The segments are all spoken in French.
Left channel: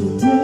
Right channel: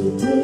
Je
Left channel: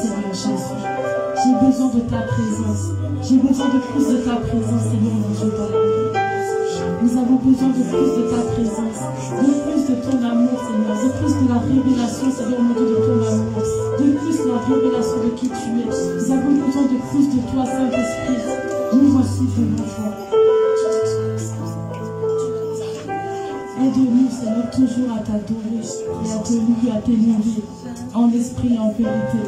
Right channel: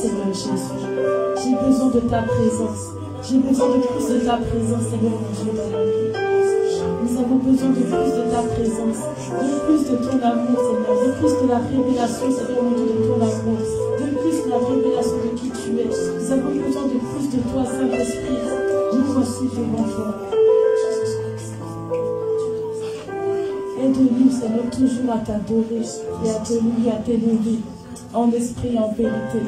Seigneur Jésus. J'ai besoin de ta présence. J'ai besoin de plus de ta présence, Seigneur mon Dieu, dans ma vie. Nous avons besoin de plus de ta présence, de plus de ton amour, Seigneur, de plus de la révélation, Seigneur mon Dieu, de ton amour, de plus de la révélation de qui tu es. Nous avons besoin de plus de toi, Saint-Esprit. Nous voici devant toi. Aide-nous, Seigneur, toujours à t'adorer et à te louer, à t'élever, en esprit et en vérité.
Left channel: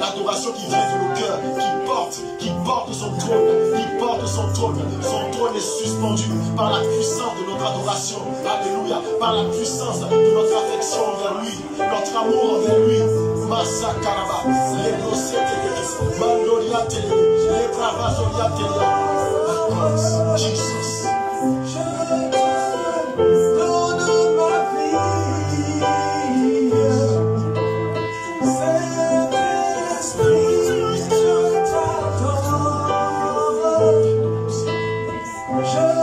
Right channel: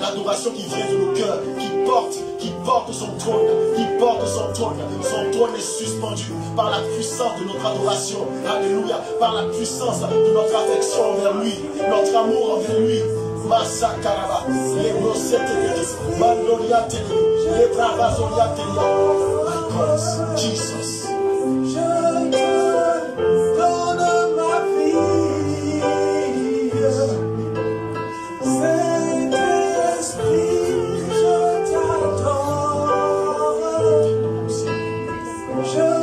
L'adoration qui vient de nos cœurs, qui porte son trône, son trône est suspendu par la puissance de notre adoration, alléluia, par la puissance de notre affection envers lui, notre amour envers lui. Masakaraba, les dosetes, Mandoria Tele, les Bravazoria Tele. My God, Jesus. Je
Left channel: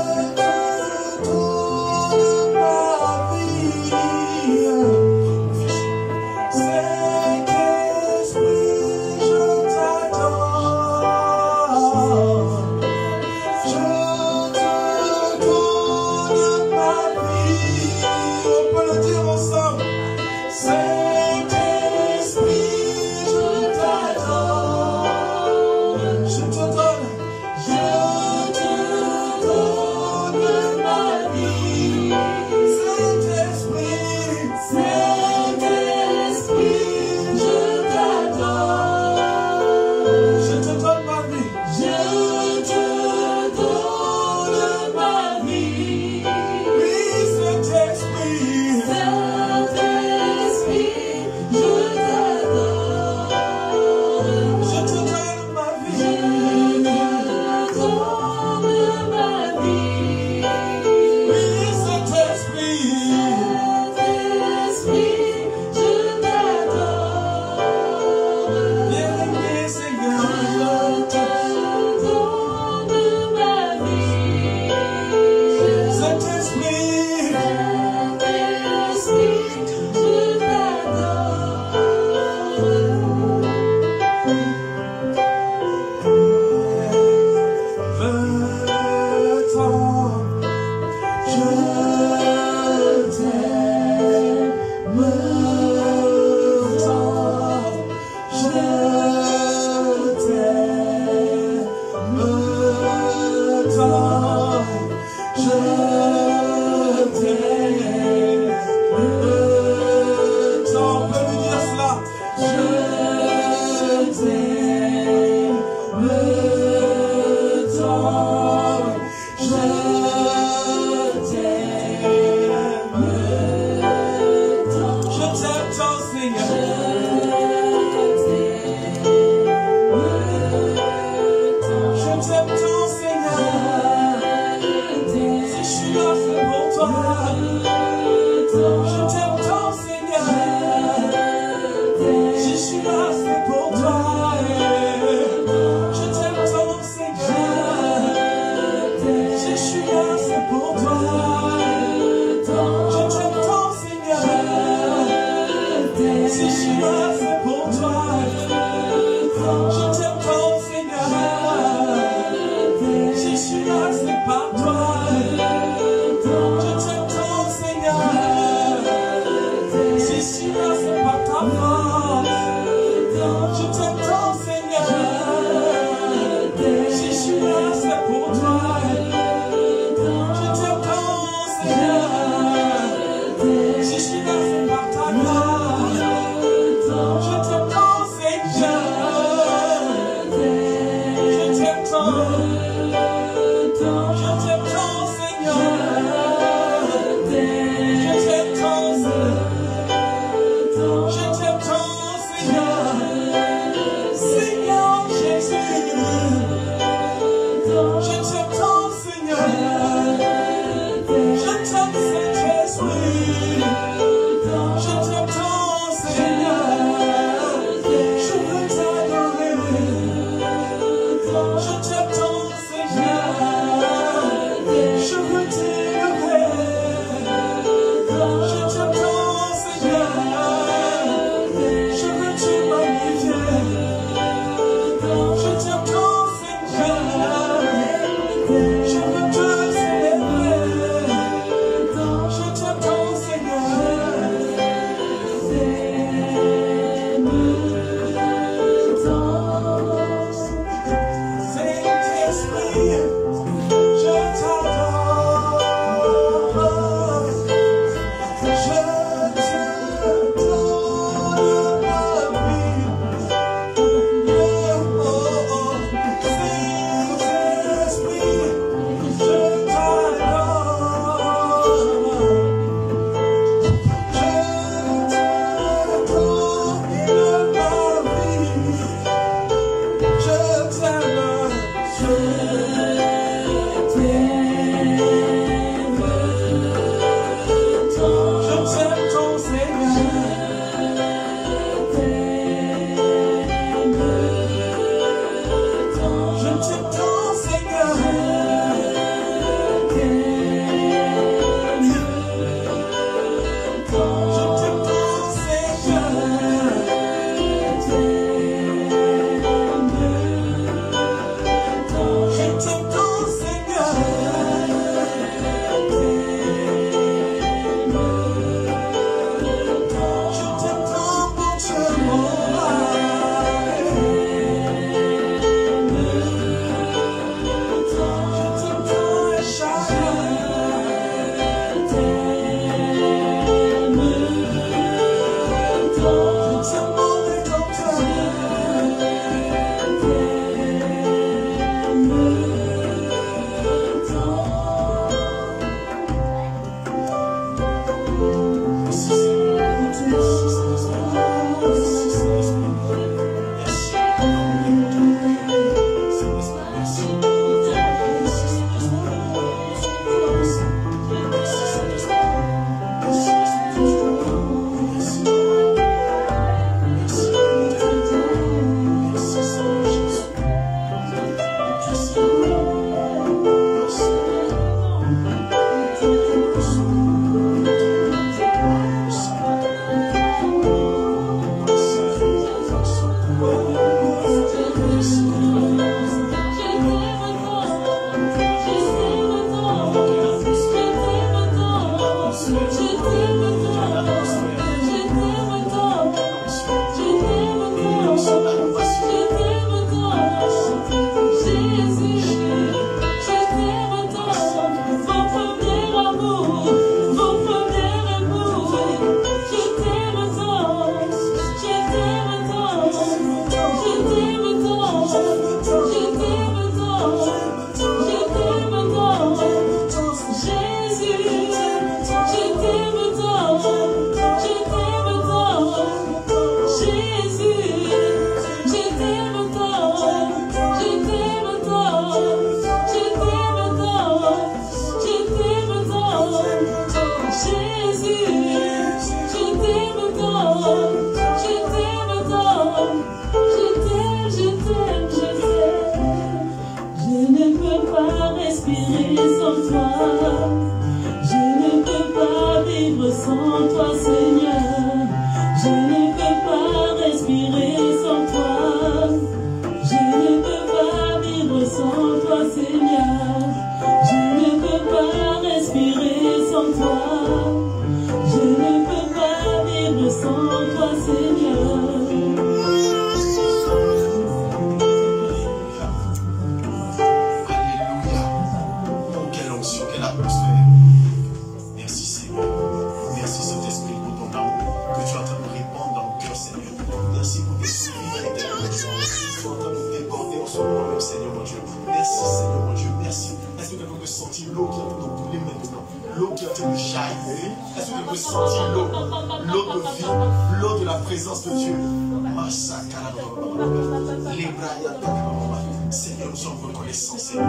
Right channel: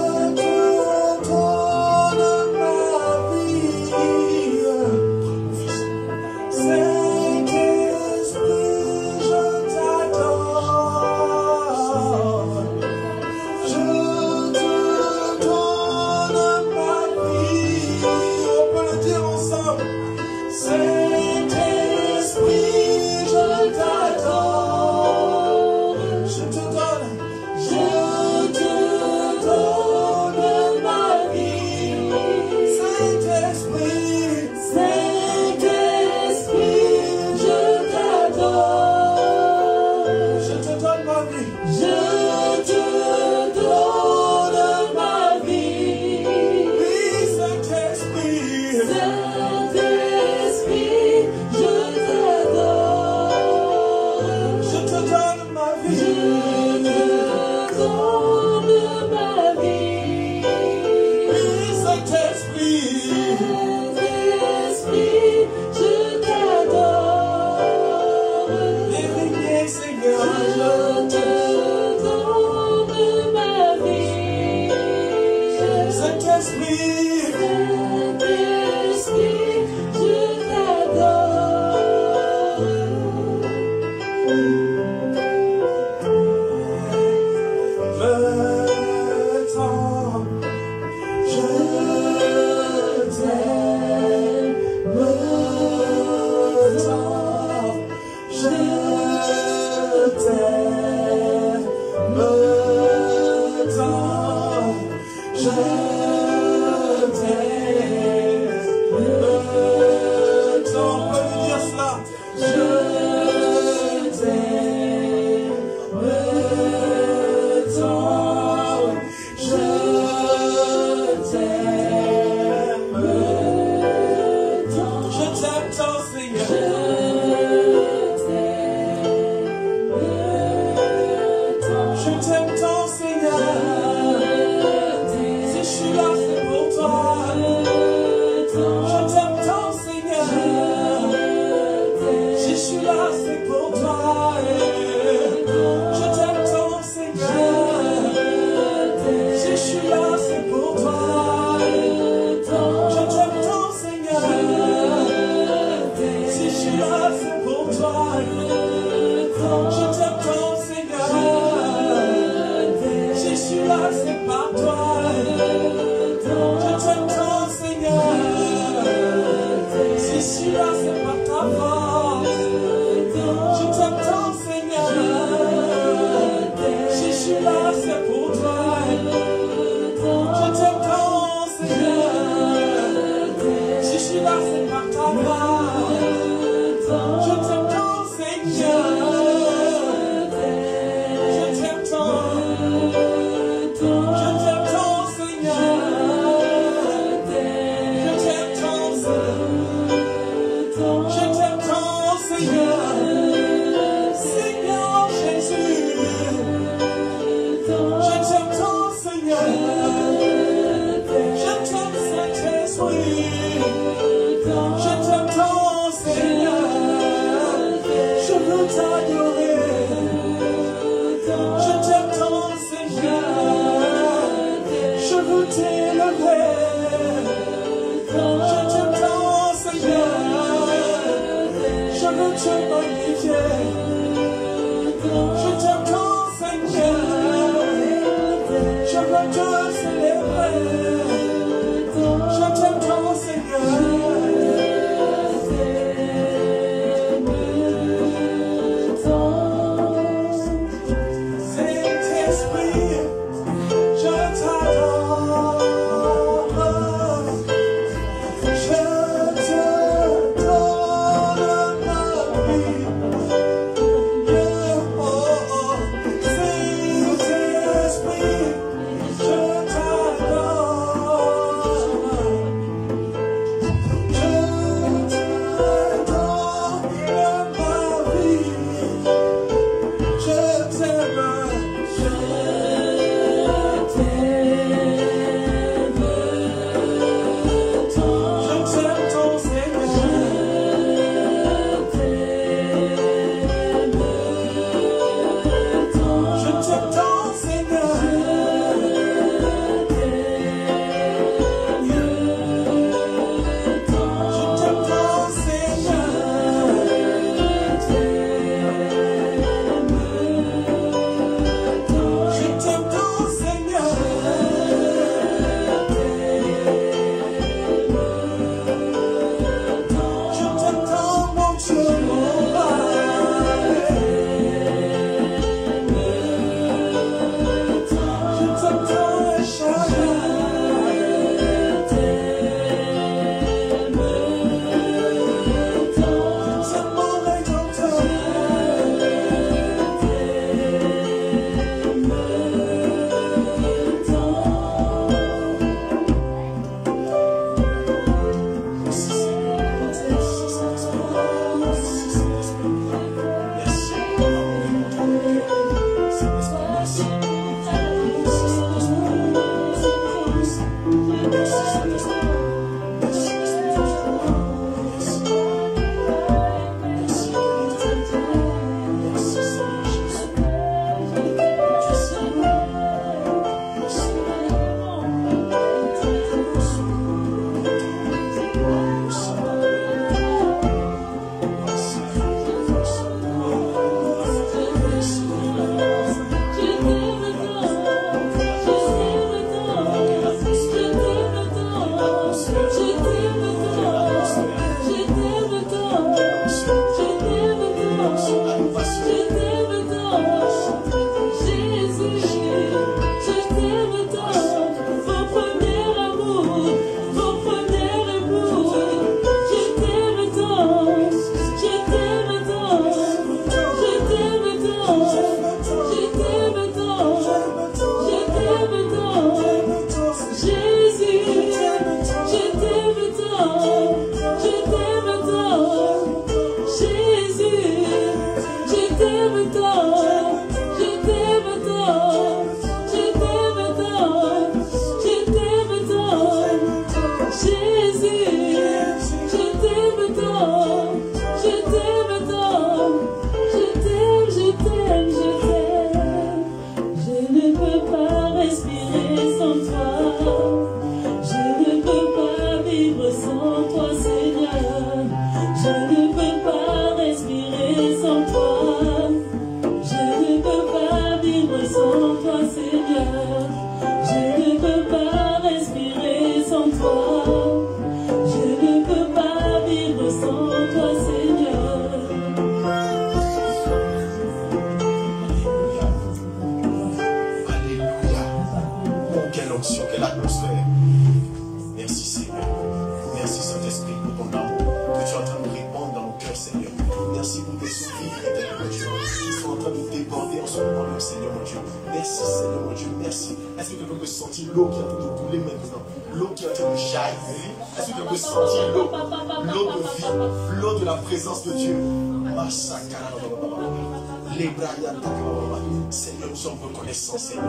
Seigneur, nous sommes reconnaissants, Seigneur.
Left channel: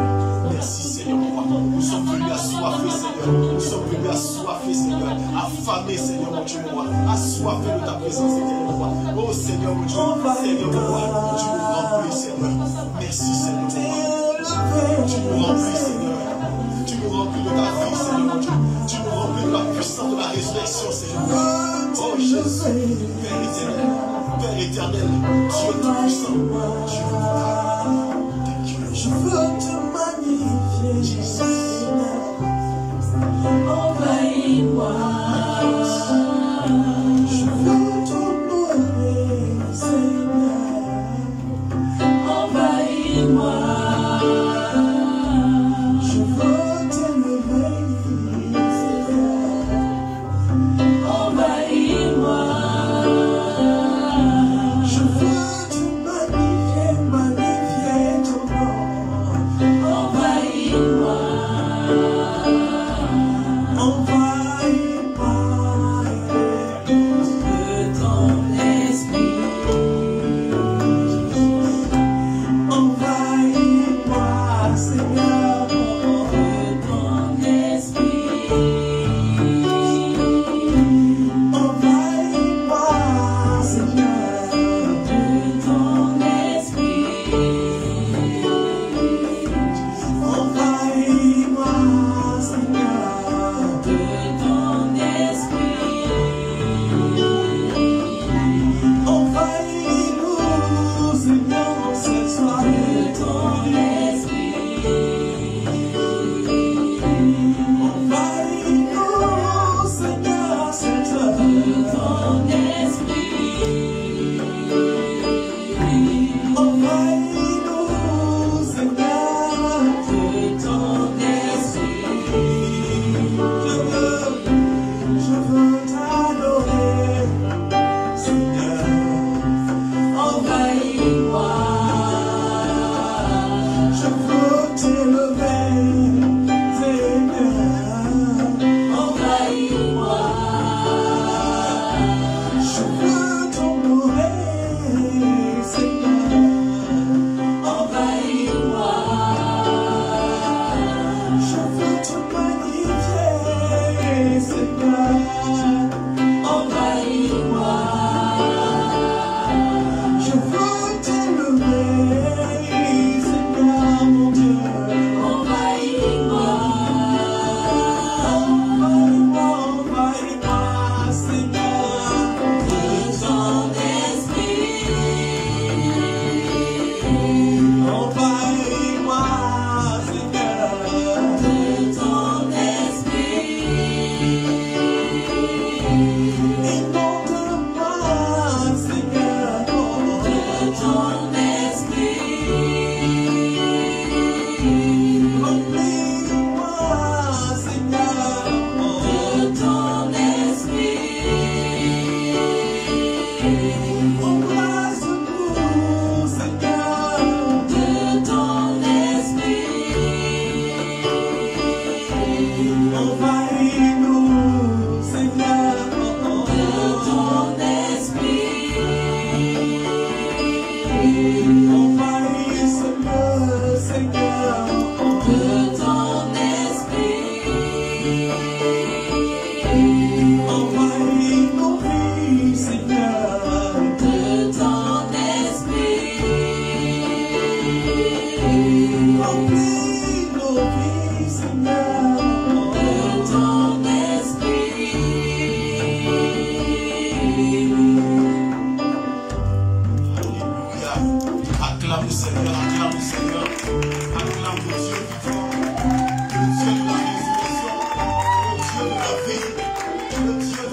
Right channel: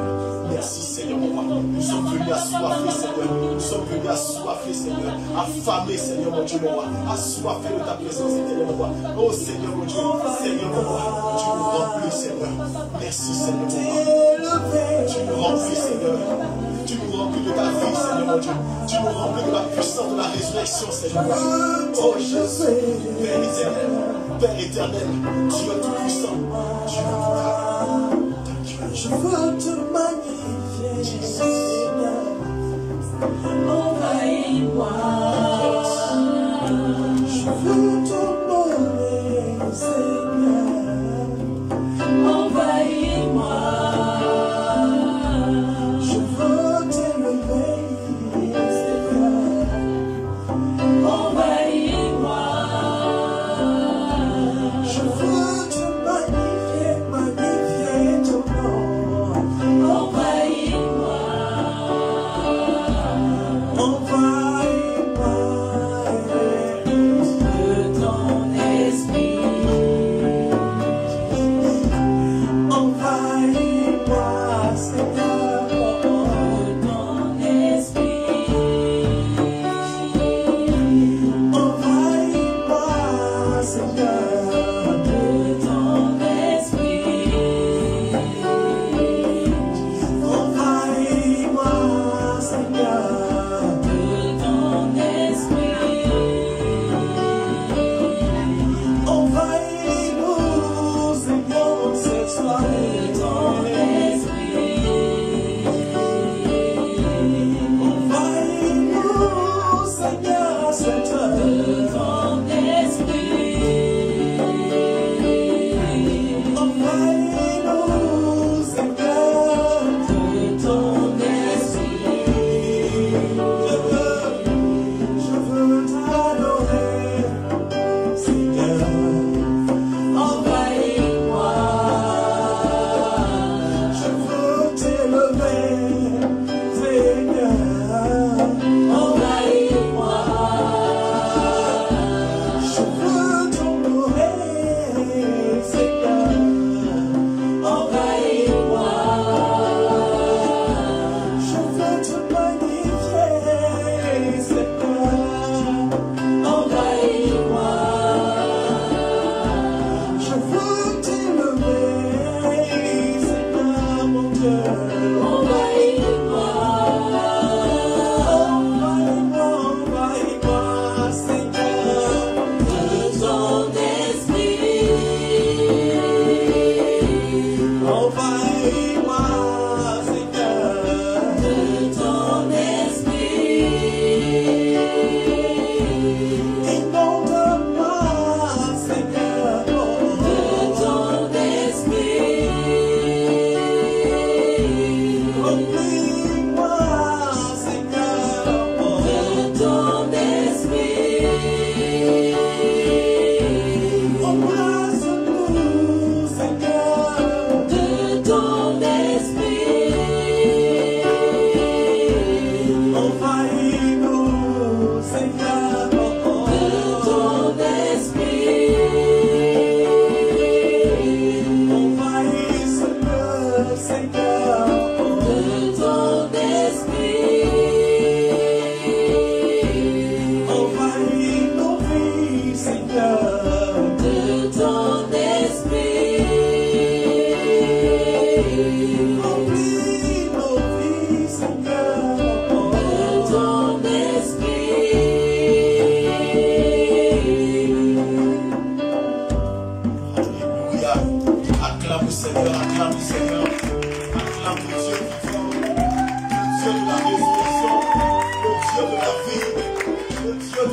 Merci, Seigneur, mon roi. Nous sommes venus assoiffés, Seigneur. Nous sommes venus assoiffés, Seigneur. Affamés, Seigneur, mon Dieu, mon roi. Assoiffés de ta présence, Seigneur, mon roi. Oh, Seigneur, mon Dieu. Seigneur, mon roi. Tu nous remplis, Seigneur. Merci, Seigneur, mon roi. Tu nous remplis, Seigneur. Tu nous remplis de ta vie, Seigneur, mon Dieu. Tu nous remplis de la puissance de la résurrection, Seigneur. Oh, Jésus, Père éternel. Père éternel, Dieu tout-puissant, Dieu je veux te magnifier, Seigneur. Envahis-moi. Je veux t'honorer, Seigneur. Envahis-moi. Je veux t'élever, Seigneur. Envahis-moi. Je veux te magnifier ton nom.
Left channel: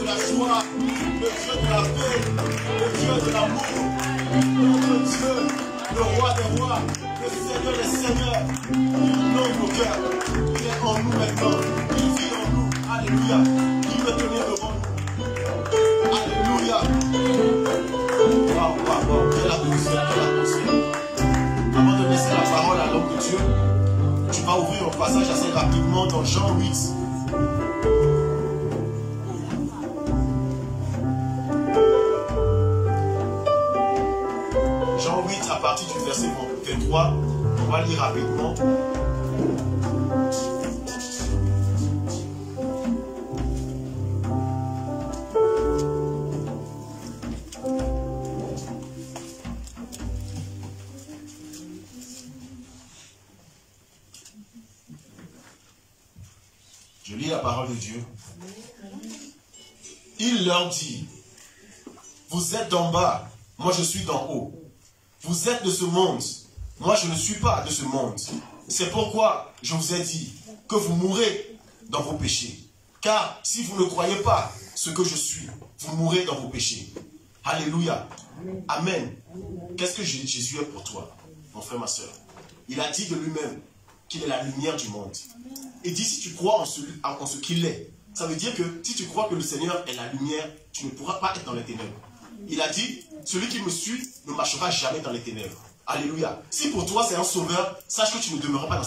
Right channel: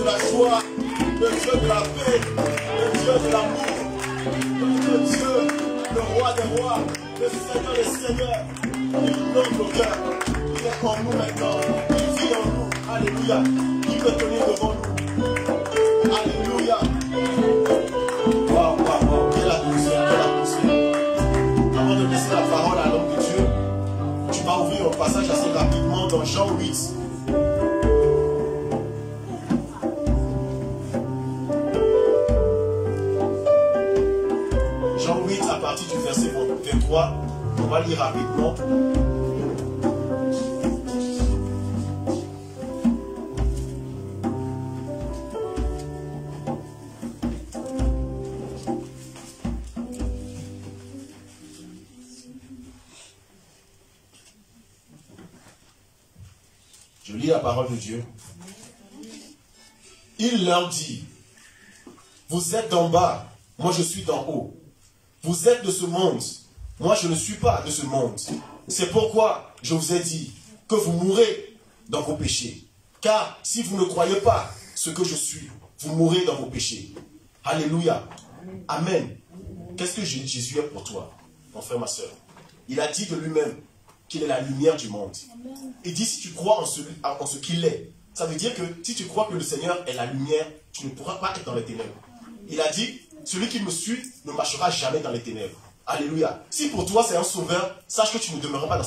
de la joie, le Dieu de la paix, le Dieu de l'amour, le Dieu, le roi des rois, le Seigneur des seigneurs. Il inonde nos cœurs. Il est en nous maintenant. Il vit en nous. Alléluia. Il veut tenir devant nous. Alléluia. Waouh, waouh, waouh. Quelle atmosphère, quelle atmosphère. Avant de laisser la parole à l'homme de Dieu, tu vas ouvrir un passage assez rapidement dans Jean 8. Jean 8 à partir du verset 23. On va lire rapidement. Je lis la parole de Dieu. Il leur dit, vous êtes d'en bas, moi je suis d'en haut. Vous êtes de ce monde, moi je ne suis pas de ce monde. C'est pourquoi je vous ai dit que vous mourrez dans vos péchés. Car si vous ne croyez pas ce que je suis, vous mourrez dans vos péchés. Alléluia. Amen. Qu'est-ce que Jésus est pour toi, mon frère, ma soeur? Il a dit de lui-même qu'il est la lumière du monde. Il dit, si tu crois en ce qu'il est, ça veut dire que si tu crois que le Seigneur est la lumière, tu ne pourras pas être dans les ténèbres. Il a dit, celui qui me suit ne marchera jamais dans les ténèbres. Alléluia. Si pour toi c'est un sauveur, sache que tu ne demeureras pas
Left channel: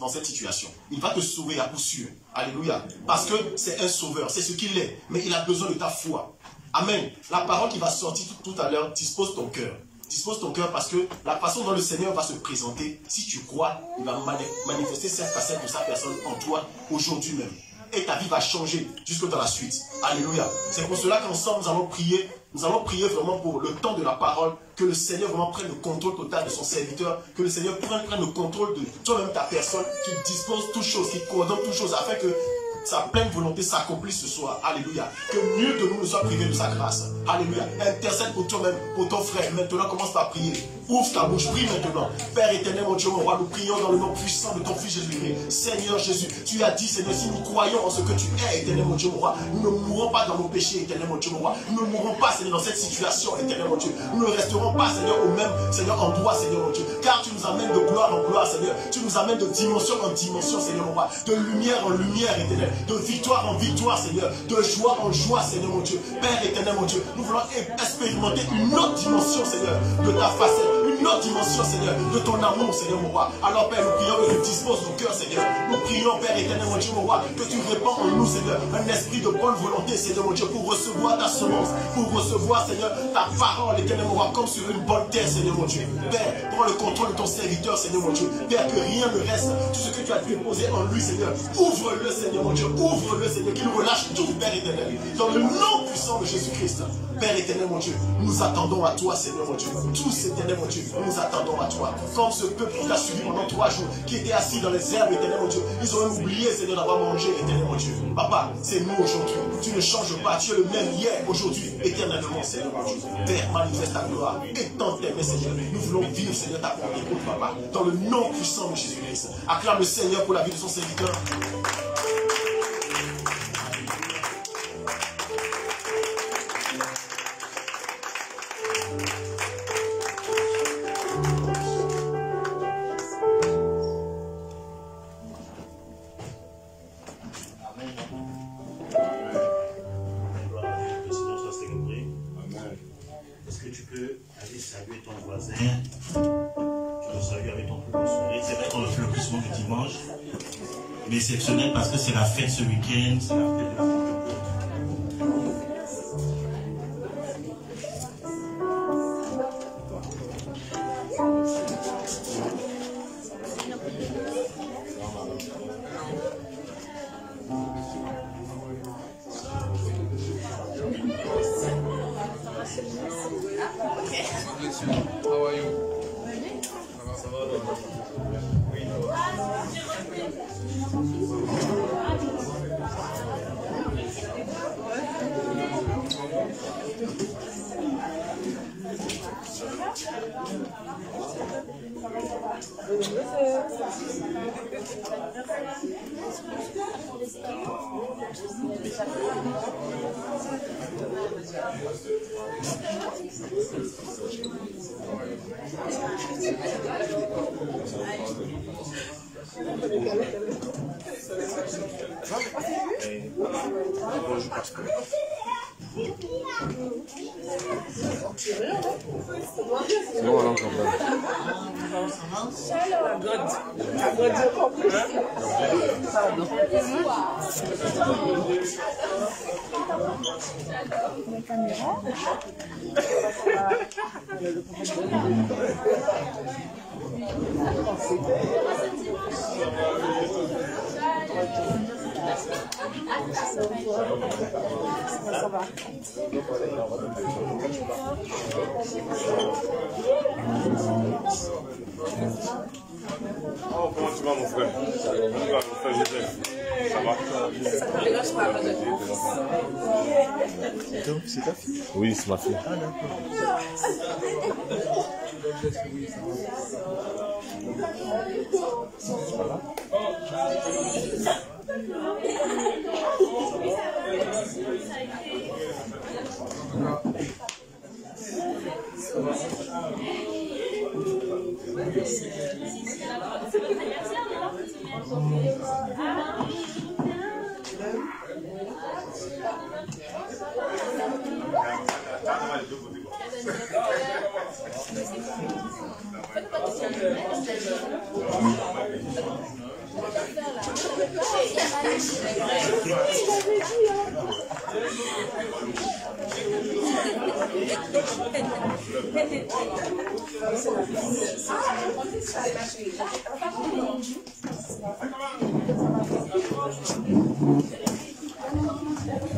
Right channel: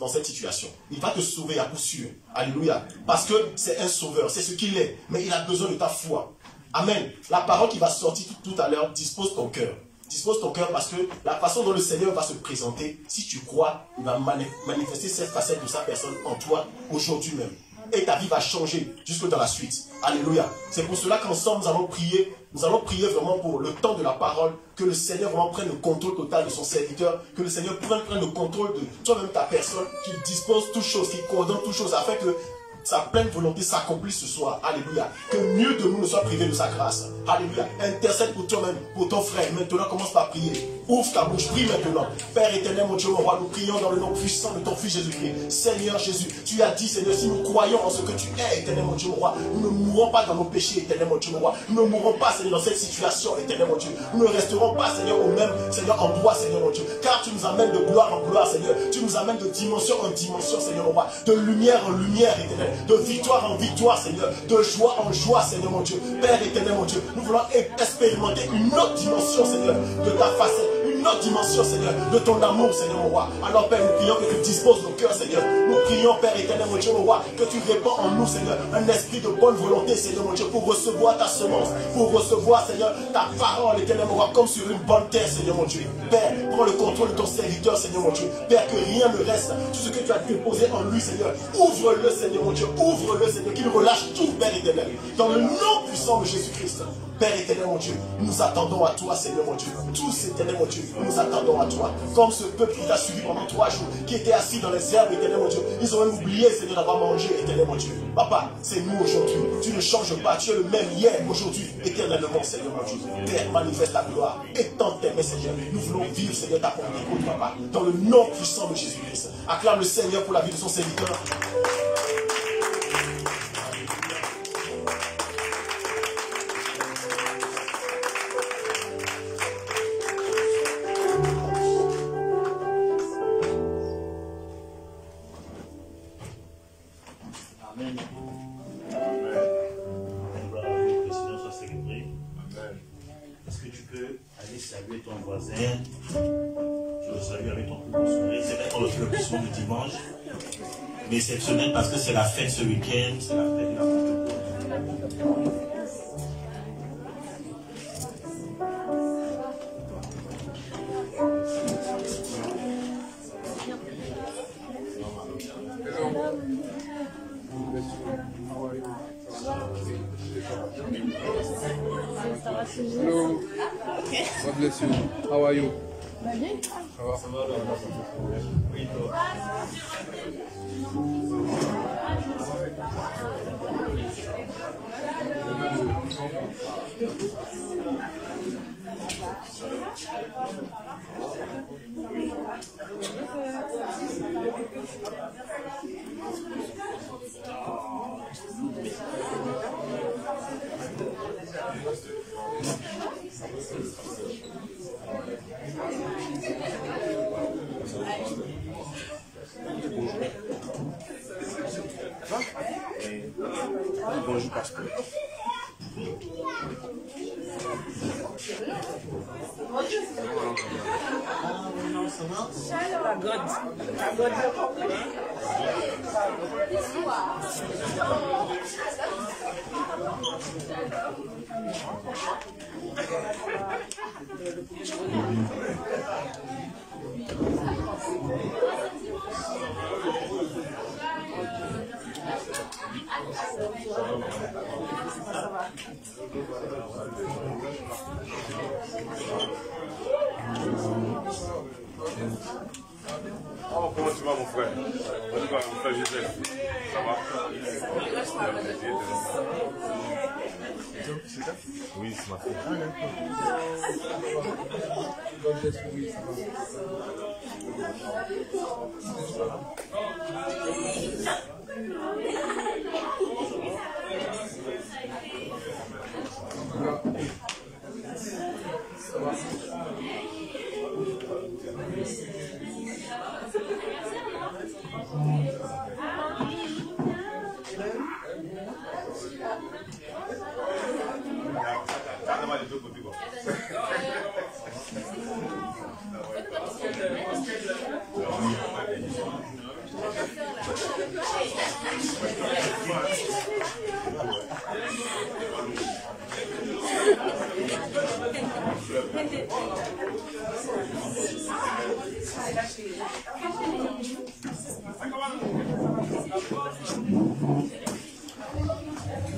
dans cette situation. Il va te sauver à coup sûr. Alléluia. Parce que c'est un sauveur, c'est ce qu'il est. Mais il a besoin de ta foi. Amen. La parole qui va sortir tout à l'heure, dispose ton cœur. Dispose ton cœur parce que la façon dont le Seigneur va se présenter, si tu crois, il va manifester cette facette de sa personne en toi aujourd'hui même. Et ta vie va changer jusque dans la suite. Alléluia. C'est pour cela qu'ensemble nous allons prier. Nous allons prier vraiment pour le temps de la parole, que le Seigneur vraiment prenne le contrôle total de son serviteur, que le Seigneur prenne le contrôle de toi-même, ta personne, qui dispose toutes choses, qui coordonne toutes choses, afin que sa pleine volonté s'accomplisse ce soir. Alléluia. Que nul de nous ne soit privé de sa grâce. Alléluia. Intercède pour toi-même, pour ton frère. Maintenant, commence par prier. Ouvre ta bouche, prie maintenant. Père éternel, mon Dieu, mon roi, nous prions dans le nom puissant de ton Fils Jésus-Christ. Seigneur Jésus, tu as dit, Seigneur, si nous croyons en ce que tu es, éternel, mon Dieu, mon roi, nous ne mourrons pas dans nos péchés, éternel, mon Dieu, mon roi. Nous ne mourrons pas, Seigneur, dans cette situation, éternel, mon Dieu. Nous ne resterons pas, Seigneur, au même, Seigneur, endroit, Seigneur, mon Dieu. Car tu nous amènes de gloire en gloire, Seigneur. Tu nous amènes de dimension en dimension, Seigneur, mon roi. De lumière en lumière, éternel. De victoire en victoire, Seigneur. De joie en joie, Seigneur, mon Dieu. Père éternel, mon Dieu. Nous voulons expérimenter une autre dimension, Seigneur, de ta facette. Une autre dimension, Seigneur, de ton amour, Seigneur, mon roi. Alors, Père, nous prions que tu disposes nos cœurs, Seigneur. Nous prions, Père éternel, mon Dieu, mon roi, que tu répands en nous, Seigneur, un esprit de bonne volonté, Seigneur, mon Dieu, pour recevoir ta semence, pour recevoir, Seigneur, ta parole, éternel, mon roi, comme sur une bonne terre, Seigneur, mon Dieu. Père, prends le contrôle de ton serviteur, Seigneur, mon Dieu. Père, que rien ne reste. Tout ce que tu as déposé en lui, Seigneur, ouvre-le, Seigneur, mon Dieu. Ouvre-le, Seigneur, qu'il relâche tout, Père éternel. Dans le nom puissant de Jésus-Christ. Père éternel, mon Dieu, nous attendons à toi, Seigneur, mon Dieu. Tous, éternel, mon Dieu, nous attendons à toi. Comme ce peuple qui t'a suivi pendant 3 jours, qui était assis dans les herbes, éternel, mon Dieu. Ils ont même oublié, Seigneur, d'avoir mangé, éternel, mon Dieu. Papa, c'est nous aujourd'hui. Tu ne changes pas. Tu es le même hier, aujourd'hui, éternellement, Seigneur, mon Dieu. Père, manifeste ta gloire. Étends tes mains, Seigneur. Nous voulons vivre, Seigneur, ta Pentecôte, Papa. Dans le nom puissant de Jésus-Christ. Acclame le Seigneur pour la vie de son serviteur. Mais exceptionnel parce que c'est la fête ce week-end, c'est la fête de la Pentecôte. How are you? Bonjour, pasteur. Ça va. Oh, comment tu vas, mon frère? Comment tu vas, mon frère Joseph? Ça va? C'est ta fille? Oui, c'est ma fille. Ah, d'accord.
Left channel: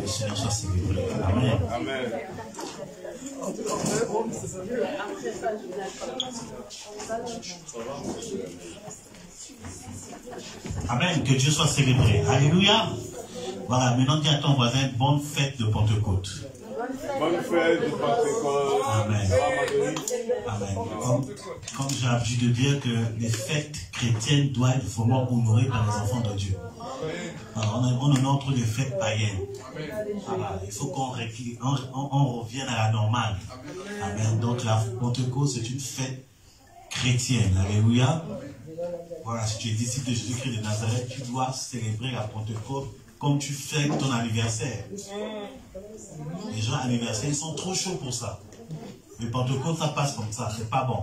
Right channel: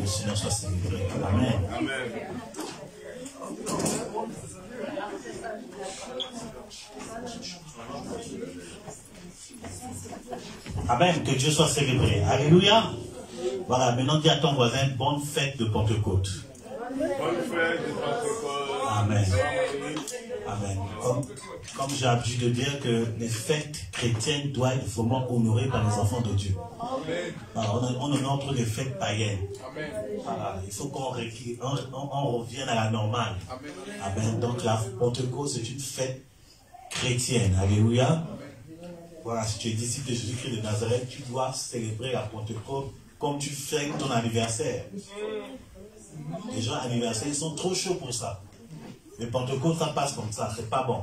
Le Seigneur soit célébré. Amen. Amen. Amen. Que Dieu soit célébré. Alléluia. Voilà, maintenant dis à ton voisin, bonne fête de Pentecôte. Bonne fête de Pentecôte. Amen. Amen. Comme j'ai l'habitude de dire que les fêtes chrétiennes doivent être vraiment honorées par les enfants de Dieu. Voilà, on honore trop les fêtes païennes. Voilà, il faut qu'on revienne à la normale. Amen. Donc la Pentecôte, c'est une fête chrétienne. Alléluia. Voilà, si tu es disciple de Jésus-Christ de Nazareth, tu dois célébrer la Pentecôte comme tu fais ton anniversaire. Les gens anniversaires, ils sont trop chauds pour ça. Le Pentecôte, ça passe comme ça, c'est pas bon.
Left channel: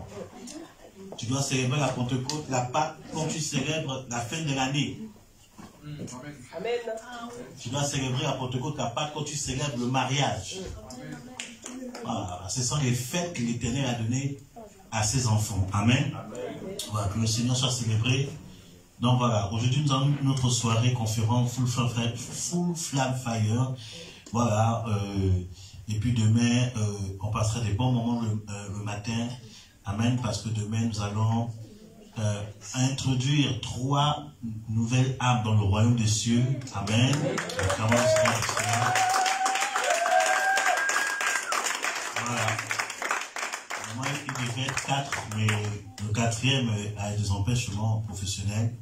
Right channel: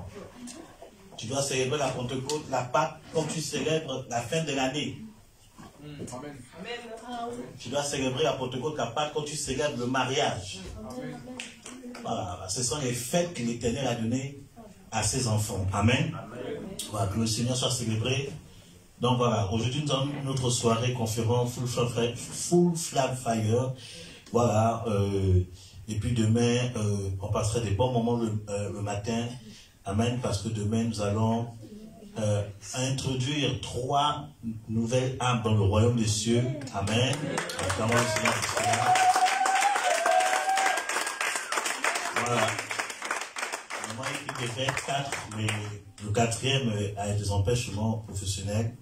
Tu dois célébrer la Pentecôte, la Pâque, comme tu célèbres la fin de l'année. Amen. Tu dois célébrer la Pentecôte, la Pâque, quand tu célèbres le mariage. Voilà, ce sont les fêtes que l'Éternel a données à ses enfants. Amen. Voilà, que le Seigneur soit célébré. Donc voilà, aujourd'hui nous avons notre soirée conférence Full Flam Fire. Voilà, et puis demain, on passera des bons moments le matin. Amen, parce que demain nous allons introduire 3 nouvelles âmes dans le royaume des cieux. Amen. Voilà. Moi, il devait être 4, mais le 4e a des empêchements professionnels.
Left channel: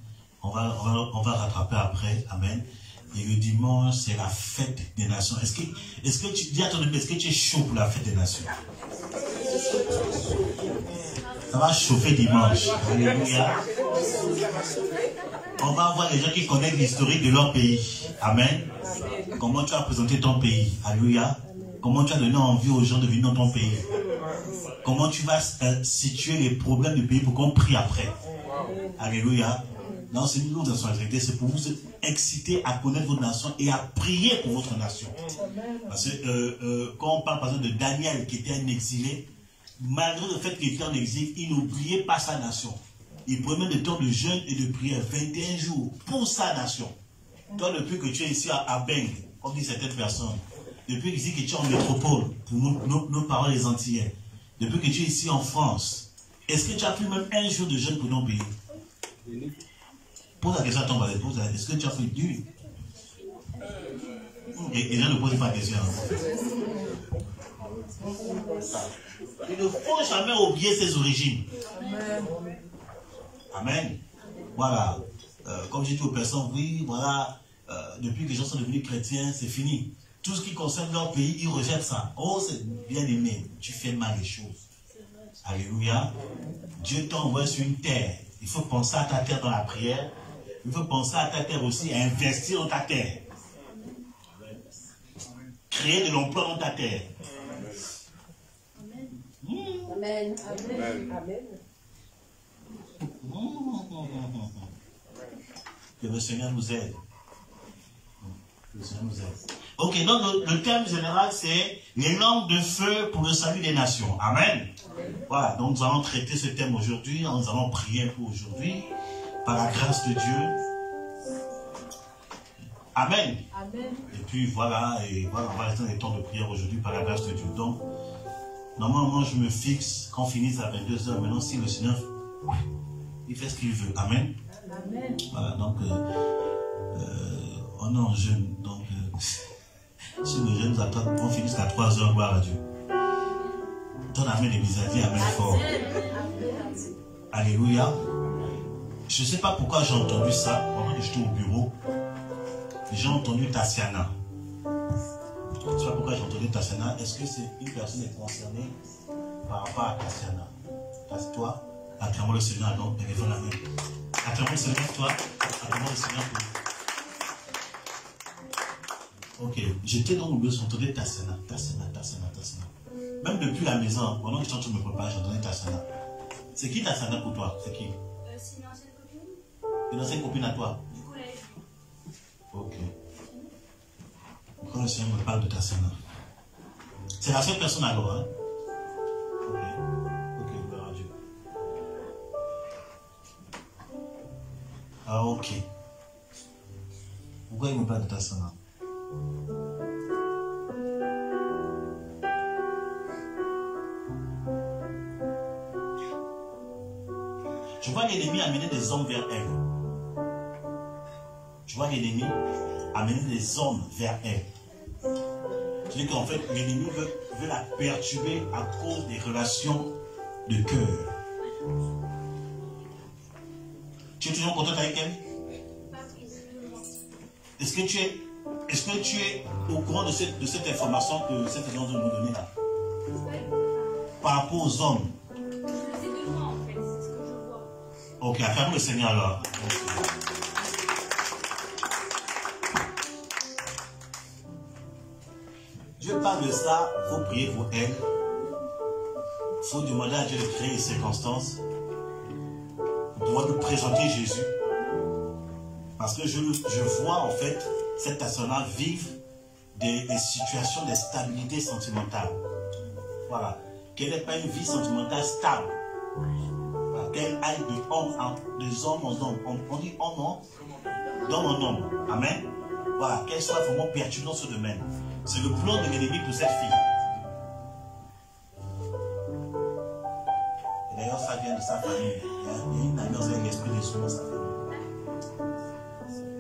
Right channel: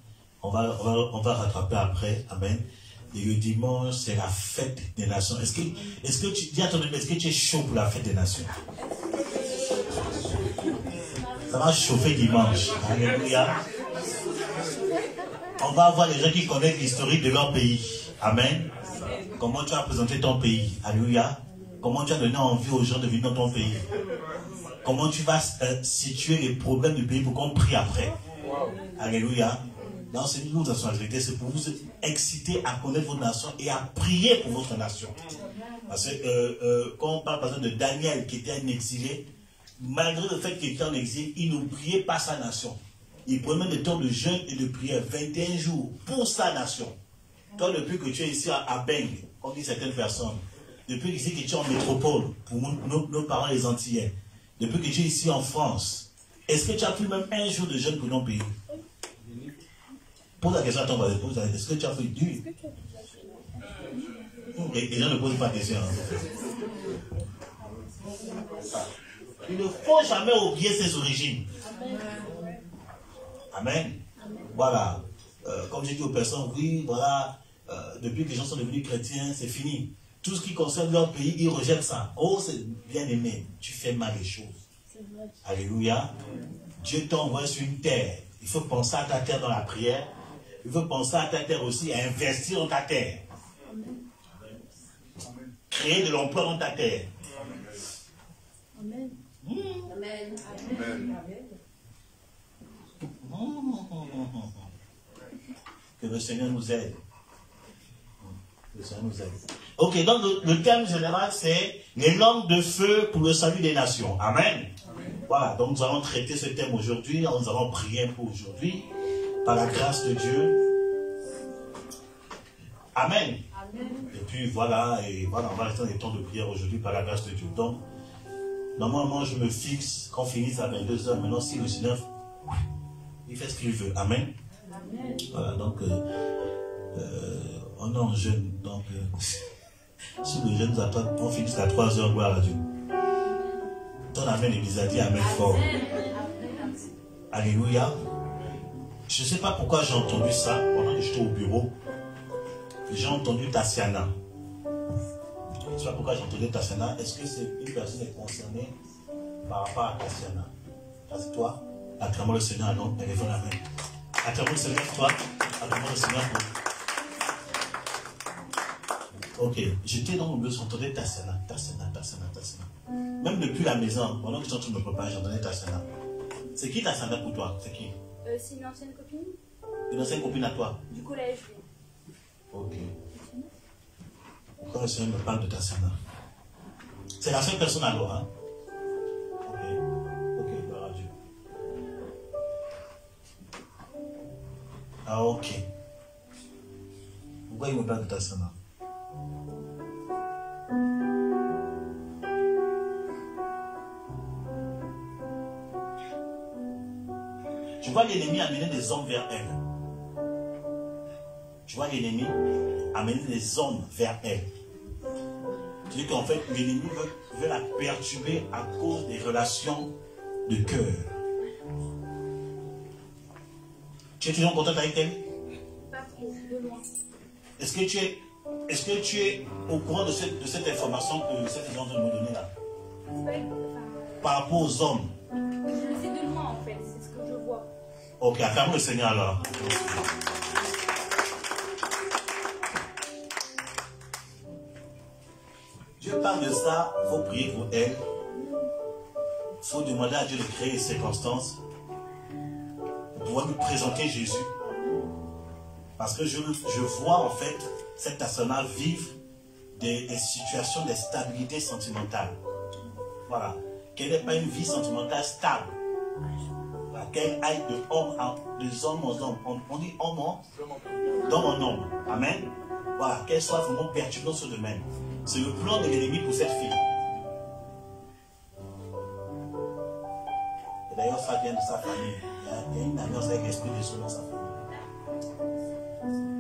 On va rattraper après. Amen. Et le dimanche, c'est la fête des nations. Est-ce que tu dis à ton ami, est-ce que tu es chaud pour la fête des nations? Ça va chauffer dimanche. Alléluia. On va avoir les gens qui connaissent l'historique de leur pays. Amen. Comment tu as présenté ton pays. Alléluia. Comment tu as donné envie aux gens de venir dans ton pays. Comment tu vas situer les problèmes du pays pour qu'on prie après. Alléluia. Non, c'est une lourde responsabilité, c'est pour vous exciter à connaître votre nation et à prier pour votre nation. Parce que quand on parle par exemple de Daniel qui était un exilé, malgré le fait qu'il était en exil, il n'oubliait pas sa nation. Il prenait des temps de jeûne et de prière, 21 jours, pour sa nation. Toi, depuis que tu es ici à Beng, comme disent certaines personnes, depuis ici que tu es en métropole, pour nos parents les Antillais, depuis que tu es ici en France, est-ce que tu as pris même un jour de jeûne pour ton pays? Pose la question à ton voisin, est-ce que tu as fait du? Les gens ne posent pas de questions. Il ne faut jamais oublier ses origines. Amen. Voilà. Comme j'ai dit aux personnes, oui, voilà, depuis que les gens sont devenus chrétiens, c'est fini. Tout ce qui concerne leur pays, ils rejettent ça. Oh, c'est bien aimé, tu fais mal les choses. Alléluia. Dieu t'envoie sur une terre. Il faut penser à ta terre dans la prière. Il faut penser à ta terre aussi, à investir dans ta terre. Créer de l'emploi dans ta terre. Amen. Amen. Que le Seigneur nous aide. Que le Seigneur nous aide. Ok, donc le thème général, c'est les langues de feu pour le salut des nations. Amen. Voilà, donc nous allons traiter ce thème aujourd'hui. Nous allons prier pour aujourd'hui, par la grâce de Dieu. Amen. Et puis voilà, on va rester dans les temps de prière aujourd'hui par la grâce de Dieu. Donc, normalement, je me fixe qu'on finisse à 22h. Maintenant, si le Seigneur, il fait ce qu'il veut. Amen. Voilà, donc, on est en jeûne. Donc, si le jeûne nous attend, on finit à 3h, gloire à Dieu. Ton amen et mis à dire amen fort. Alléluia. Je ne sais pas pourquoi j'ai entendu ça pendant que j'étais au bureau. J'ai entendu Tassiana. Je ne sais pas pourquoi j'ai entendu Tassiana. Est-ce que c'est une personne est concernée par rapport à Tassiana? C'est toi? Acclamons le Seigneur, donc, élevons la main. Acclamons le Seigneur, toi. Acclamons le Seigneur, toi. Ok, j'étais dans le bus, j'entendais Tassiana. Même depuis la maison, pendant que je suis en train de me préparer, j'entendais Tassiana. C'est qui Tassiana pour toi? C'est qui? C'est une ancienne copine. Une ancienne copine à toi? Du collège. Ok. Pourquoi le Seigneur me parle de Tassiana? C'est la seule personne alors, hein? Ok, gloire à Dieu. Ah, ok. Pourquoi il me parle de Tassiana? Je vois l'ennemi amener des hommes vers elle. Je vois l'ennemi amener des hommes vers elle. Je dis qu'en fait, l'ennemi veut la perturber à cause des relations de cœur. Tu es toujours contente avec elle? Est-ce que tu es au courant de cette information que cette agence de nous donner là? Par rapport aux hommes. C'est de moi en fait, c'est ce que je vois. Ok, acclamons le Seigneur alors. Dieu parle de ça, il faut prier pour elle. Il faut demander à Dieu de créer une circonstance pour pouvoir nous présenter Jésus. Parce que je vois en fait cette personne vivre des situations de stabilité sentimentale. Voilà. Qu'elle n'ait pas une vie sentimentale stable. Voilà. Qu'elle aille de hommes en hommes. On dit homme d'homme en homme. Amen. Voilà. Qu'elle soit vraiment perturbée dans ce domaine. C'est le plan de l'ennemi pour cette fille. Et d'ailleurs, ça vient de sa famille. Il y a une alliance avec l'esprit de son dans sa famille.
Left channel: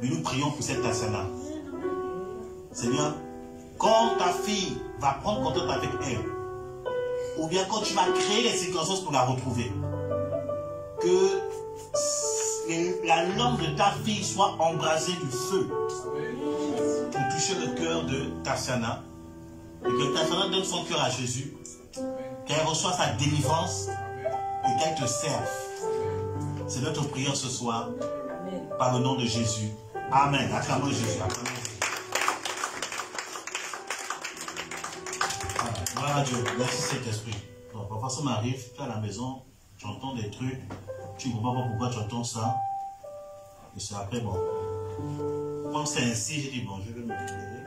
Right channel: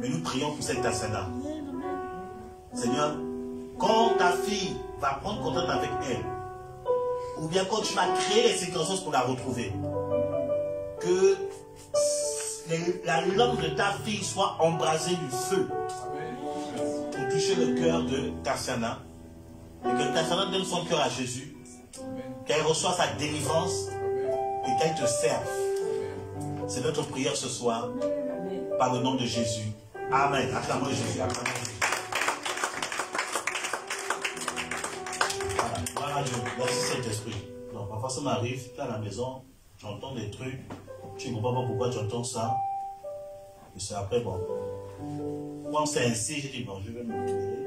Mais nous prions pour cette personne-là. Seigneur, quand ta fille va prendre contact avec elle, ou bien quand tu vas créer les circonstances pour la retrouver, que la langue de ta fille soit embrasée du feu pour toucher le cœur de Tassiana, et que Tassiana donne son cœur à Jésus, qu'elle reçoive sa délivrance et qu'elle te serve. C'est notre prière ce soir, par le nom de Jésus. Amen. Acclamons Jésus. Voilà. Voilà Dieu. Merci Saint-Esprit. Donc, parfois ça m'arrive, tu es à la maison, tu entends des trucs, tu ne comprends pas pourquoi tu entends ça. Et c'est après, bon. Comme c'est ainsi, j'ai dit, bon, je vais me libérer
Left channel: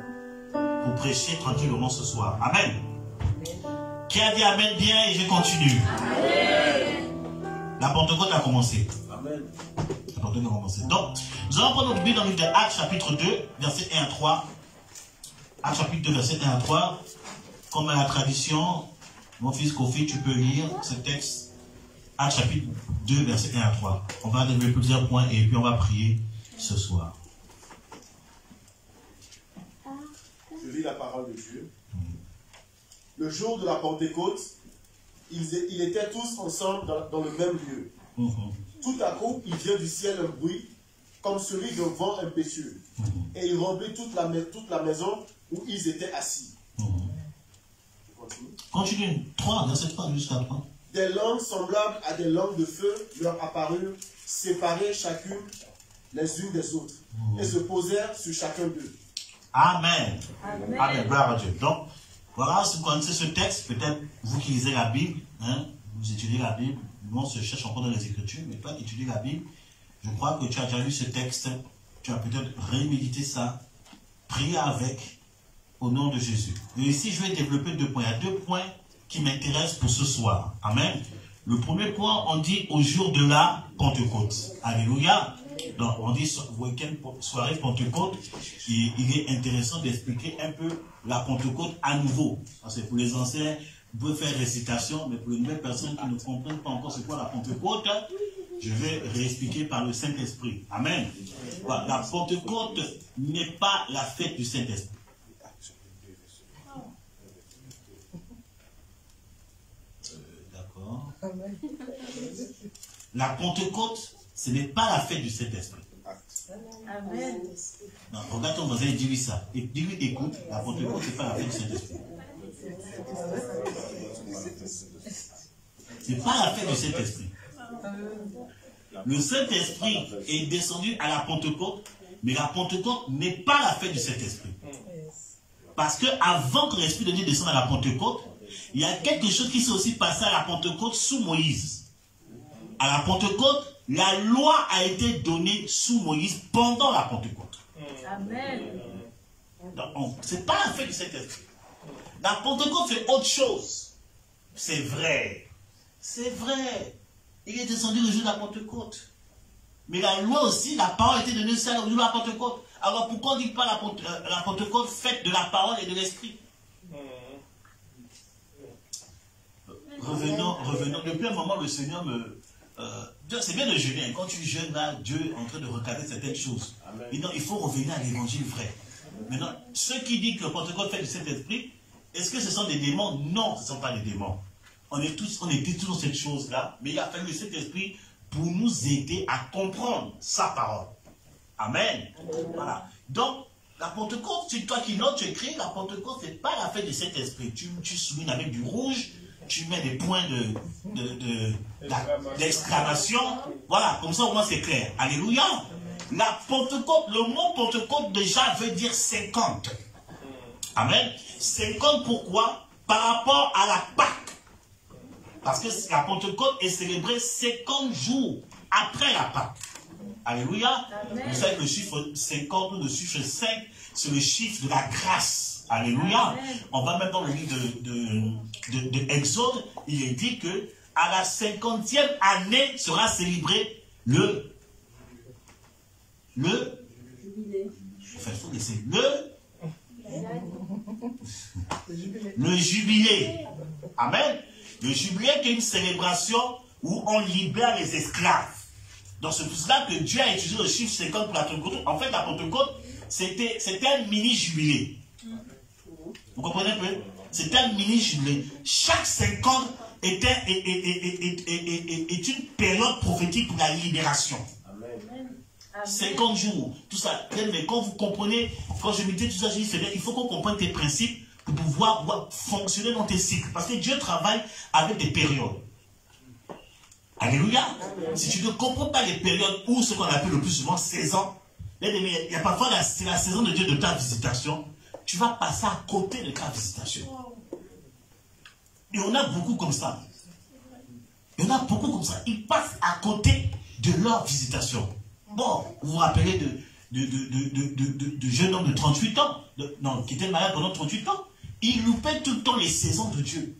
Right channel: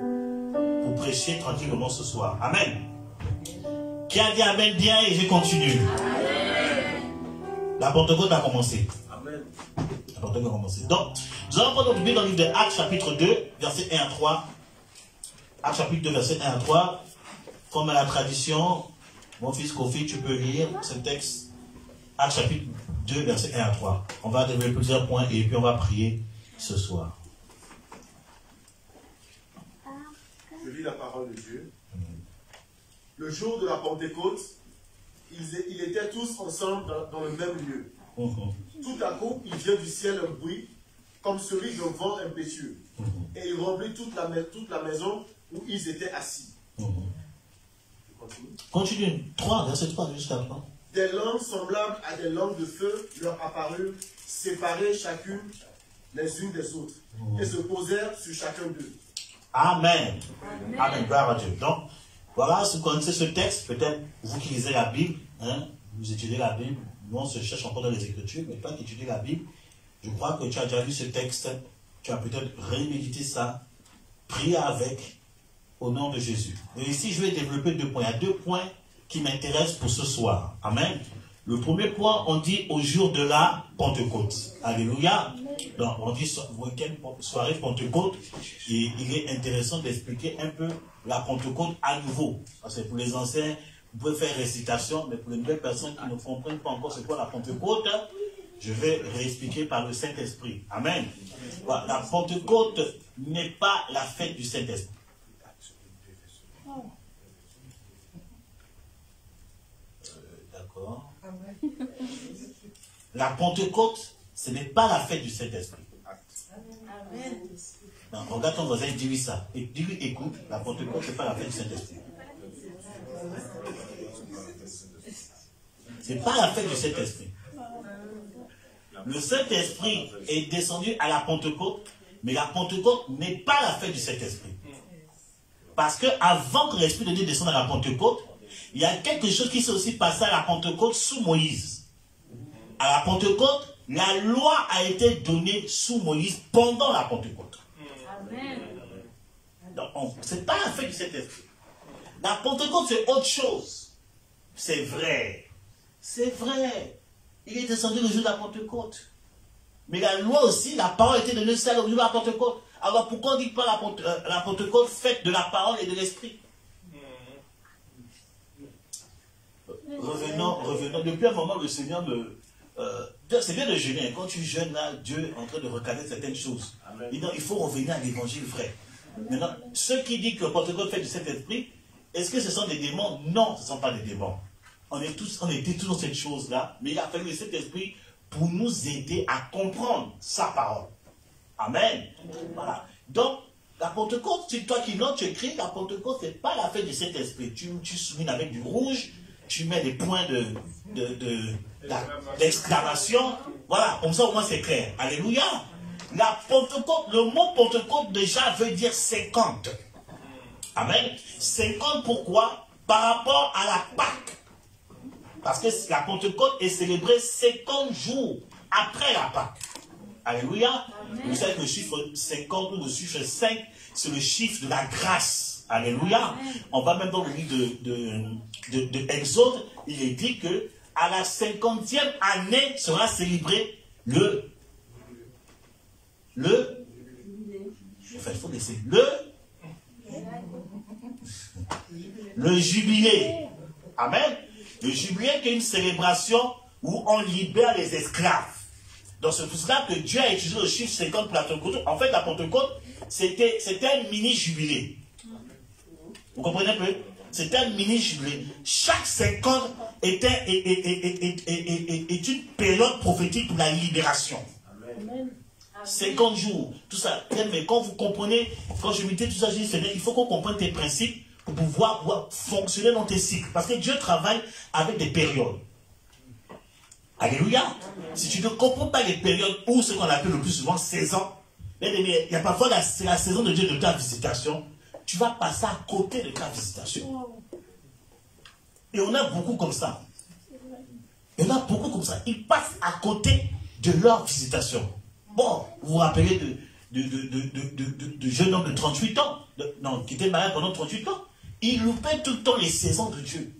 pour prêcher tranquillement ce soir. Amen. Qui a dit Amen bien et je continue. Amen. La Pentecôte a commencé. Amen. La Pentecôte a commencé. Donc, nous allons prendre notre Bible dans le livre de Actes chapitre 2, verset 1 à 3. Actes chapitre 2, verset 1 à 3. Comme à la tradition, mon fils Kofi, tu peux lire ce texte. Actes chapitre 2, verset 1 à 3. On va développer plusieurs points et puis on va prier ce soir. Je lis la parole de Dieu. Le jour de la Pentecôte, ils étaient tous ensemble dans le même lieu. Tout à coup, il vient du ciel un bruit, comme celui d'un vent impétueux. Et il remplit toute la maison où ils étaient assis. Continue. 3, verset 3 jusqu'à 3. Des langues semblables à des langues de feu leur apparurent, séparées chacune les unes des autres, et se posèrent sur chacun d'eux. Amen. Amen. Gloire à Dieu. Donc, voilà, si vous connaissez ce texte, peut-être vous qui lisez la Bible, hein, vous étudiez la Bible, nous on se cherche encore dans les Écritures, mais toi qui étudies la Bible, je crois que tu as déjà lu ce texte, tu as peut-être rémédité ça, prié avec, au nom de Jésus. Et ici, je vais développer 2 points. Il y a 2 points qui m'intéressent pour ce soir. Amen. Le premier point, on dit au jour de la Pentecôte. Alléluia. Donc, on dit week-end, soirée Pentecôte. Et il est intéressant d'expliquer un peu la Pentecôte à nouveau. Parce que pour les anciens, vous pouvez faire récitation, mais pour les nouvelles personnes qui ne comprennent pas encore c'est quoi la Pentecôte, je vais réexpliquer par le Saint-Esprit. Amen. Voilà, la Pentecôte n'est pas la fête du Saint-Esprit. D'accord. La Pentecôte, ce n'est pas la fête du Saint-Esprit. Amen. Non, regarde ton voisin et dis-lui ça. Et dis-lui, écoute, la Pentecôte, ce n'est pas la fête du Saint-Esprit. Ce n'est pas la fête du Saint-Esprit. Le Saint-Esprit est descendu à la Pentecôte, mais la Pentecôte n'est pas la fête du Saint-Esprit. Parce que avant que l'Esprit de Dieu descende à la Pentecôte, il y a quelque chose qui s'est aussi passé à la Pentecôte sous Moïse. À la Pentecôte, la loi a été donnée sous Moïse pendant la Pentecôte. Amen. Donc, ce n'est pas la fête du Saint-Esprit. La Pentecôte, c'est autre chose. C'est vrai. C'est vrai. Il est descendu le jour de la Pentecôte. Mais la loi aussi, la parole a été donnée aussi le jour de la Pentecôte. Alors pourquoi on ne dit pas la Pentecôte faite de la parole et de l'Esprit? Revenons. Depuis un moment, le Seigneur me... c'est bien de jeûner. Quand tu jeûnes, là, Dieu est en train de recaler certaines choses. Il faut revenir à l'évangile vrai. Maintenant, ceux qui disent que la Pentecôte fait du Saint-Esprit, est-ce que ce sont des démons? Non, ce ne sont pas des démons. On était tous dans cette chose-là, mais il a fallu le Saint-Esprit pour nous aider à comprendre sa parole. Amen. Voilà. Donc, la Pentecôte, c'est toi qui notes, tu écris, la Pentecôte, ce n'est pas la fête du Saint-Esprit. Tu soumines avec du rouge, tu mets des points d'exclamation. Voilà, comme ça au moins c'est clair. Alléluia. La Pentecôte, le mot Pentecôte déjà veut dire 50. Amen. 50 pourquoi? Par rapport à la Pâque. Parce que la Pentecôte est célébrée 50 jours après la Pâque. Alléluia. Amen. Vous savez que le chiffre 50 ou le chiffre 5, c'est le chiffre de la grâce. Alléluia. Amen. On va même dans le livre de Exode, il est dit que à la 50e année sera célébré le jubilé. Amen. Le jubilé qui est une célébration où on libère les esclaves. Donc c'est pour cela que Dieu a utilisé le chiffre 50 pour la Pentecôte. En fait, la Pentecôte, c'était un mini-jubilé. Vous comprenez un peu? C'était un mini-jubilé. Chaque 50 est une période prophétique pour la libération. Amen. 50 jours, tout ça. Mais quand vous comprenez, quand je méditais tout ça, je dis, c'est bien, il faut qu'on comprenne tes principes pour pouvoir fonctionner dans tes cycles. Parce que Dieu travaille avec des périodes. Alléluia. Si tu ne comprends pas les périodes ou ce qu'on appelle le plus souvent saison, il y a parfois c'est la saison de Dieu de ta visitation, tu vas passer à côté de ta visitation. Et on a beaucoup comme ça. Ils passent à côté de leur visitation. Bon, vous vous rappelez de jeune homme de 38 ans, qui était malade pendant 38 ans. Il loupait tout le temps les saisons de Dieu.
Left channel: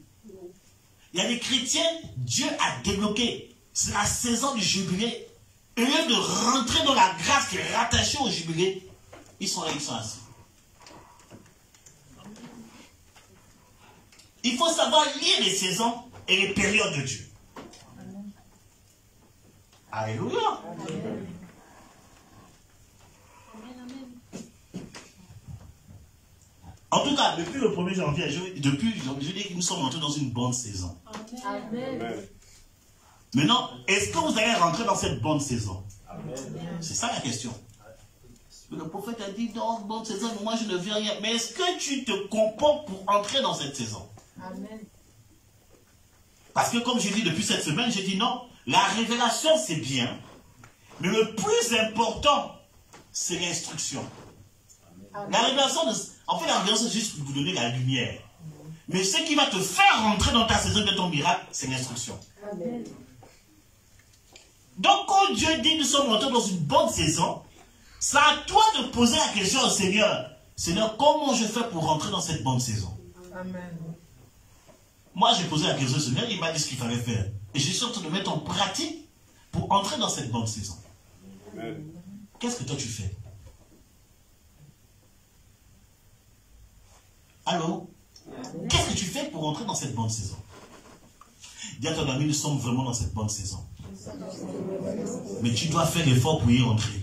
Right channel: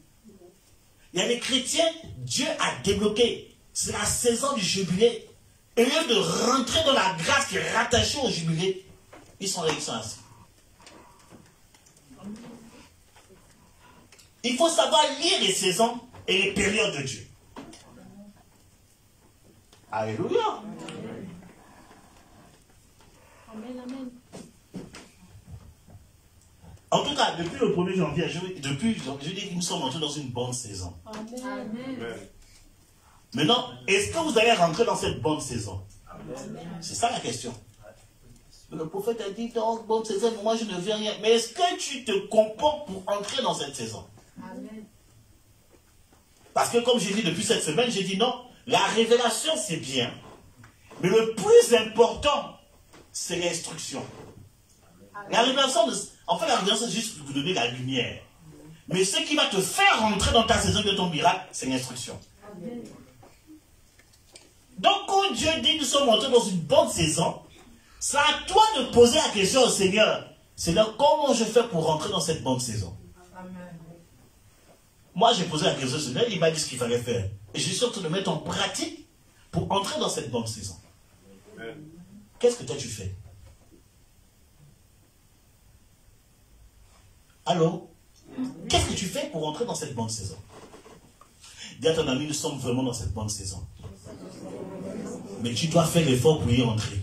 Il y a des chrétiens, Dieu a débloqué. C'est la saison du jubilé. Au lieu de rentrer dans la grâce qui est rattachée au jubilé, ils sont assis. Il faut savoir lire les saisons et les périodes de Dieu. Alléluia. En tout cas, depuis le 1er janvier, je dis que nous sommes entrés dans une bonne saison. Amen. Maintenant, est-ce que vous allez rentrer dans cette bonne saison? C'est ça la question. Le prophète a dit, dans bonne saison, moi je ne viens rien. Mais est-ce que tu te comportes pour entrer dans cette saison? Amen. Parce que comme j'ai dit depuis cette semaine, j'ai dit non, la révélation c'est bien, mais le plus important, c'est l'instruction. La révélation, en fait la révélation c'est juste pour vous donner la lumière. Mais ce qui va te faire rentrer dans ta saison de ton miracle, c'est l'instruction. Donc quand Dieu dit nous sommes entrés dans une bonne saison, c'est à toi de poser la question au Seigneur. Seigneur, comment je fais pour rentrer dans cette bonne saison? Amen. Moi, j'ai posé la question au Seigneur, il m'a dit ce qu'il fallait faire. Et je suis en train de mettre en pratique pour entrer dans cette bonne saison. Qu'est-ce que toi tu fais? Allô? Qu'est-ce que tu fais pour entrer dans cette bonne saison? Dis à ton ami, nous sommes vraiment dans cette bonne saison. Mais tu dois faire l'effort pour y entrer.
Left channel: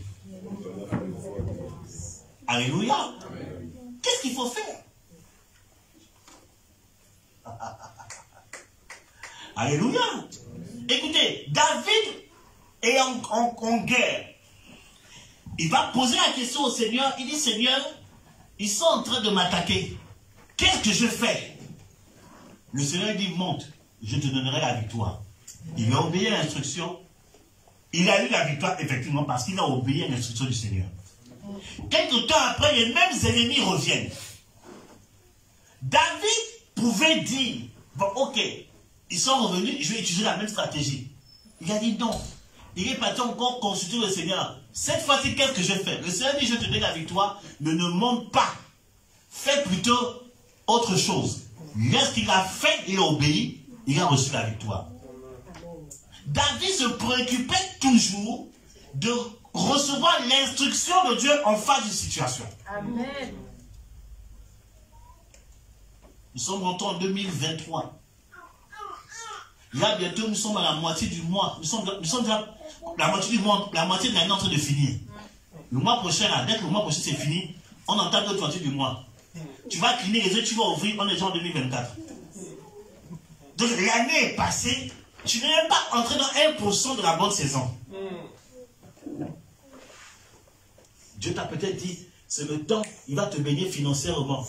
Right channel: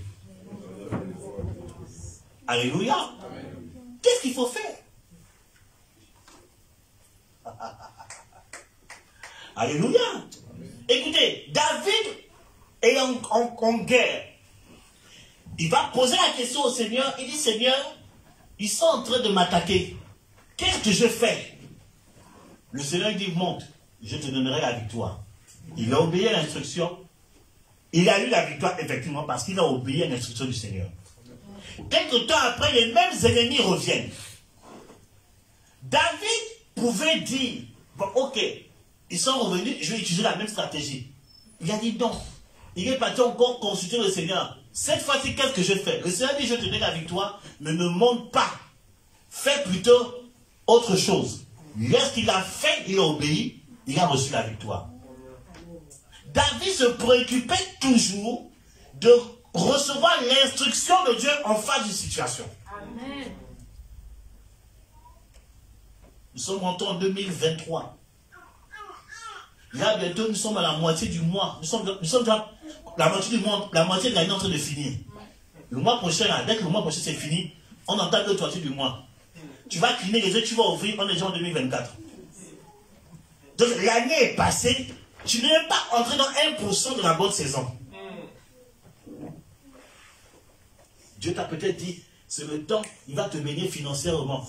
Alléluia. Qu'est-ce qu'il faut faire? Alléluia. Écoutez, David est en guerre. Il va poser la question au Seigneur. Il dit, Seigneur, ils sont en train de m'attaquer. Qu'est-ce que je fais? Le Seigneur dit, monte, je te donnerai la victoire. Il a obéi à l'instruction. Il a eu la victoire, effectivement, parce qu'il a obéi à l'instruction du Seigneur. Quelque temps après, les mêmes ennemis reviennent. David pouvait dire, bon, ok, ils sont revenus, je vais utiliser la même stratégie. Il a dit non. Il est parti encore consulter le Seigneur. Cette fois-ci, qu'est-ce que je fais? Le Seigneur dit, je te donne la victoire, mais ne monte pas. Fais plutôt autre chose. Lorsqu'il a fait, il a obéi, il a reçu la victoire. David se préoccupait toujours de recevoir l'instruction de Dieu en face d'une situation. Amen. Nous sommes rentrés en 2023. Là, bientôt, nous sommes à la moitié du mois. Nous sommes déjà la moitié du mois, la moitié de l'année en train de finir. Le mois prochain, là, dès que le mois prochain c'est fini, on entame l'autre moitié du mois. Tu vas cligner les yeux, tu vas ouvrir, on est déjà en 2024. Donc l'année est passée, tu n'es même pas entré dans 1% de la bonne saison. Dieu t'a peut-être dit, c'est le temps, il va te bénir financièrement.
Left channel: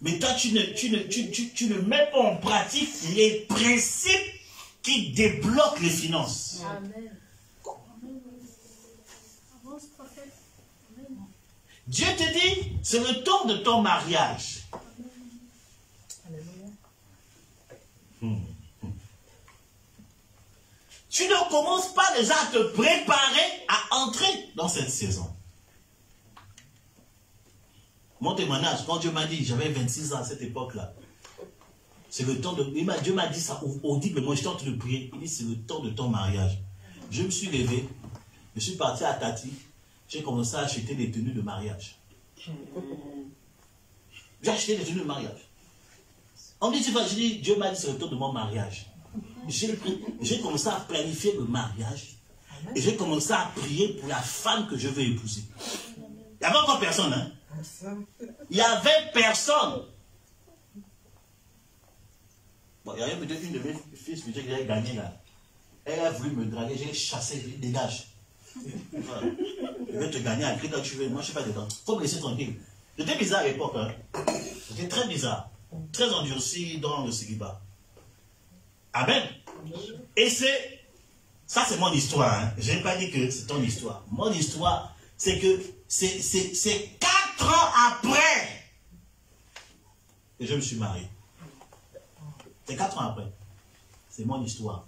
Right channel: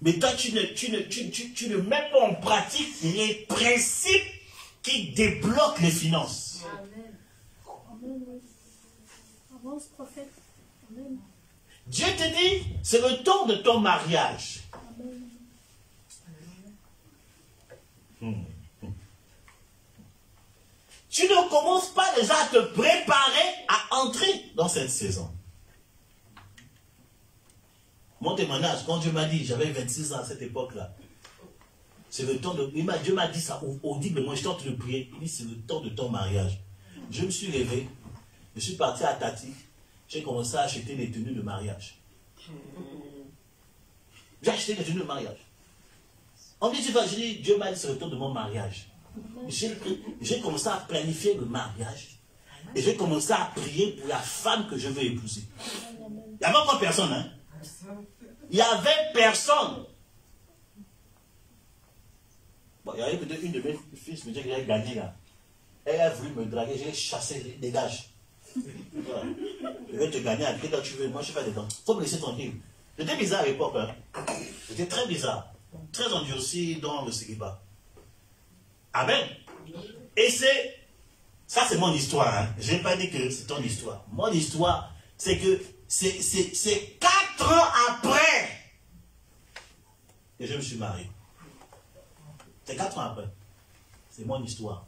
Mais toi, tu ne mets pas en pratique les principes qui débloquent les finances. Amen. Avance, prophète. Amen. Dieu te dit, c'est le temps de ton mariage. Tu ne commences pas déjà à te préparer à entrer dans cette saison. Mon témoignage, quand Dieu m'a dit, j'avais 26 ans à cette époque-là, c'est le temps de... Dieu m'a dit ça audiblement, j'étais en train de prier. Il dit, c'est le temps de ton mariage. Je me suis levé, je suis parti à Tati, j'ai commencé à acheter des tenues de mariage. J'ai acheté des tenues de mariage. On me dit, je dis, Dieu m'a dit, c'est le temps de mon mariage. J'ai commencé à planifier le mariage et j'ai commencé à prier pour la femme que je veux épouser. Il n'y avait encore personne, hein? Il n'y avait personne. Bon, il y avait peut-être une de mes fils qui avait gagné là. Elle a voulu me draguer, j'ai chassé, dégage. Voilà. Je vais te gagner à qui toi tu veux, moi je ne suis pas dedans. Il faut me laisser tranquille. J'étais bizarre à l'époque, hein? J'étais très bizarre. Très endurci dans le célibat. Amen. Et ça c'est mon histoire. Hein. Je n'ai pas dit que c'est ton histoire. Mon histoire, c'est que c'est 4 ans après que je me suis marié. C'est 4 ans après. C'est mon histoire.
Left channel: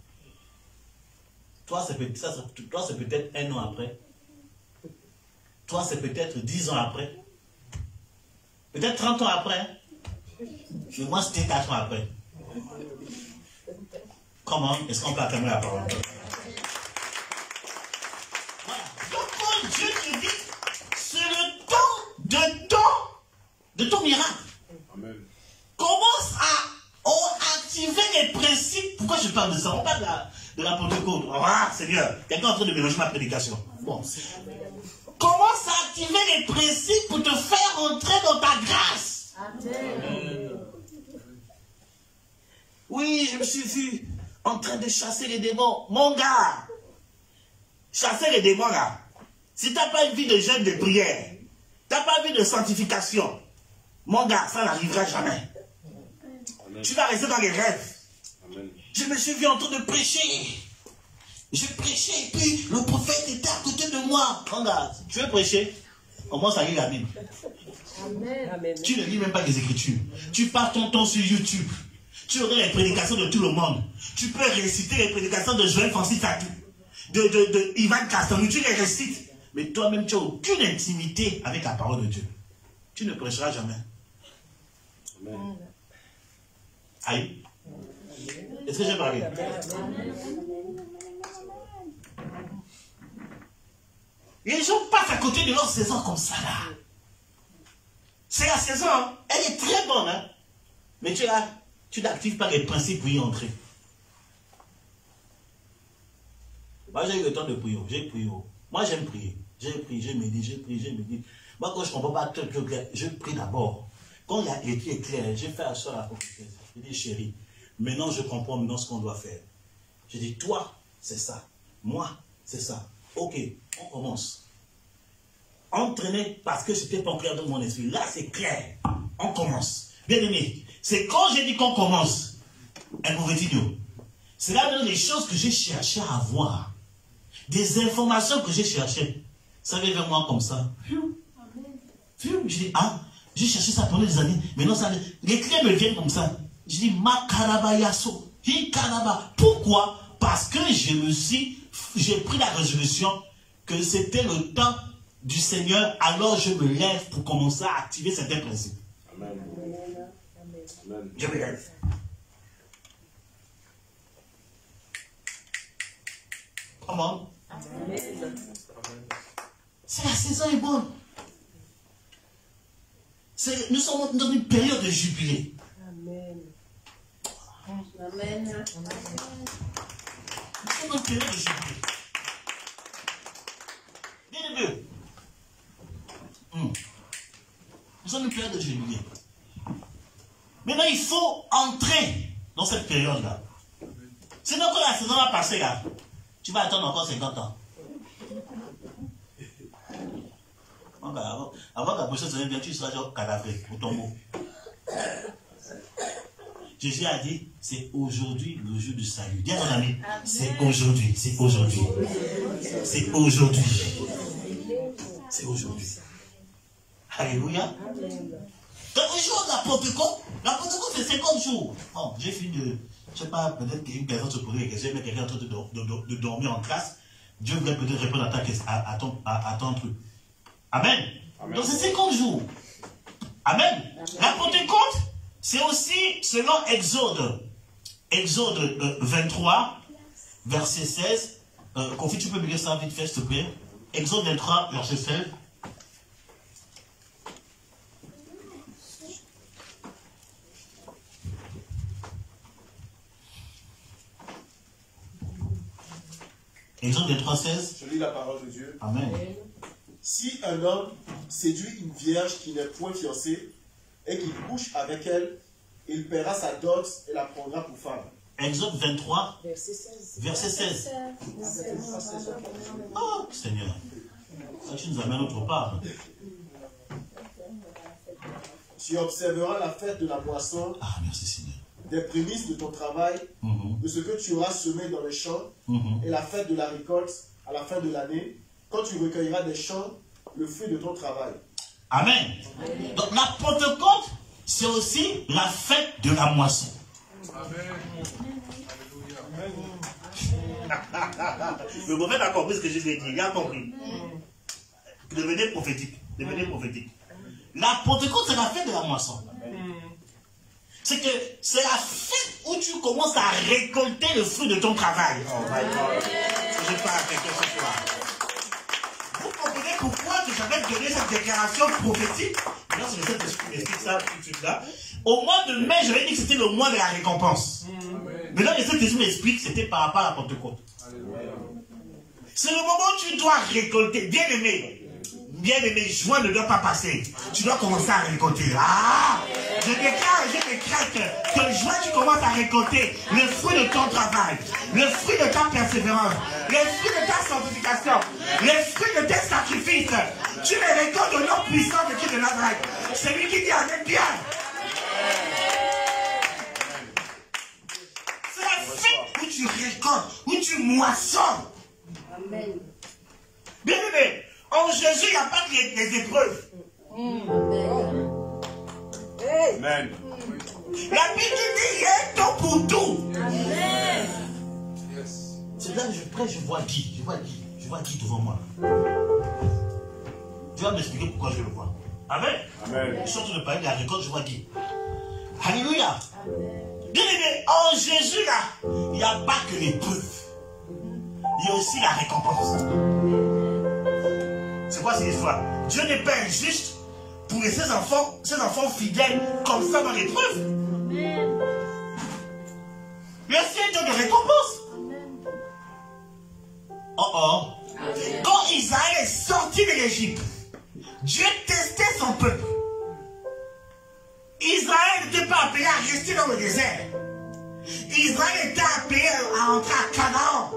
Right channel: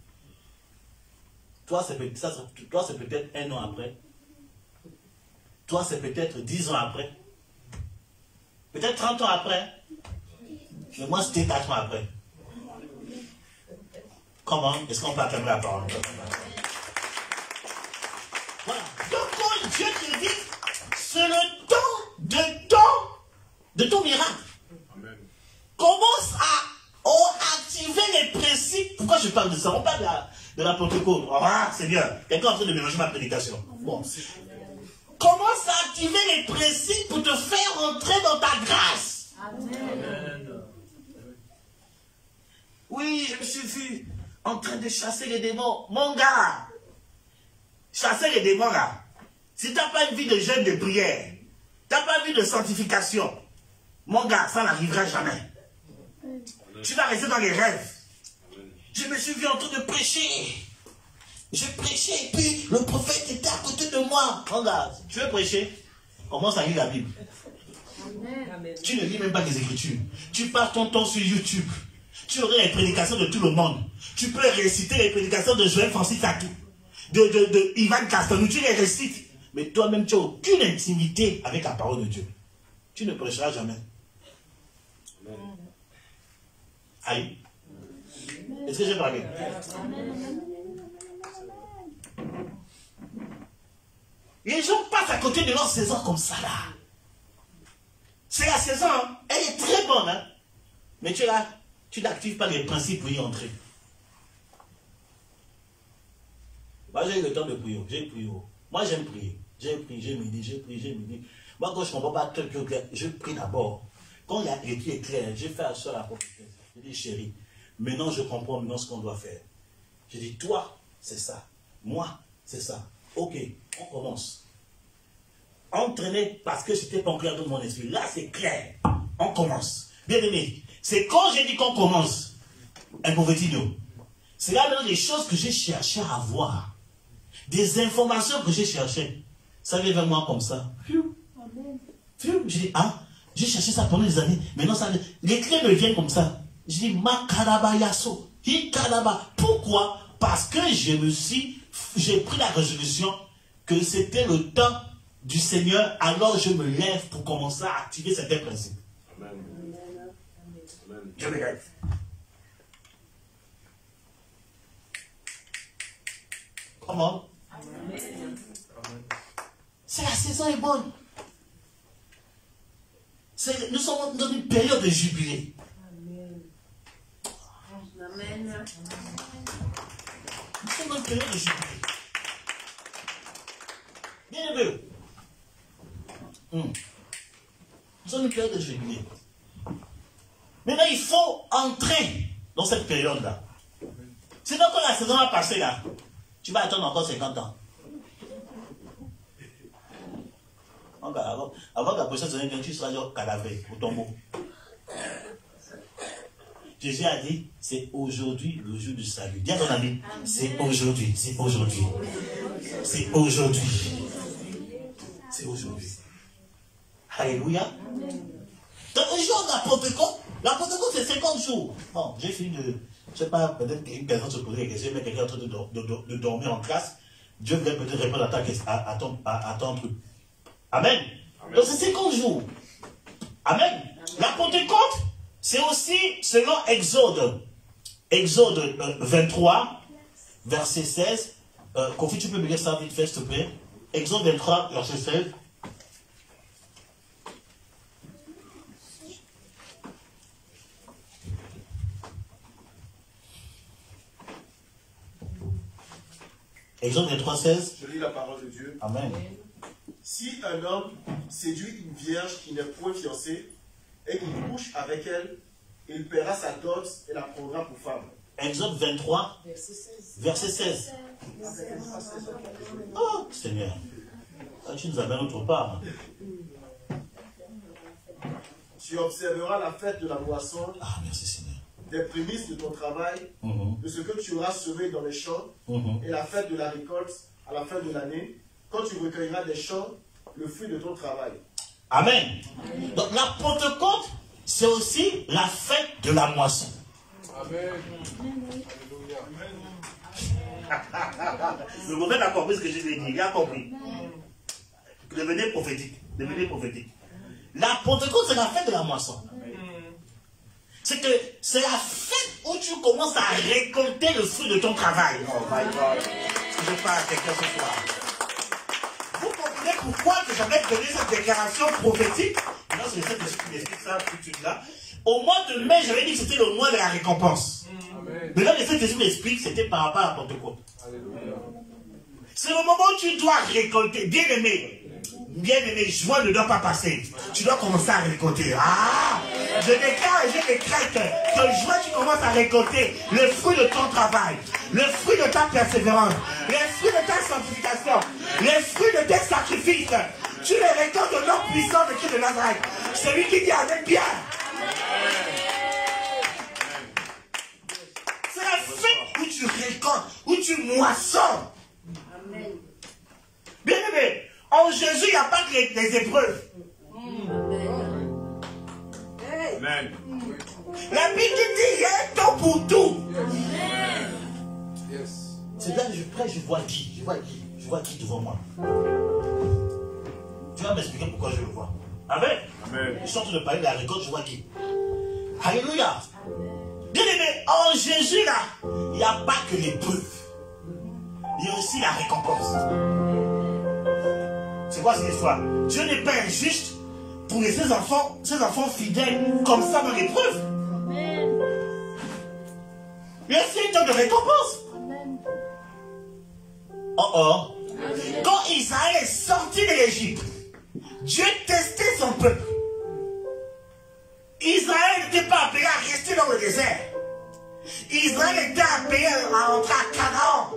Toi, c'est peut-être 1 an après. Toi, c'est peut-être 10 ans après. Peut-être 30 ans après. Mais moi, c'était 4 ans après. Comment est-ce qu'on peut acclamer la parole? Voilà. Donc, quand Dieu te dit, c'est le temps de ton miracle. Amen. Commence à activer les principes. Pourquoi je parle de ça? On parle de la Pentecôte. Ah, Seigneur, quelqu'un est en train de mélanger ma prédication. Bon. Commence à activer les principes pour te faire entrer dans ta grâce. Amen. Oui, je me suis vu en train de chasser les démons. Mon gars, chasser les démons là. Si tu n'as pas une vie de jeûne, de prière, tu n'as pas une vie de sanctification, mon gars, ça n'arrivera jamais. Tu vas rester dans les rêves. Je me suis vu en train de prêcher. Je prêchais et puis le prophète était à côté de moi. Mon gars, tu veux prêcher? Commence à lire la Bible. Amen. Tu ne lis même pas les Écritures. Tu passes ton temps sur YouTube. Tu aurais les prédications de tout le monde. Tu peux réciter les prédications de Joël Francis Tatou, de Ivan Castanou. Tu les récites. Mais toi-même, tu n'as aucune intimité avec la parole de Dieu. Tu ne prêcheras jamais. Amen. Aïe. Est-ce que j'ai parlé? Les gens passent à côté de leur saison comme ça là. C'est la saison, hein? Elle est très bonne, hein? Mais tu n'actives pas les principes pour y entrer. Moi j'ai eu le temps de prier, j'ai prié. Moi j'aime prier. J'ai prié, j'ai médité. Moi quand je ne comprends pas très clair, je prie d'abord. Quand il y a écrit clair, j'ai fait à ça la prophétie. J'ai dit chérie, maintenant je comprends maintenant ce qu'on doit faire. J'ai dit toi, c'est ça. Moi, c'est ça. Ok, on commence. Entraîné parce que c'était pas clair dans mon esprit. Là, c'est clair. On commence. Bien aimé, c'est quand j'ai dit qu'on commence, un mauvais vidéo. C'est là maintenant les choses que j'ai cherché à voir. Des informations que j'ai cherchées. Ça vient vers moi comme ça. J'ai dit, ah, j'ai cherché ça pendant des années. Maintenant, ça, les clés me viennent comme ça. Je dis, Makaraba Yasso. Hikaraba. Pourquoi? Parce que j'ai pris la résolution que c'était le temps du Seigneur, alors je me lève pour commencer à activer certains principes. Amen. Je me lève. Comment? C'est la saison est bonne. Nous sommes dans une période de jubilé. Amen. Amen. Nous sommes dans une période de jubilé. Bien aimé. Nous sommes dans une période de jubilé. Maintenant, il faut entrer dans cette période-là. Sinon, quand la saison va passer là, tu vas attendre encore 50 ans. Avant que la prochaine saison vienne, tu seras genre cadavré pour ton mot. Jésus a dit, c'est aujourd'hui le jour du salut. Dis à ton ami, c'est aujourd'hui, c'est aujourd'hui. C'est aujourd'hui. C'est aujourd'hui. Alléluia. Dans le jour de la Pentecôte, c'est 50 jours. Bon, j'ai fini de, je sais pas, peut-être qu'une personne se posait des questions, mais quelqu'un est en train de dormir en classe. Dieu voulait peut-être répondre à ton truc. Amen. Amen. Donc c'est 50 jours. Amen. La Pentecôte, c'est aussi selon Exode 23, verset 16. Kofi, tu peux me dire ça vite fait, s'il te plaît. Exode 23, verset 16. Exode 23, 16. Je lis la parole de Dieu. Amen. Si un homme séduit une vierge qui n'est point fiancée et qu'il couche avec elle, il paiera sa dot et la prendra pour femme. Exode 23, verset 16. Oh, Seigneur, tu nous amènes autre part. Tu observeras la fête de la moisson, merci Seigneur, des prémices de ton travail, de ce que tu auras semé dans les champs, et la fête de la récolte à la fin de l'année, quand tu recueilleras des champs le fruit de ton travail. Amen. Donc la Pentecôte, c'est aussi la fête de la moisson. Amen. Le prophète a compris ce que je lui ai dit. Il a compris. Devenez prophétique. Devenez prophétique. La Pentecôte, c'est la fête de la moisson. C'est que c'est la fête où tu commences à récolter le fruit de ton travail. Oh my God. Si je parle à quelqu'un ce soir. Vous comprenez pourquoi que j'avais donné cette déclaration prophétique? Là, c'est le Saint-Esprit qui explique ça tout de suite là. Au mois de mai, j'avais dit que c'était le mois de la récompense. Mais là, le Saint-Esprit m'explique que c'était par rapport à la Pentecôte. C'est le moment où tu dois récolter. Bien aimé, Bien aimé, joie ne doit pas passer. Tu dois commencer à récolter. Ah! Je déclare et je décrète que joie, tu commences à récolter les fruits de ton travail, les fruits de ta persévérance, les fruits de ta sanctification, les fruits de tes sacrifices. Tu les récoltes au nom puissant de Christ de Nazareth. Celui qui dit Amen bien. C'est la fête où tu récoltes, où tu moissonnes. Amen. Bien aimé, en Jésus, il n'y a pas que les épreuves. Amen. La Bible dit il y a un temps pour tout. Amen. C'est là que je prêche, je vois Guy. Je vois Guy devant moi. Tu vas m'expliquer pourquoi je le vois. Amen. Amen. Je suis en train de parler de la récolte, je vois Guy. Alléluia. Bien aimé, en Jésus là, il n'y a pas que l'épreuve. Il y a aussi la récompense. C'est quoi cette histoire? Dieu n'est pas injuste pour laisser ses enfants fidèles comme ça dans l'épreuve. Il y a aussi un temps de récompense. Quand Israël est sorti de l'Égypte, Dieu testait son peuple. Israël n'était pas appelé à rester dans le désert. Israël était appelé à rentrer à Canaan.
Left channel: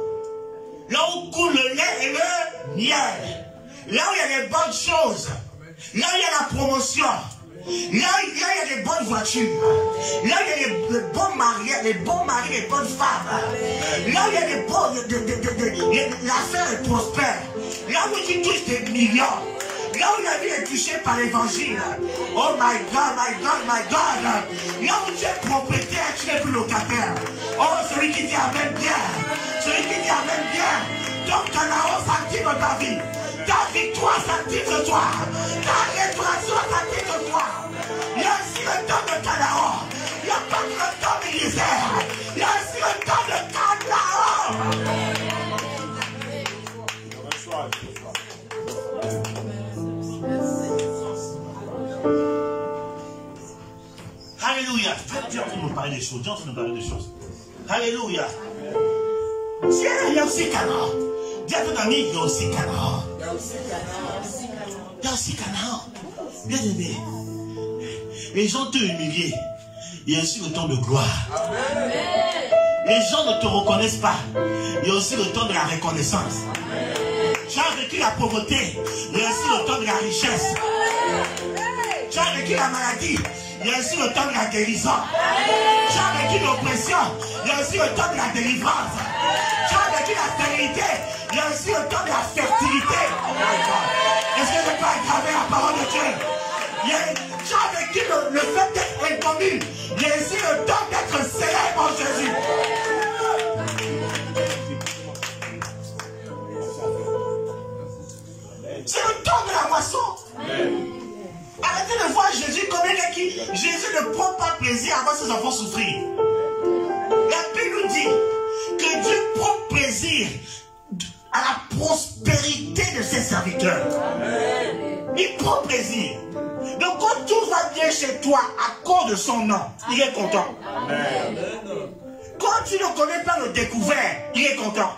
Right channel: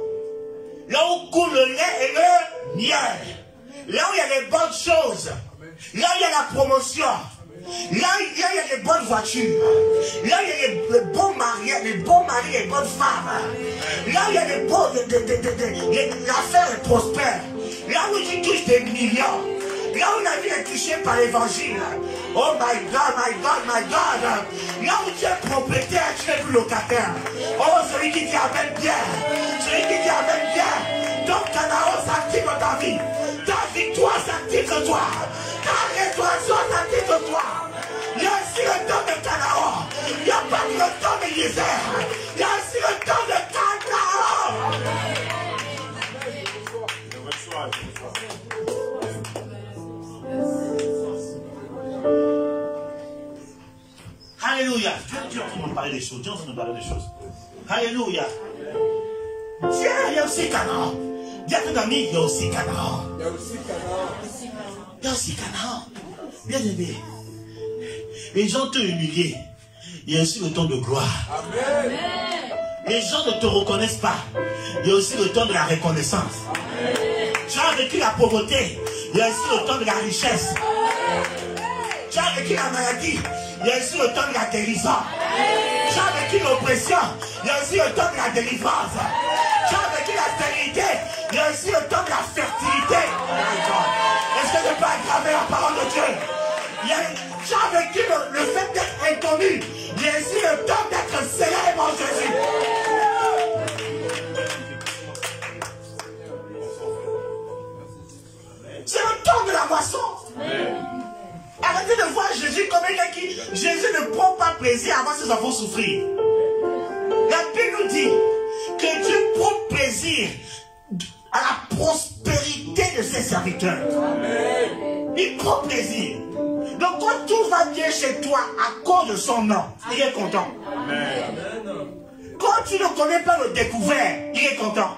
Là où coule le lait et le miel. Là où il y a les bonnes choses. Là où il y a la promotion. Là où il y a les bonnes voitures. Là où il y a les bons maris, les bonnes femmes. Là où il y a les bons... l'affaire est prospère. Là où tu touches des millions. Là où la vie est touchée par l'évangile. Oh my God, my God, my God. Là où tu es propriétaire, tu n'es plus locataire. Oh, celui qui dit Amen bien. Celui qui dit Amen bien. Ton Canaan s'active dans ta vie. Ta victoire s'active de toi. Ta restauration s'active de toi. Il y a aussi le temps de Canaan. Il n'y a pas que le temps de misère. Il y a aussi le temps de Canaan. Alléluia. Dieu est en train de nous parler des choses. Dieu est en train de nous parler des choses. Alléluia. Tiens, il y a aussi Canaan. Dis à ton ami, il y a aussi Canaan. Il y a aussi Canaan. Bien aimé. Les gens t'ont humilié. Il y a aussi le temps de gloire. Les gens ne te reconnaissent pas. Il y a aussi le temps de la reconnaissance. Tu as vécu la pauvreté. Il y a aussi le temps de la richesse. Tu as vécu la maladie. Il y a aussi le temps de la guérison. Tu as vécu l'oppression. Il y a aussi le temps de la délivrance. Tu as vécu la stérilité. Il y a aussi le temps de la fertilité. Est-ce que je peux aggraver la parole de Dieu? Tu as vécu le fait d'être inconnu. Il y a aussi le temps d'être célèbre en Jésus. C'est le temps de la moisson. Arrêtez de voir Jésus comme quelqu'un qui... Jésus ne prend pas plaisir à voir ses enfants souffrir. La Bible nous dit que Dieu prend plaisir à la prospérité de ses serviteurs. Il prend plaisir. Donc quand tout va bien chez toi à cause de son nom, il est content. Quand tu ne connais pas le découvert, il est content.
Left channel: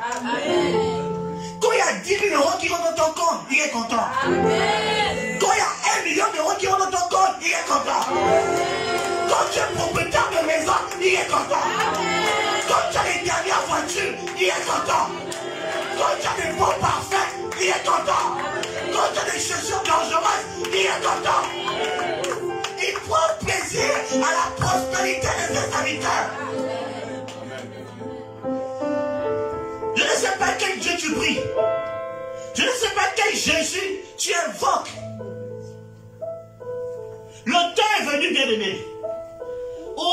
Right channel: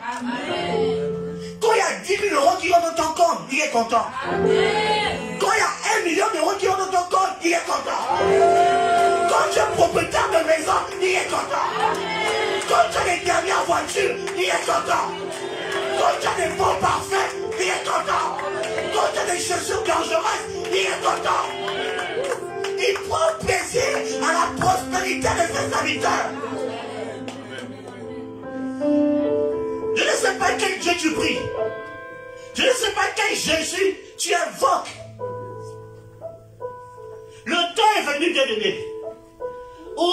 Quand il y a 10 000 euros qui rentrent dans ton compte, il est content. Quand il y a 1 million d'euros qui rentrent dans ton compte, il est content. Quand tu es propriétaire de maison, il est content. Quand tu as les dernières voitures, il est content. Quand tu as des bons parfaits, il est content. Quand tu as des chaussures dangereuses, il est content. Il prend plaisir à la prospérité de ses serviteurs. Je ne sais pas quel Dieu tu pries. Je ne sais pas quel Jésus tu invoques. Le temps est venu, bien aimé, où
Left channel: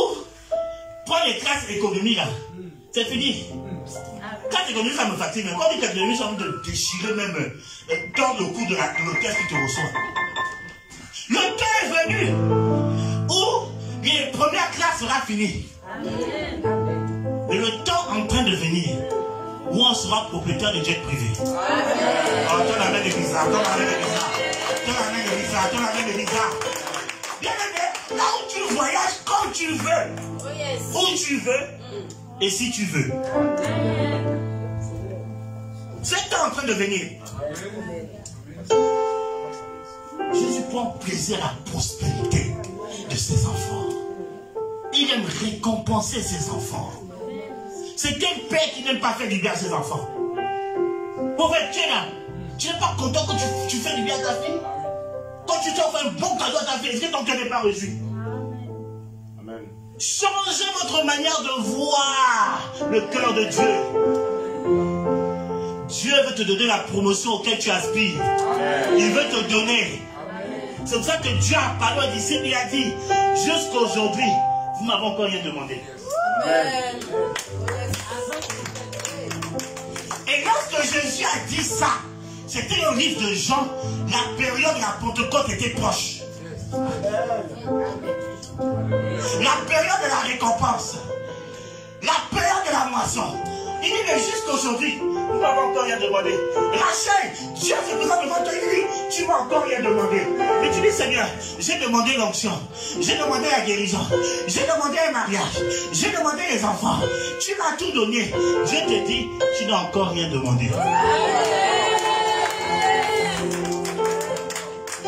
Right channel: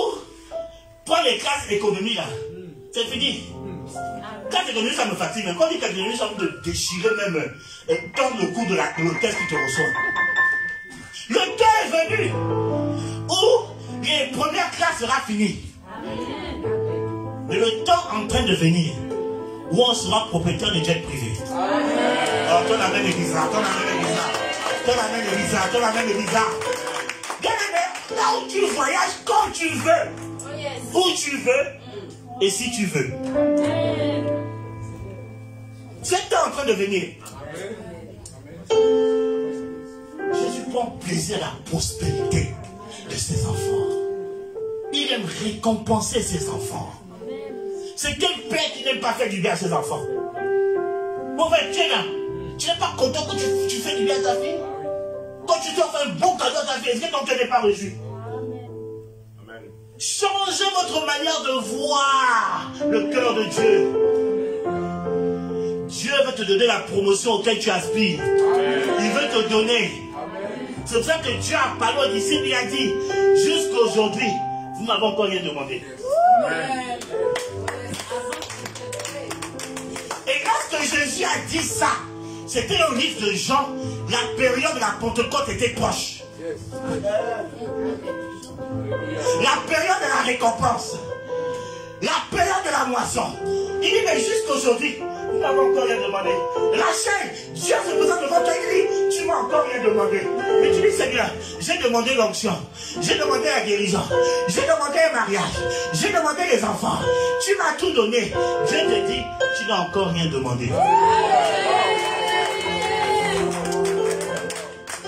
prends les classes économie là. C'est fini. Classe économie, ça me fatigue. Quand on dit classe économie, ça va te déchirer même. Et tordre le cou de l'hôtel qui te reçoit. Le temps est venu où les premières classes sera finies. Et le temps en train de venir où on sera propriétaire de jet privé. Oh, ton amène de visa, ton amène de visa, ton amène de visa, ton amène de visa. Bien aimé, là où tu voyages quand tu veux, où tu veux et si tu veux. C'est en train de venir. prend plaisir à la prospérité de ses enfants. Il aime récompenser ses enfants. C'est quel père qui n'aime pas faire du bien à ses enfants? Mauvais, tu es là. Tu n'es pas content que tu fais du bien à ta fille? Quand tu t'offres un bon cadeau à ta fille, est-ce que ton cœur n'est pas reçu? Amen. Changez votre manière de voir le cœur de Dieu. Dieu veut te donner la promotion auquel tu aspires. Il veut te donner. C'est pour ça que Dieu a parlé d'ici, il a dit, jusqu'à aujourd'hui, vous n'avez encore rien demandé. Amen. Et lorsque Jésus a dit ça, c'était le livre de Jean, la période de la Pentecôte était proche. La période de la récompense. La période de la moisson. Il dit, mais jusqu'aujourd'hui, vous m'avez encore rien demandé. Rachel, Dieu se présente devant toi, il dit, tu m'as encore rien demandé. Mais tu dis, Seigneur, j'ai demandé l'onction, j'ai demandé la guérison, j'ai demandé un mariage, j'ai demandé les enfants. Tu m'as tout donné. Dieu te dit, tu n'as encore rien demandé.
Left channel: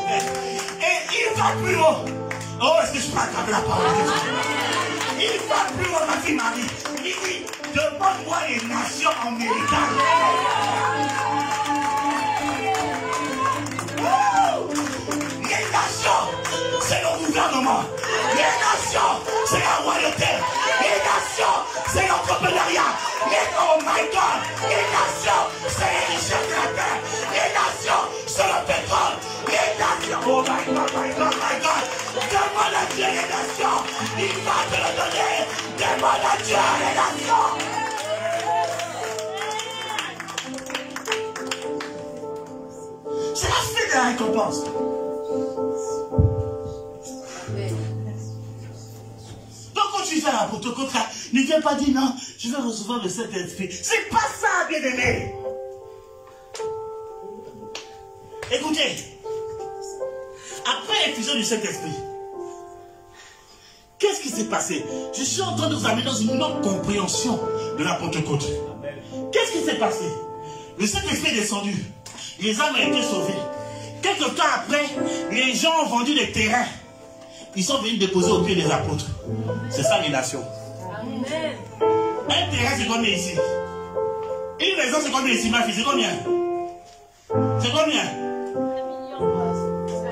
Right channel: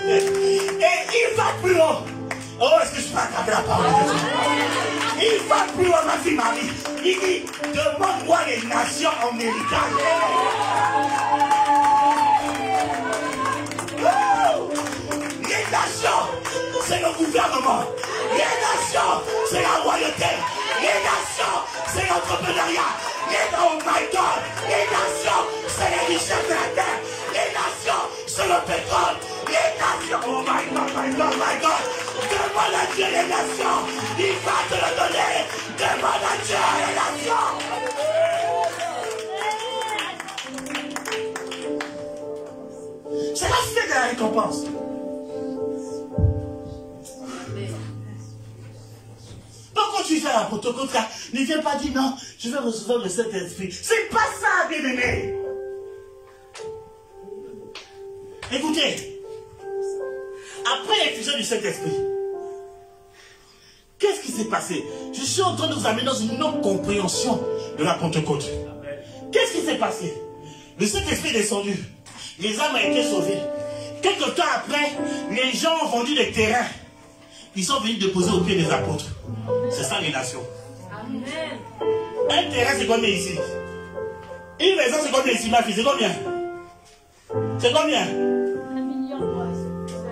Et il va plus haut. Oh, est-ce que je peux attraper la parole de Dieu? Il va plus haut, ma fille Marie. Il dit, demande-moi les nations américaines. Oh! Les nations, c'est le gouvernement. Les nations, c'est la royauté. Les nations, c'est l'entrepreneuriat. Oh my God! Les nations, c'est les richesses de la terre. Les nations, c'est le pétrole. Les nations, oh my God, my God, my God. Demande à Dieu les nations. Il va te le donner. Demande à Dieu les nations. C'est la fête de la récompense. Donc quand tu fais la Pentecôte, ne viens pas dire non, je vais recevoir le Saint-Esprit. C'est pas ça, bien-aimé. Écoutez, après l'effusion du Saint-Esprit, qu'est-ce qui s'est passé? Je suis en train de vous amener dans une autre compréhension de la Pentecôte. Qu'est-ce qui s'est passé? Le Saint-Esprit est descendu. Les âmes ont été sauvées. Quelque temps après, les gens ont vendu des terrains. Ils sont venus déposer au pied des apôtres. C'est ça les nations. Amen. Un terrain, c'est combien ici? Une maison, c'est combien ici, ma fille? C'est combien? C'est combien?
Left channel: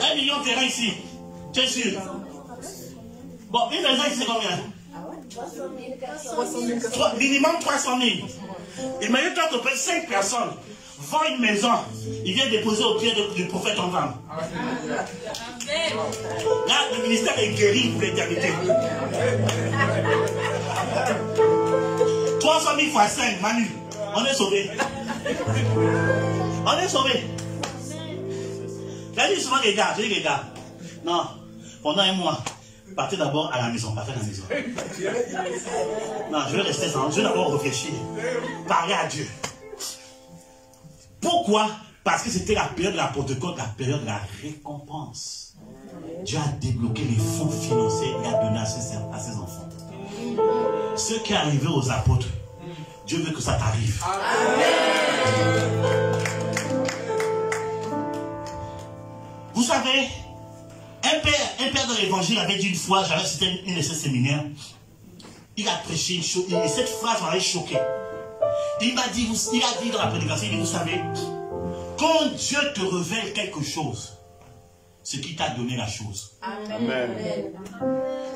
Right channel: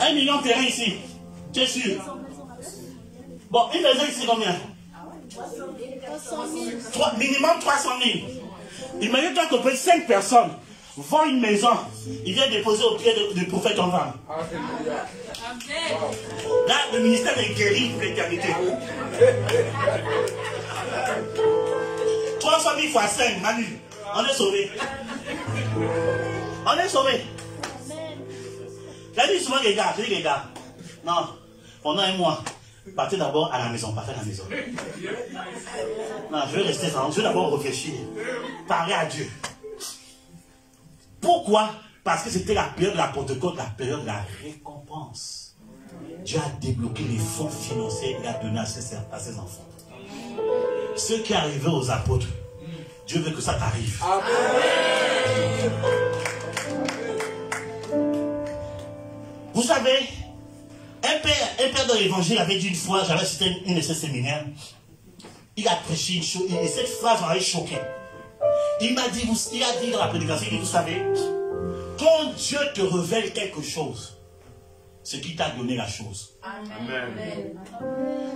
1 million de terrains ici. Tu es sûr? Bon, une maison ici, c'est combien? Minimum 300 000. Imagine-toi que peut-être 5 personnes vend une maison, il vient déposer au pied du prophète en vente. Là, le ministère est guéri pour l'éternité. 300 000 fois 5, Manu, on est sauvé. On est sauvé. J'ai dit souvent les gars, non, pendant un mois, partez d'abord à la maison, partez à la maison. Non, je vais rester sans, je vais d'abord réfléchir, parler à Dieu. Pourquoi? Parce que c'était la période de la Pentecôte, la période de la récompense. Dieu a débloqué les fonds financiers et a donné à ses enfants. Ce qui est arrivé aux apôtres, Dieu veut que ça t'arrive. Vous savez, un père dans l'évangile avait dit une fois, j'avais cité une de ses séminaires, il a prêché une chose, et cette phrase m'avait choqué. Il a dit dans la prédication, il dit, vous savez, quand Dieu te révèle quelque chose, c'est qu'il t'a donné la chose. Amen.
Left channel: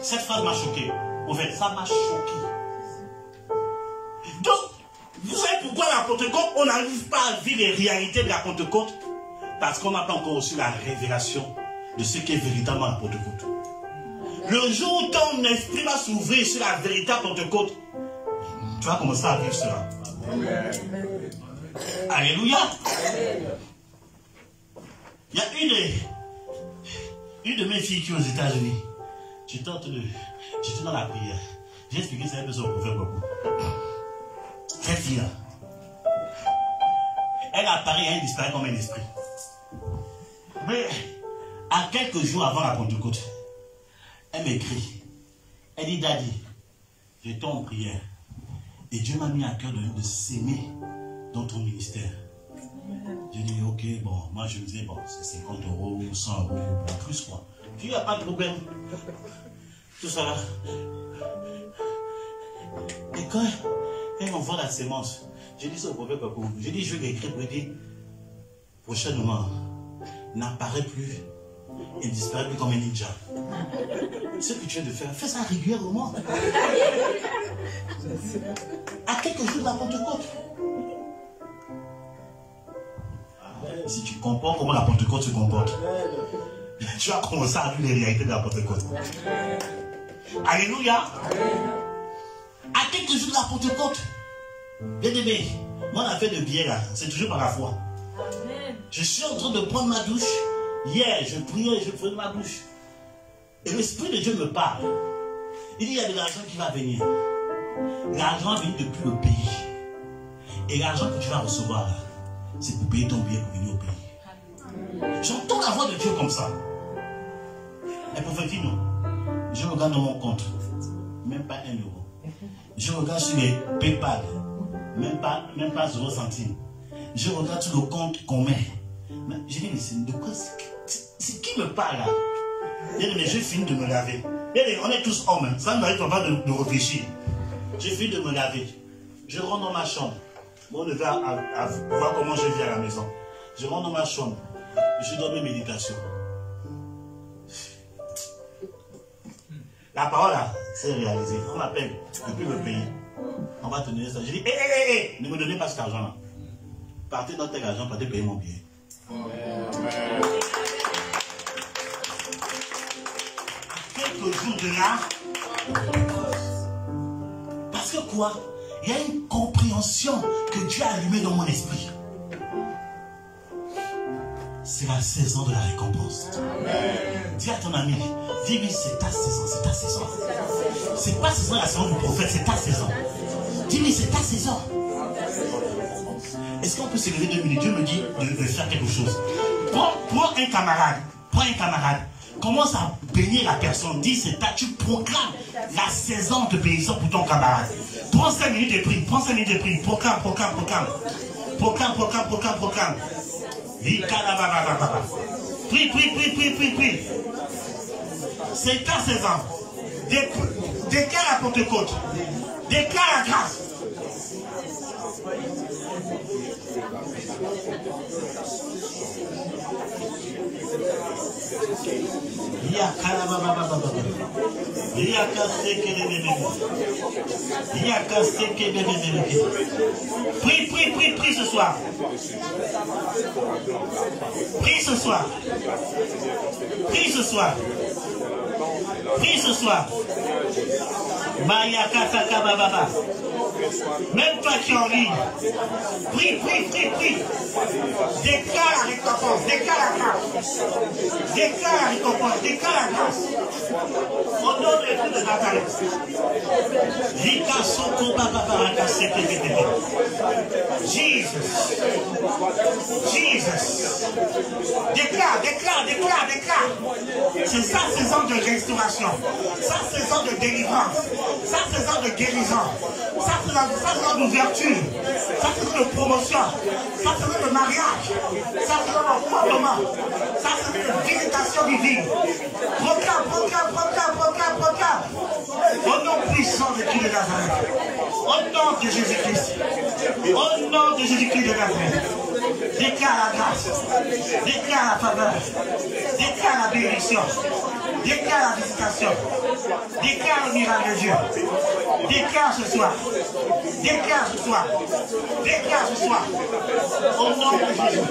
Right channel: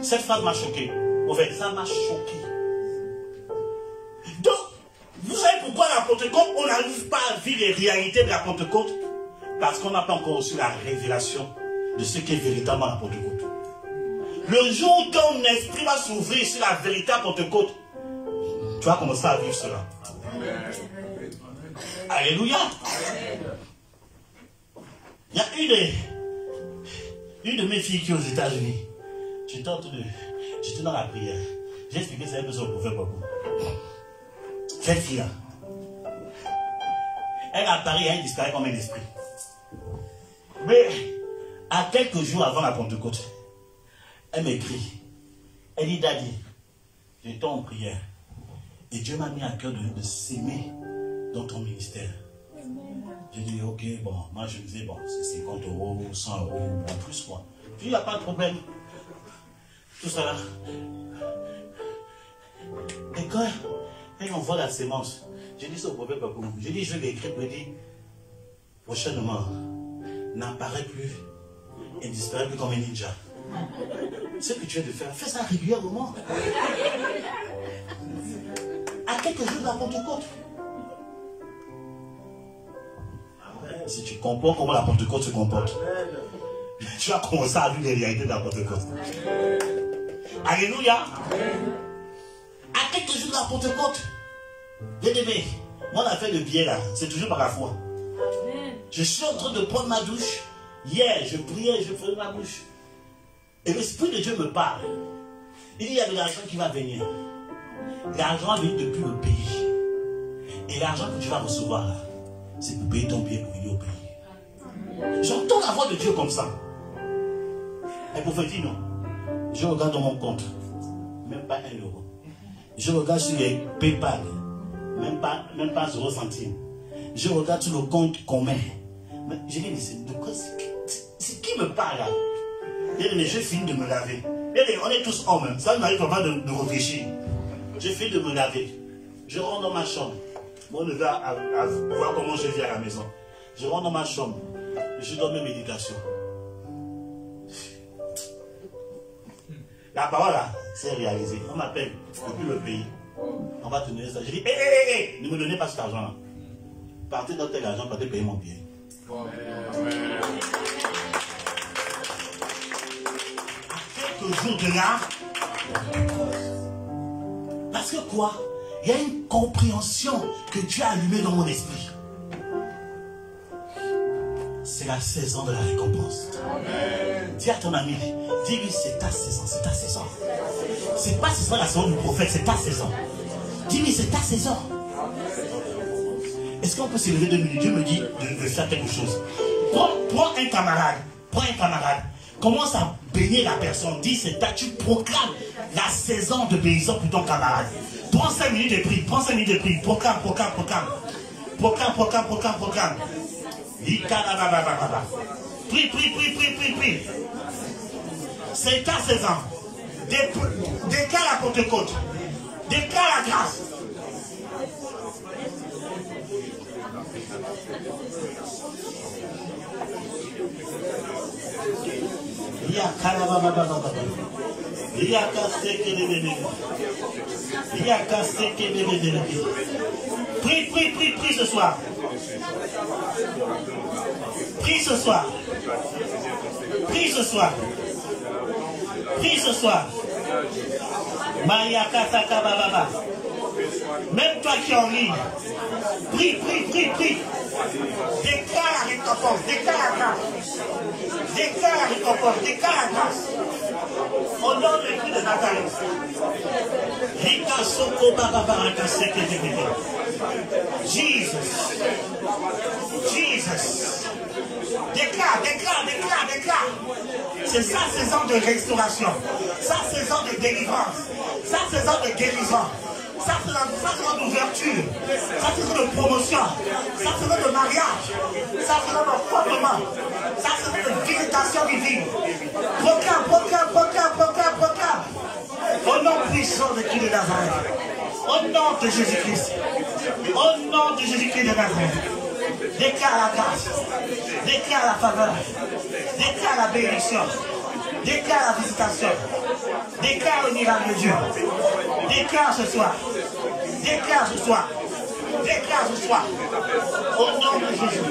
Cette phrase m'a choqué. En fait, ça m'a choqué. Donc, vous savez pourquoi la Pentecôte, on n'arrive pas à vivre les réalités de la Pentecôte? Parce qu'on n'a pas encore reçu la révélation de ce qu'est véritablement la Pentecôte. Le jour où ton esprit va s'ouvrir sur la véritable Pentecôte, tu vas commencer à vivre cela. Amen. Alléluia. Il y a une de mes filles qui est aux États-Unis. J'étais dans la prière. J'ai expliqué ça un peu sur le prophète beaucoup. Cette fille-là, elle apparaît et elle disparaît comme un esprit. Mais à quelques jours avant la Pentecôte, elle m'écrit. Elle dit, Daddy, j'étais en prière. Et Dieu m'a mis à cœur de s'aimer dans ton ministère. J'ai dit, ok, bon, moi je me disais, bon, c'est 50 euros, 100 euros, en plus quoi. J'ai dit, il n'y a pas de problème. Tout ça là. Et quand on voit la sémence, j'ai dit ça au prophète Papou. J'ai dit, je vais l'écrire pour dire, prochainement, n'apparaît plus et disparaît plus comme un ninja. Ce que tu viens de faire, fais ça régulièrement. À quelques jours de la Pentecôte. Si tu comprends comment la Pentecôte se comporte, tu vas commencer à vivre les réalités de la Pentecôte. Alléluia. À quelques jours de la Pentecôte, bien aimé, moi l'affaire de biais là, c'est toujours par la foi. Je suis en train de prendre ma douche. Hier, je priais, je prenais ma douche. Et l'Esprit de Dieu me parle. Il dit, il y a de l'argent qui va venir. L'argent vient depuis le pays. Et l'argent que tu vas recevoir là, c'est pour payer ton billet pour venir au pays. J'entends la voix de Dieu comme ça. Et pour faire dire non, je regarde dans mon compte, même pas 1 euro. Je regarde sur les PayPal, même pas 0 centime. Je regarde sur le compte qu'on met. Je dis, mais de quoi c'est qui me parle là? Mais je finis de me laver. On est tous hommes, ça ne m'arrive pas de réfléchir. Je finis de me laver. Je rentre dans ma chambre. Bon, on va à voir comment je vis à la maison. Je rentre dans ma chambre. Je donne mes méditations. La parole là, c'est réalisé. On m'appelle depuis le pays. On va te donner ça. Je dis, hé, ne me donnez pas cet argent là. Partez dans tel argent, partez payer mon billet. Quelques jours de là, parce que quoi? Il y a une compréhension que Dieu a allumée dans mon esprit. C'est la saison de la récompense. Dis à ton ami, dis-lui, c'est ta saison, c'est ta saison. C'est pas saison la saison du prophète, c'est ta saison. Dis-lui, c'est ta saison. Est-ce qu'on peut se lever 2 minutes? Dieu me dit de faire quelque chose. Prends un camarade, commence à bénir la personne. Dis, c'est ta, tu proclames la saison de bénédiction pour ton camarade. Prends 5 minutes de prière, proclame. Prie. C'est ta saison. Déclare la Pentecôte. Déclare la grâce. Prie ce soir. Prie ce soir. Maya Kataka Baba. Même toi qui es en ligne, prie. Déclare la récompense, déclare la grâce. Au nom de Jésus de Nazareth. Jesus. Déclare. C'est sa saison de restauration, sa saison de délivrance, sa saison de guérison. Ça c'est saison d'ouverture, ça c'est saison de promotion, ça c'est saison de mariage, ça c'est saison de fondement, ça c'est saison de visitation divine. Proclame. Au nom puissant de Christ de Nazareth, au nom de Jésus-Christ, de Nazareth, déclare la grâce, déclare la faveur, déclare la bénédiction, déclare la visitation, déclare le miracle de Dieu. Déclare ce soir. Au nom de Jésus.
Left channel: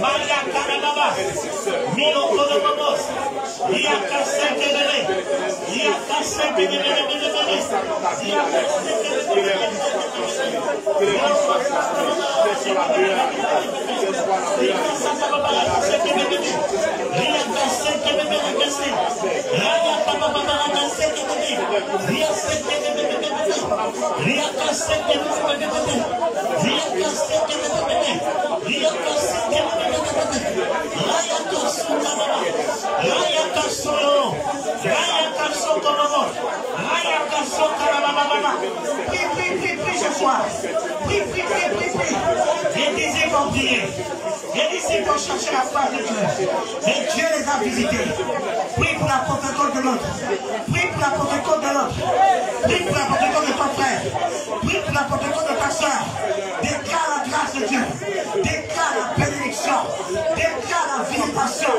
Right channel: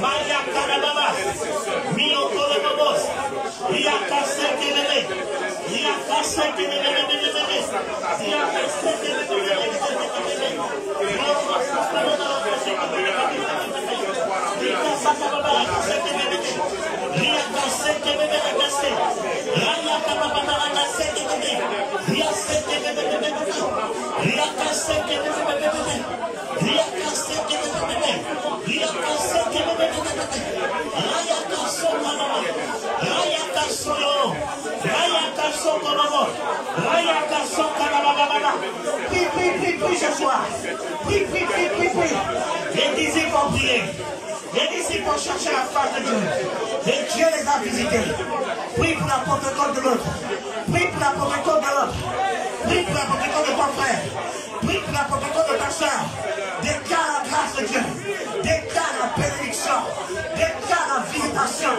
Maya Karababa, Miro Kolobos, Ria Prie ce soir. Prie. Les disciples ont prié. Les disciples ont cherché la face de Dieu. Et Dieu les a visités. Prie pour la protection de l'autre. Prie pour la protection de l'autre. Prie pour la protection de ton frère. Prie pour la protection de ta soeur. Déclare la grâce de Dieu. Déclare la bénédiction. Déclare la visitation.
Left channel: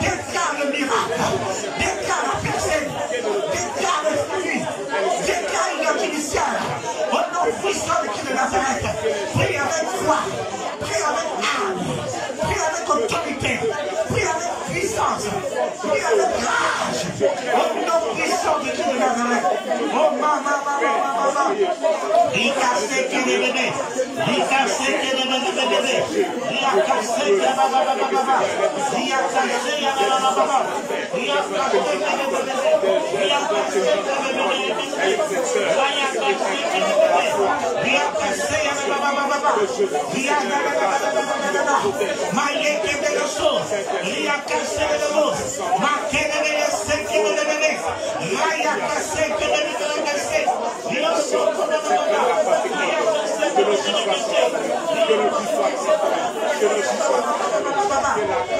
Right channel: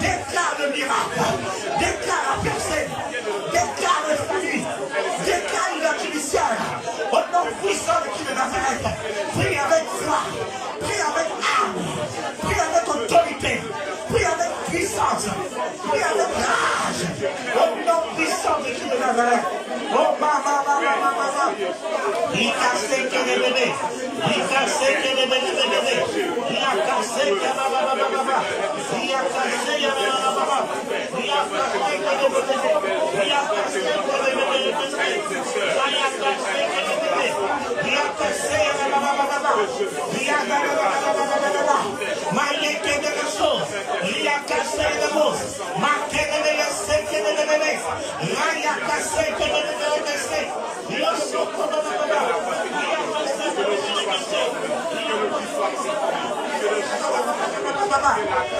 Déclare le miracle. Déclare la percée. Déclare le fruit. Déclare une initiale. Au nom puissant de Christ de Nazareth. Prie avec foi. Prie avec âme. Prie avec autorité. Prie avec puissance. Prie avec rage. Au nom puissant de Christ de Nazareth. Oh maman. Il casse qui est bébé. Il casse qui est bébé. Il a cassé qui est baba. Il a cassé qui est baba. Il a cassé qui est bébé. Il a cassé qui est bébé. Il a cassé qui est baba. Il a maillé qui est de la chose. Il a cassé les mots. Marqué de l'essai qui est de bébé. Il a cassé qui est de l'essai. Il a sauté de bébé. Il a cassé qui est de l'essai.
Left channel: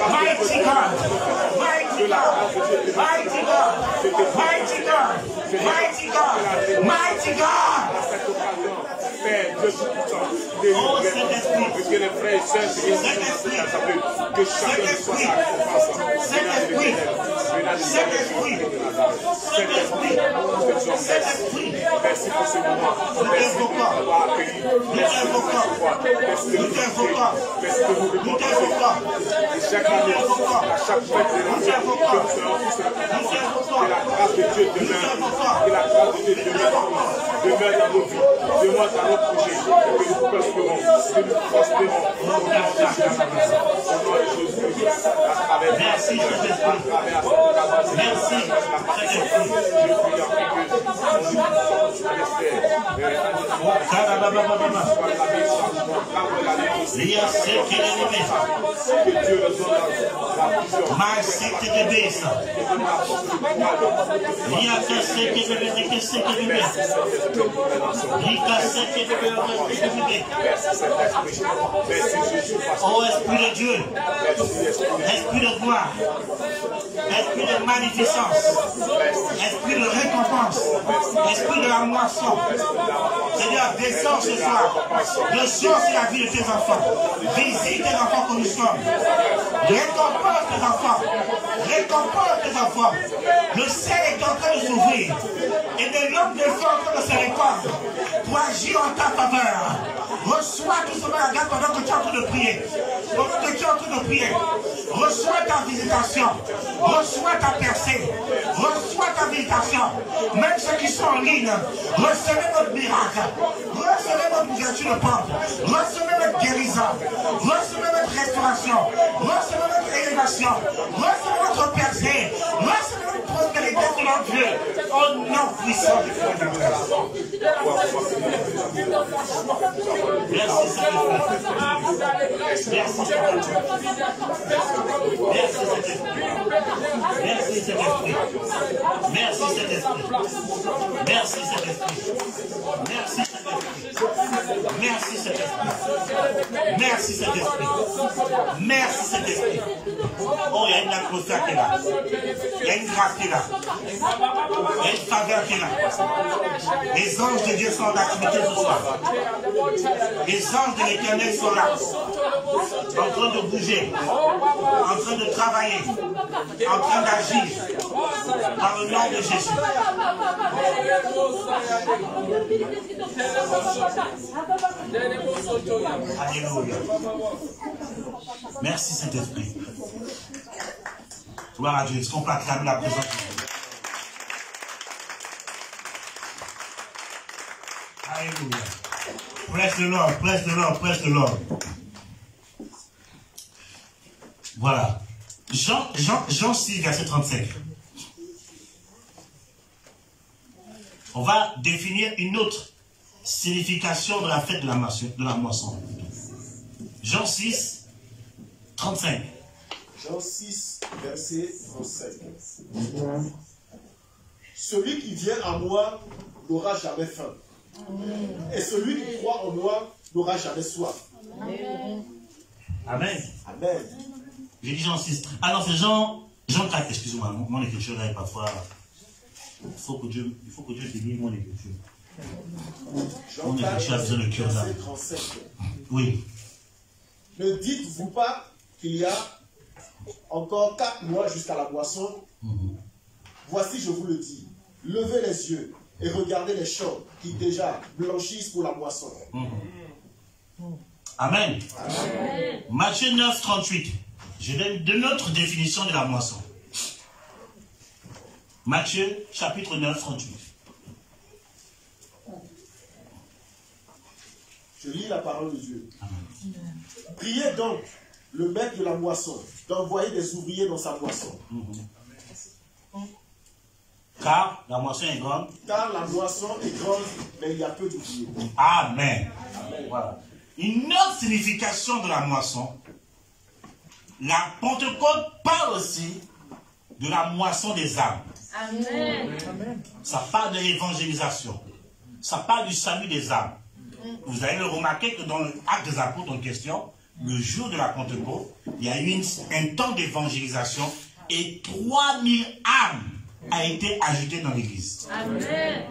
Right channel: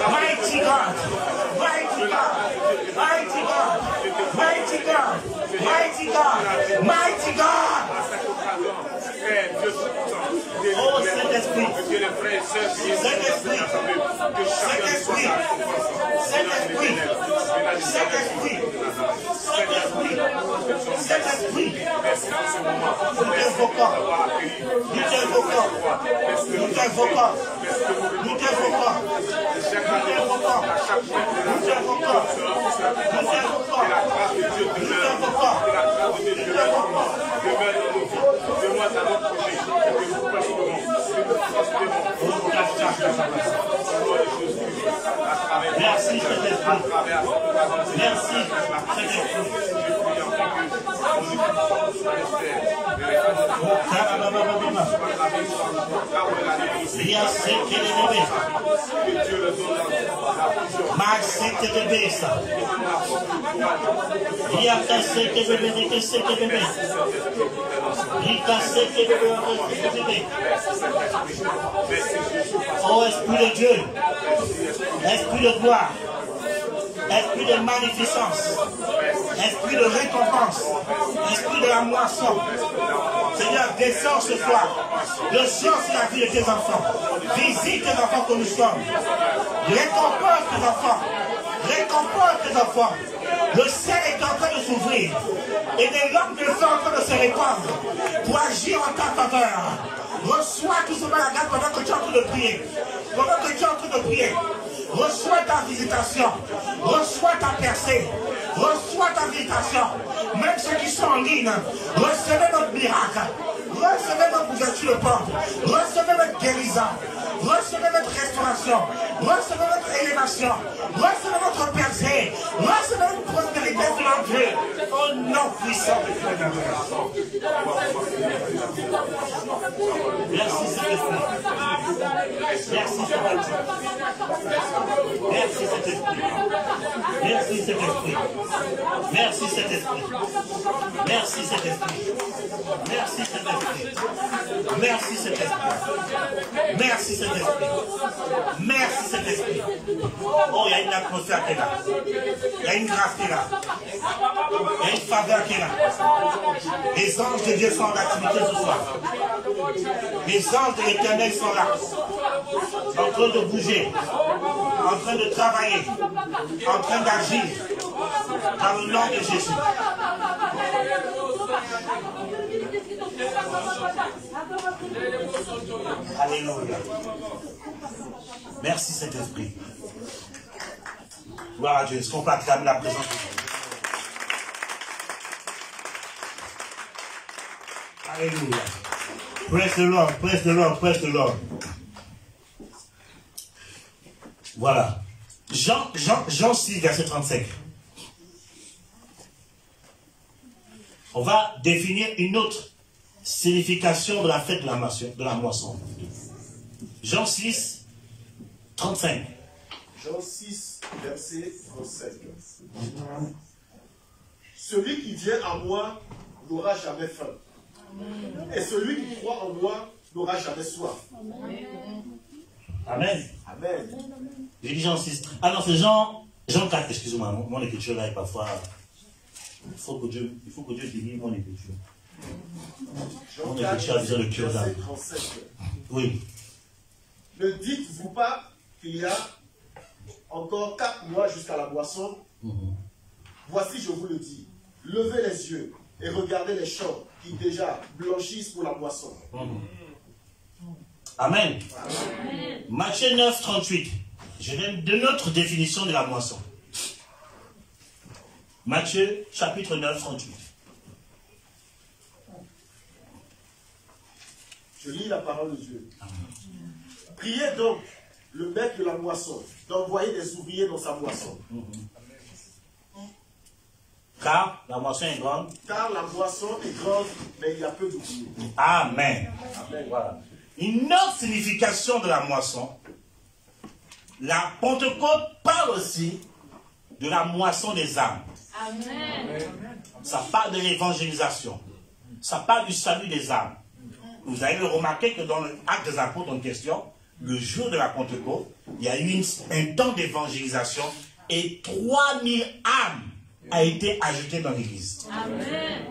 Mighty God, mighty God, mighty God, mighty God, mighty God, mighty God. Oh, Saint-Esprit, merci Saint-Esprit. Merci Saint-Esprit. Il y a ce qui est levé. Ma secte de bêta. Il y a ce qui est levé, que ce qui est levé. Il y a ce qui est levé. Oh Esprit de Dieu, Esprit de gloire, Esprit de magnificence, Esprit de récompense, Esprit de la moisson. Seigneur, descends ce soir. Le jour, c'est la vie de tes enfants. Visite tes enfants que nous sommes. Récompense tes enfants. Récompense tes enfants. Le ciel est en train de s'ouvrir. Et des langues de feu en train de se répandre pour agir en ta faveur. Reçois tout ce la grâce pendant que tu es en train de prier. Pendant que tu es en train de prier. Reçois ta visitation. Reçois ta percée. Reçois ta visitation. Même ceux qui sont en ligne, recevez notre miracle. Recevez notre ouverture de porte. Recevez notre guérison. Recevez notre restauration. Recevez notre élévation. Recevez notre percée. Recevez notre prospérité selon Dieu. Au nom puissant de Dieu. Merci Saint-Esprit. Merci Saint-Esprit. Merci Saint-Esprit. Merci Saint-Esprit. Merci Saint-Esprit. Merci Saint-Esprit. Merci Saint-Esprit. Merci Saint-Esprit. Merci Saint-Esprit. Merci Saint-Esprit. Oh, il y a une atmosphère qui est là. Il y a une grâce qui est là. Il y a une faveur qui est là. Les anges de Dieu sont en activité ce soir. Les anges de l'Éternel sont là. En train de bouger. En train de travailler. En train d'agir. Dans le nom de Jésus. Alléluia. Merci Saint-Esprit. Gloire à Dieu. Est-ce qu'on peut acclamer la présence de Dieu? Alléluia. Praise the Lord, praise the Lord, praise the Lord. Voilà. Jean 6, verset 35. On va définir une autre signification de la fête de la moisson. Jean 6, 35. Jean 6, verset 35. Celui qui vient à moi n'aura jamais faim. Et celui qui croit en moi n'aura jamais soif. Amen. Amen. J'ai dit Jean 6. Ah non, c'est Jean 4, excusez-moi. Mon écriture là est parfois... Il faut que Dieu bénisse mon écriture. Jean Mon 4, écriture a besoin de cœur verset d'âme. 35. Oui. Ne dites-vous pas qu'il y a encore 4 mois jusqu'à la moisson? Voici, je vous le dis, levez les yeux et regardez les champs qui déjà blanchissent pour la moisson. Amen. Amen. Matthieu 9, 38. Je donne de notre définition de la moisson. Matthieu, chapitre 9, 38. Je lis la parole de Dieu. Priez donc le maître de la moisson d'envoyer des ouvriers dans sa moisson. Car la moisson est grande. Car la moisson est grande, mais il y a peu d'ouvriers. Amen. Amen. Voilà. Une autre signification de la moisson, la Pentecôte parle aussi de la moisson des âmes. Amen. Ça parle de l'évangélisation. Ça parle du salut des âmes. Vous allez le remarquer que dans l'acte des apôtres en question, le jour de la Pentecôte, il y a eu un temps d'évangélisation et 3000 âmes a été ajoutées dans l'église. Amen.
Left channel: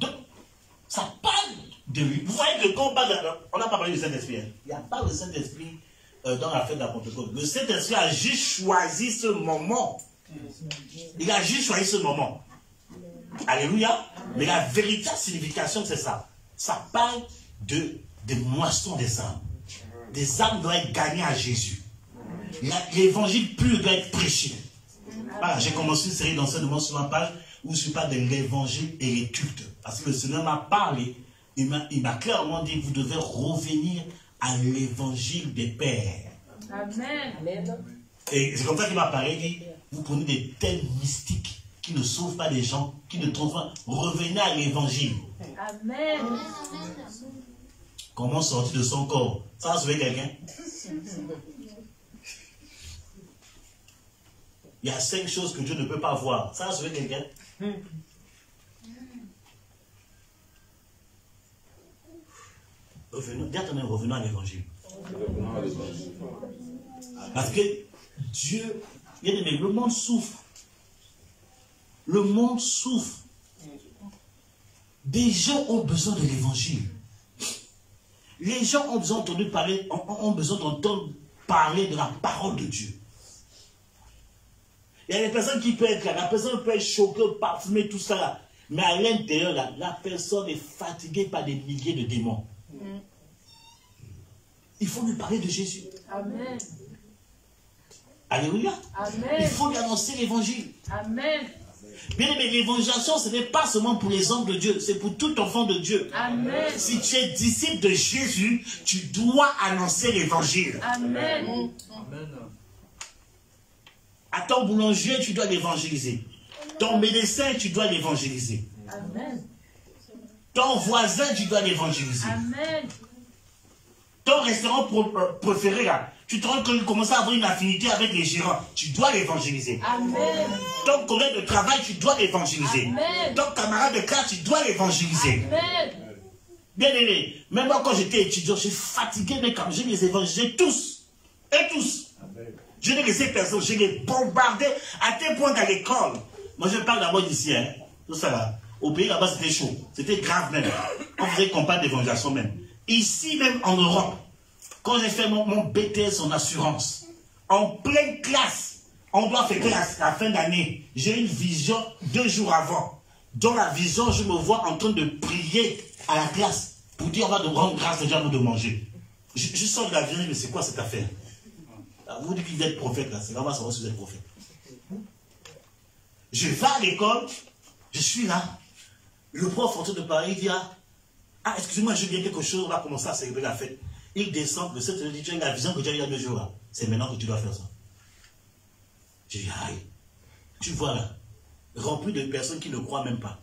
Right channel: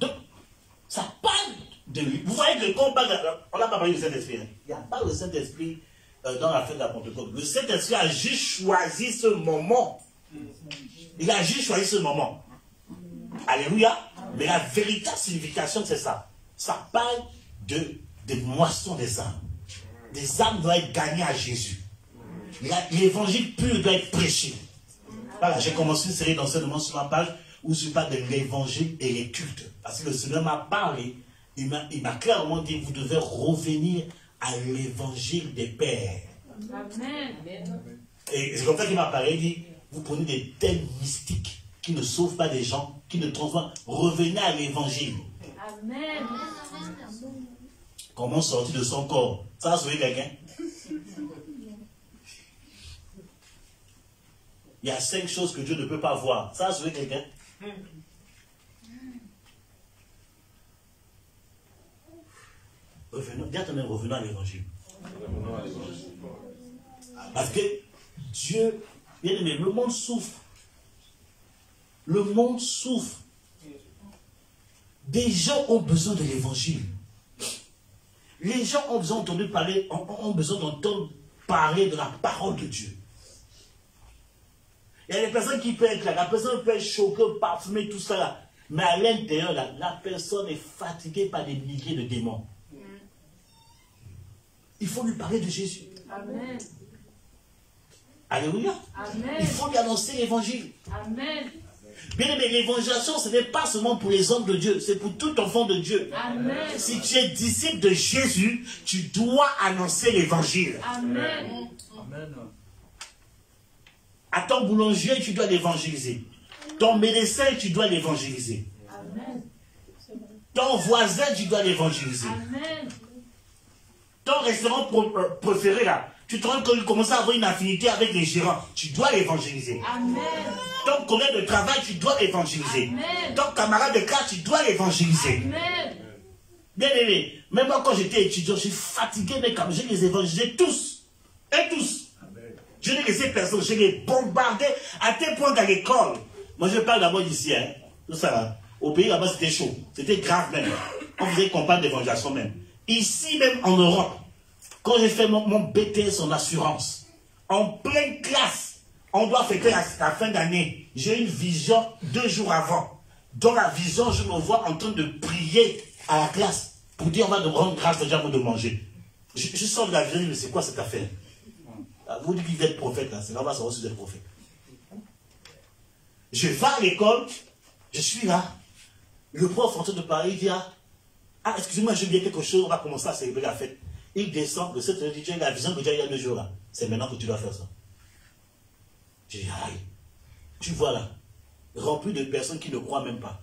Donc, ça parle de lui. Vous voyez que quand on parle, on n'a pas parlé du Saint-Esprit. Hein. Il n'y a pas le Saint-Esprit dans la fête de la Pentecôte. Le Saint-Esprit a juste choisi ce moment. Il a juste choisi ce moment. Alléluia. Mais la véritable signification, c'est ça. Ça parle des moissons des âmes. Des âmes doivent être gagnées à Jésus. L'évangile pur doit être prêché. Voilà, j'ai commencé une série d'enseignements sur la page où je parle de l'évangile et les cultes. Parce que le Seigneur m'a parlé, il m'a clairement dit, vous devez revenir à l'évangile des pères. Amen. Et c'est comme ça qu'il m'a parlé, il dit, vous prenez des thèmes mystiques qui ne sauvent pas les gens, qui ne trouvent pas. Revenez à l'évangile. Amen. Comment sortir de son corps? Ça va sauver quelqu'un? Il y a 5 choses que Dieu ne peut pas voir. Ça va sauver quelqu'un? Revenons à l'évangile. Parce que Dieu, le monde souffre. Le monde souffre. Des gens ont besoin de l'évangile. Les gens ont besoin d'entendre parler, ont besoin d'entendre parler de la parole de Dieu. Il y a des personnes qui peuvent être là, la personne peut être choquée, parfumée, tout ça là. Mais à l'intérieur, la personne est fatiguée par des milliers de démons. Il faut lui parler de Jésus. Amen. Alléluia. Amen. Il faut lui annoncer l'évangile. Amen. Bien aimé, l'évangélisation, ce n'est pas seulement pour les hommes de Dieu, c'est pour tout enfant de Dieu. Amen. Si tu es disciple de Jésus, tu dois annoncer l'évangile. Amen. À ton boulanger, tu dois l'évangéliser. Ton médecin, tu dois l'évangéliser. Amen. Ton voisin, tu dois l'évangéliser. Amen. Ton restaurant préféré, là, tu te rends compte qu'il commence à avoir une affinité avec les gérants. Tu dois l'évangéliser. Amen. Ton collègue de travail, tu dois l'évangéliser. Amen. Ton camarade de classe, tu dois l'évangéliser. Amen. Bien aimé, même moi quand j'étais étudiant, j'ai fatigué mes camarades, je les évangélisais tous. Et tous. Je n'ai laissé personne, je les bombardais à tel point qu'à l'école. Moi je parle d'abord d'ici, hein. Tout ça là. Au pays là-bas c'était chaud. C'était grave même. On faisait campagne d'évangélisation même. Ici même en Europe, quand j'ai fait mon BTS en assurance, en pleine classe, on doit fêter la fin d'année. J'ai une vision 2 jours avant. Dans la vision, je me vois en train de prier à la classe pour dire on va rendre grâce déjà avant de manger. Je sors de la vision, mais c'est quoi cette affaire? Vous dites que vous êtes prophète là, c'est là on va savoir si vous êtes prophète. Je vais à l'école, je suis là. Le prof en train de parler, il dit ah, excusez-moi, je viens quelque chose, on va commencer à célébrer la fête. Il descend, le 7 dit, tu as la vision que tu as eu il y a 2 jours là. C'est maintenant que tu dois faire ça. Je dis, aïe, tu vois là, rempli de personnes qui ne croient même pas.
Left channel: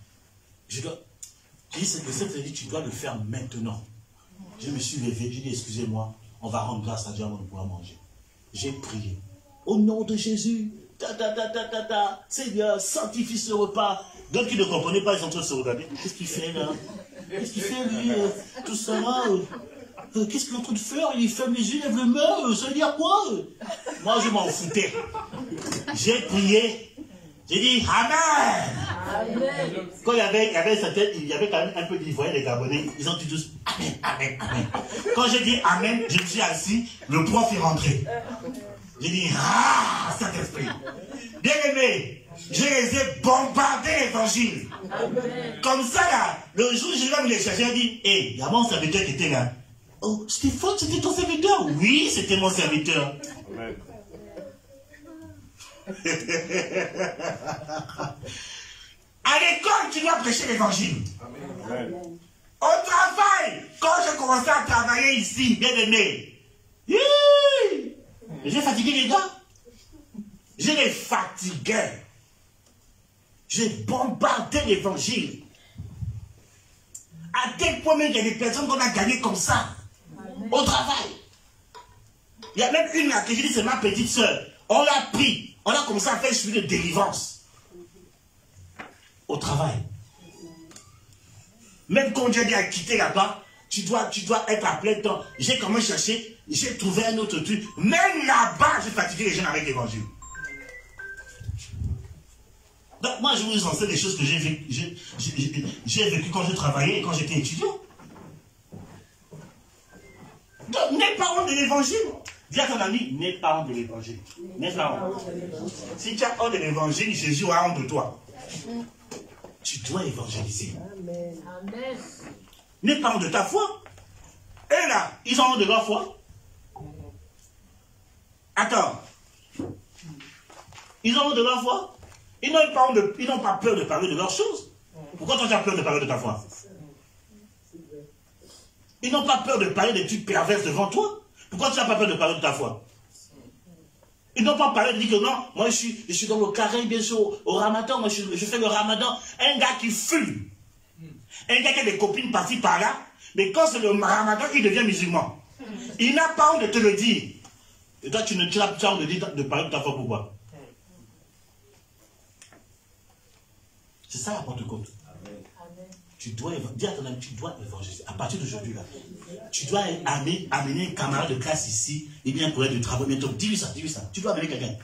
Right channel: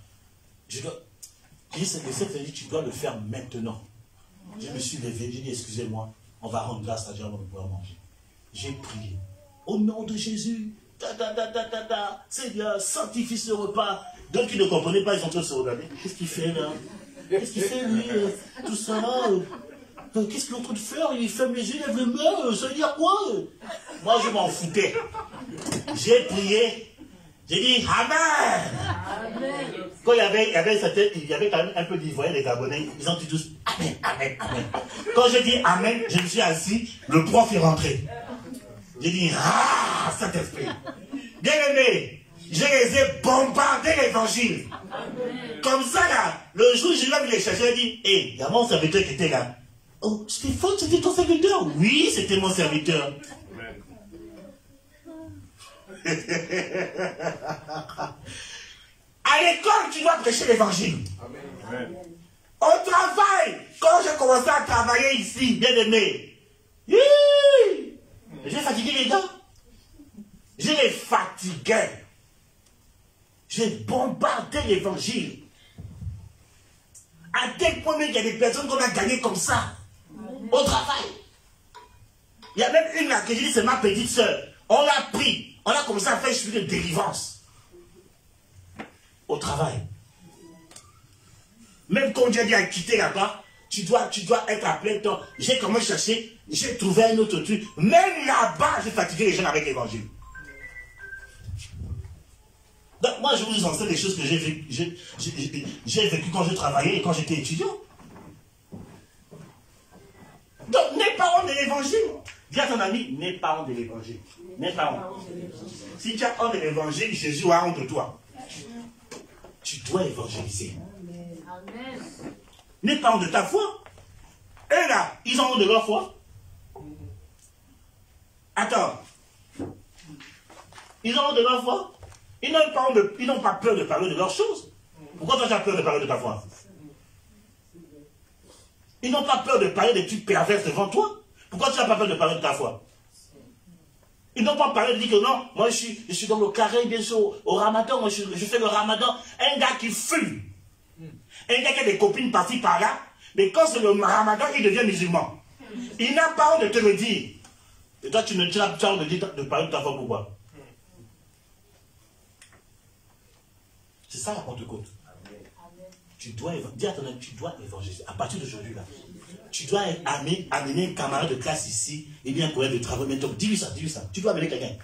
Je dis, le 7 dit, tu dois le faire maintenant. Je me suis levé, j'ai dit, excusez-moi, on va rendre grâce à Dieu avant de pouvoir manger. J'ai prié. Au nom de Jésus, Seigneur, sanctifie ce repas. D'autres qui ne comprenaient pas, ils sont en train de se regarder. Qu'est-ce qu'il fait là? Qu'est-ce qu'il fait lui? Tout ça là? Qu'est-ce qu'il est en train de faire? Il ferme les yeux, il lève les mains. Ça veut dire quoi? Moi, je m'en foutais. J'ai prié. J'ai dit Amen. Amen. Quand il y avait quand même un peu d'Ivoiriens, les Gabonais, ils ont dit tous Amen, Amen, Amen. Quand j'ai dit Amen, je me suis assis, le prof est rentré. J'ai dit Ah, Saint-Esprit. Bien aimé, je les ai bombardés l'évangile. Comme ça là, le jour où je vais me les chercher, j'ai dit hé, il y a mon serviteur qui était là. Oh, Stéphane, c'était ton serviteur? Oui, c'était mon serviteur. À l'école, tu dois prêcher l'évangile. Au travail, quand j'ai commencé à travailler ici, bien aimé, j'ai fatigué les gars. Je les fatiguais. J'ai bombardé l'évangile. À tel point même qu'il y a des personnes qu'on a gagnées comme ça. Au travail. Il y a même une là que j'ai dit, c'est ma petite soeur. On l'a pris. On a commencé à faire un suivi de délivrance. Au travail. Même quand Dieu dit à quitter là-bas, tu dois être à plein temps. J'ai commencé à chercher, j'ai trouvé un autre truc. Même là-bas, j'ai fatigué les gens avec l'évangile. Donc moi, je vous enseigne des choses que j'ai vécues quand je travaillais et quand j'étais étudiant. Donc, n'aie pas honte de l'évangile. Dis à ton ami, n'aie pas honte de l'évangile. N'aie pas honte. Si tu as honte de l'évangile, Jésus a honte de toi. Tu dois évangéliser. Amen. N'aie pas honte de ta foi. Et là, ils ont honte de leur foi. Attends. Ils ont honte de leur foi. Ils n'ont pas peur de parler de leurs choses. Pourquoi toi tu as peur de parler de ta foi? Ils n'ont pas peur de parler des trucs perverses devant toi. Pourquoi tu n'as pas peur de parler de ta foi? Ils n'ont pas parlé de dire que non, moi je suis dans le carré, bien sûr, au ramadan, moi je fais le ramadan. Un gars qui fume. Un gars qui a des copines par-ci par-là, mais quand c'est le ramadan, il devient musulman. Il n'a pas honte de te le dire. Et toi, tu n'as pas honte de parler de ta foi, pourquoi? C'est ça la Pentecôte. Tu dois dire à ton ami, tu dois évangéliser. À partir d'aujourd'hui, là, tu dois amener un camarade de classe ici, et bien un collègue de travail, bientôt. Dis-lui ça. Tu dois amener quelqu'un.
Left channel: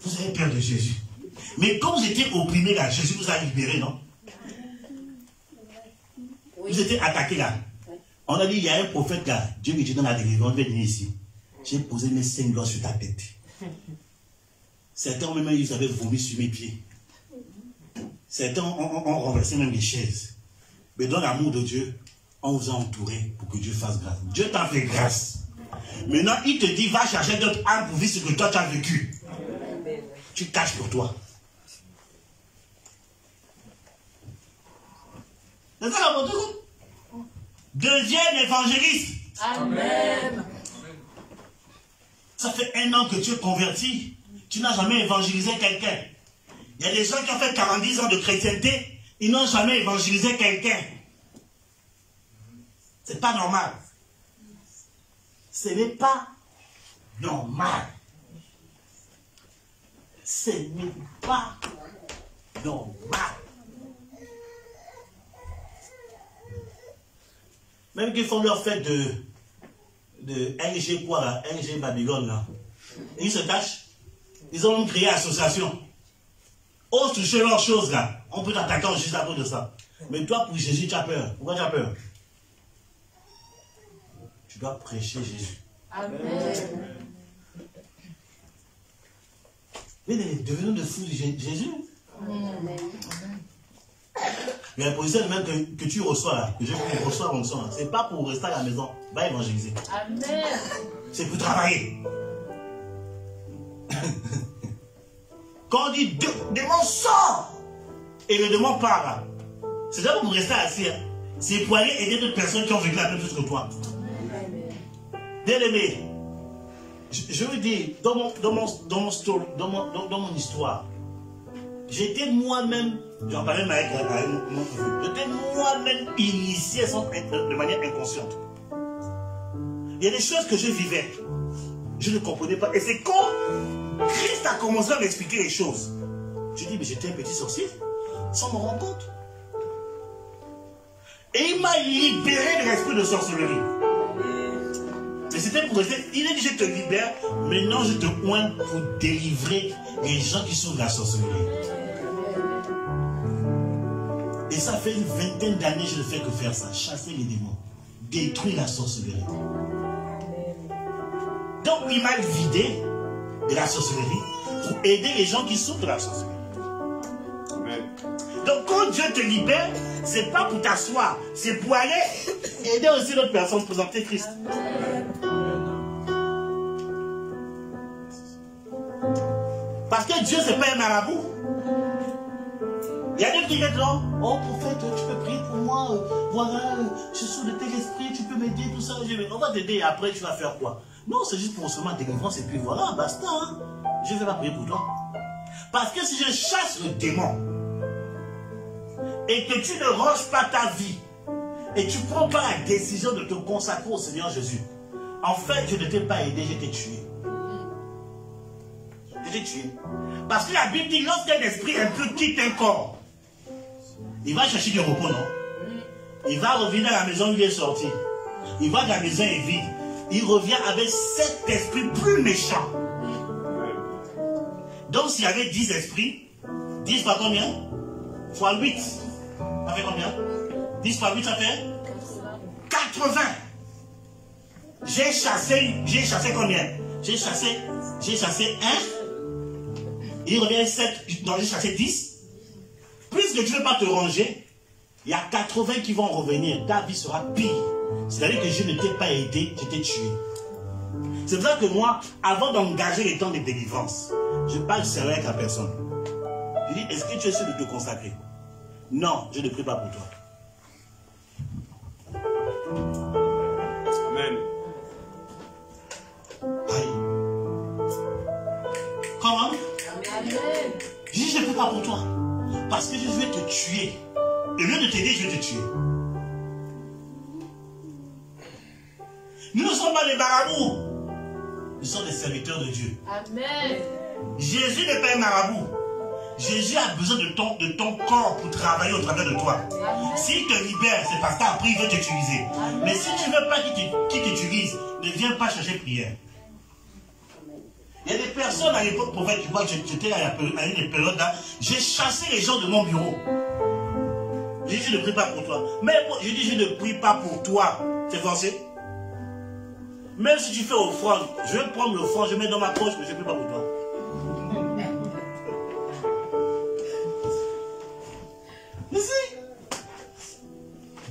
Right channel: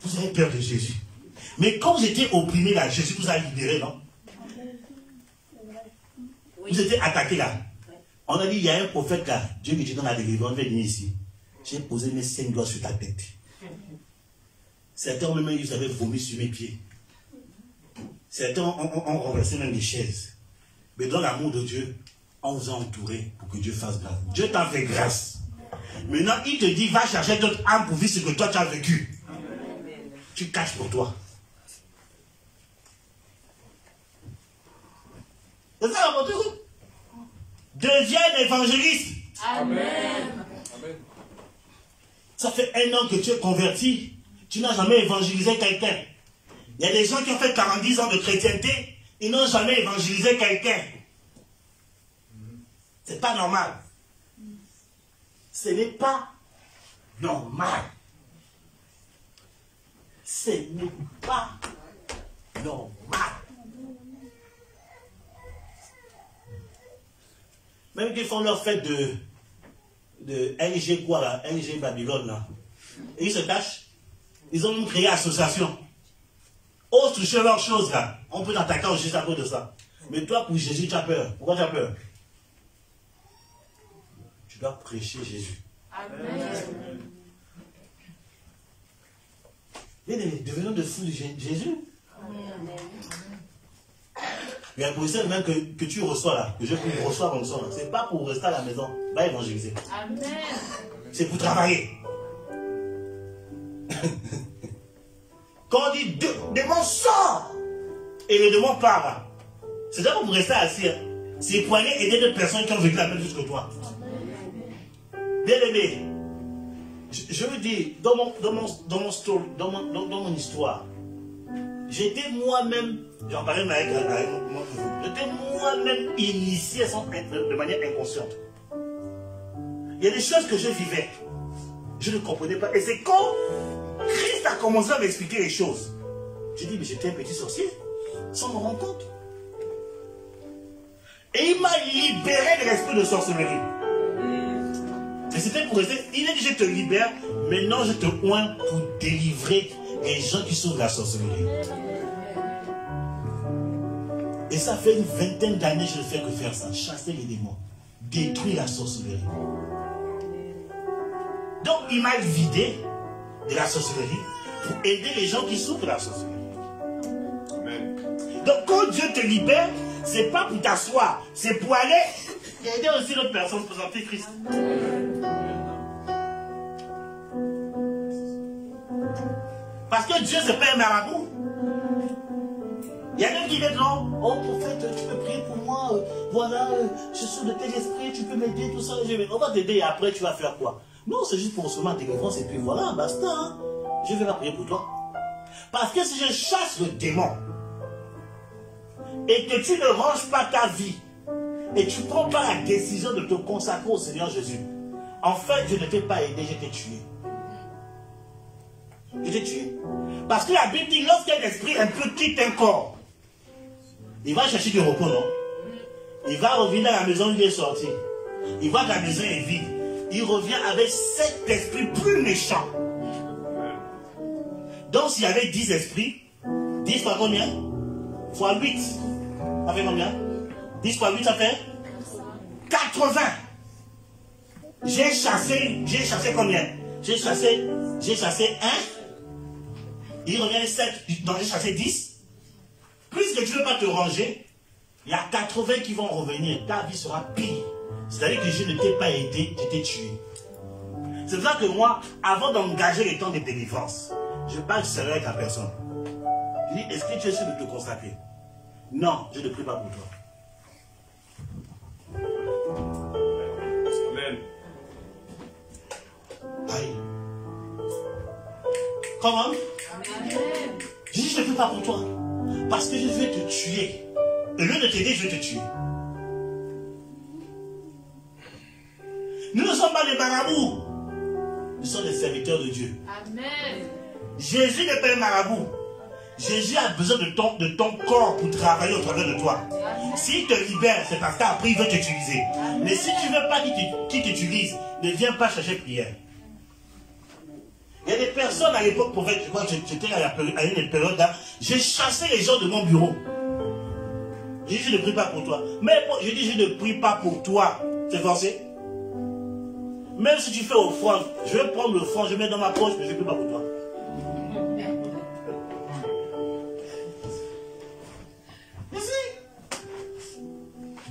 Vous avez peur de Jésus. Mais quand vous étiez opprimé là, Jésus vous a libéré, non? Vous étiez attaqué là. On a dit, il y a un prophète là, Dieu qui dit dans la délivrance, on va venir ici. J'ai posé mes 5 doigts sur ta tête. Certains ont même, ils avaient vomi sur mes pieds. Certains ont renversé même les chaises. Mais dans l'amour de Dieu, on vous a entouré pour que Dieu fasse grâce. Dieu t'a fait grâce. Maintenant, il te dit, va chercher d'autres âmes pour vivre ce que toi tu as vécu. Tu caches pour toi. C'est ça la bonté. Deviens évangéliste. Amen. Ça fait 1 an que tu es converti. Tu n'as jamais évangélisé quelqu'un. Il y a des gens qui ont fait 40 ans de chrétienté, ils n'ont jamais évangélisé quelqu'un. C'est pas normal. Ce n'est pas normal. Ce n'est pas normal. Même qu'ils font leur fête de LG quoi là, LG Babylone là. Et ils se cachent. Ils ont créé association. Ose toucher leurs choses là. On peut t'attaquer en juste à cause de ça. Mais toi, pour Jésus, tu as peur. Pourquoi tu as peur? Tu dois prêcher Jésus. Amen. Mais devenons de fous de Jésus. Amen. Il y a un position même que tu reçois là, que je reçois comme ça. Ce n'est pas pour rester à la maison. Va évangéliser. Amen. C'est pour travailler. Quand on dit démon sort et le démon part, c'est pas pour rester assis. C'est pour aller aider d'autres personnes qui ont vécu la même chose que toi. Bien aimé, je vous dis, dans mon histoire, j'étais moi-même, j'en parlais avec mon j'étais même initié de manière inconsciente. Il y a des choses que je vivais. Je ne comprenais pas. Et c'est quand Christ a commencé à m'expliquer les choses. Je dis, mais j'étais un petit sorcier, sans me rendre compte. Et il m'a libéré de l'esprit de sorcellerie. Et c'était pour rester. Il a dit, je te libère, maintenant je te oins pour délivrer les gens qui souffrent de la sorcellerie. Et ça fait une vingtaine d'années que je ne fais que faire ça. Chasser les démons. Détruire la sorcellerie. Donc il m'a vidé de la sorcellerie pour aider les gens qui souffrent de la sorcellerie. Donc quand Dieu te libère, c'est pas pour t'asseoir, c'est pour aller aider aussi l'autre personne à présenter Christ. Parce que Dieu c'est pas un marabout. Il y a des qui disent non, oh prophète, tu peux prier pour moi, voilà, je suis sous le tel esprit, tu peux m'aider, tout ça, on va t'aider et après tu vas faire quoi? Non, c'est juste pour recevoir délivrance et puis voilà, basta. Hein. Je ne vais pas prier pour toi. Parce que si je chasse le démon et que tu ne ranges pas ta vie et tu ne prends pas la décision de te consacrer au Seigneur Jésus, en fait, je ne t'ai pas aidé, je t'ai tué. Je t'ai tué. Parce que la Bible dit, lorsqu'un esprit un peu quitte un corps, il va chercher du repos, non? Il va revenir à la maison où il est sorti. Il voit que la maison est vide. Il revient avec 7 esprits plus méchants. Donc s'il y avait 10 esprits, 10 fois combien? Fois 8. Ça fait combien? 10 fois 8, ça fait 80. J'ai chassé combien? J'ai chassé 1. Il revient 7. Donc j'ai chassé 10. Puisque tu ne veux pas te ranger, il y a 80 qui vont revenir. Ta vie sera pire. C'est-à-dire que je ne t'ai pas aidé, je t'ai tué. C'est pour ça que moi, avant d'engager les temps de délivrance, je parle sérieux avec la personne. Je dis, est-ce que tu es sûr de te consacrer? Non, je ne prie pas pour toi. Amen. Aïe. Comment? Je dis, je ne prie pas pour toi. Parce que je vais te tuer. Au lieu de t'aider, je vais te tuer. Nous ne sommes pas des marabouts. Nous sommes des serviteurs de Dieu. Amen. Jésus n'est pas un marabout. Jésus a besoin de ton corps pour travailler au travers de toi. S'il te libère, c'est parce qu'après il veut t'utiliser. Mais si tu ne veux pas qu'il t'utilise, ne viens pas chercher prière. Il y a des personnes à l'époque, prophète, tu vois, j'étais à une période là, j'ai chassé les gens de mon bureau. J'ai dit, je ne prie pas pour toi. Mais je dis, je ne prie pas pour toi. C'est forcé. Même si tu fais offrande, je vais prendre l'offrande, je mets dans ma poche, mais je ne prie pas pour toi.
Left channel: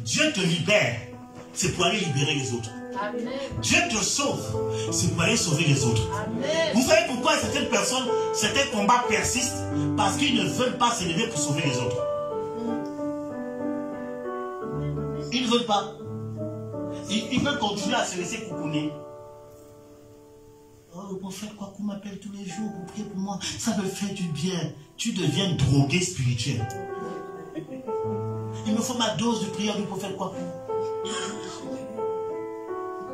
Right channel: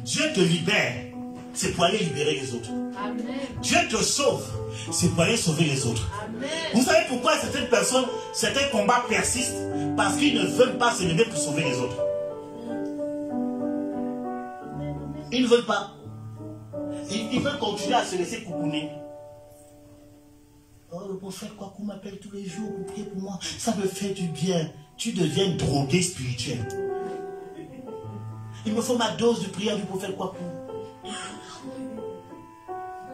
Dieu te libère, c'est pour aller libérer les autres. Amen. Dieu te sauve, c'est pour aller sauver les autres. Amen. Vous savez pourquoi certaines personnes, certains combats persistent? Parce qu'ils ne veulent pas se lever pour sauver les autres. Ils ne veulent pas. Ils veulent continuer à se laisser coucouner. Oh, le prophète Kwaku m'appelle tous les jours pour prier pour moi. Ça me fait du bien. Tu deviens drogué spirituel. Il me faut ma dose de prière du prophète Kwaku.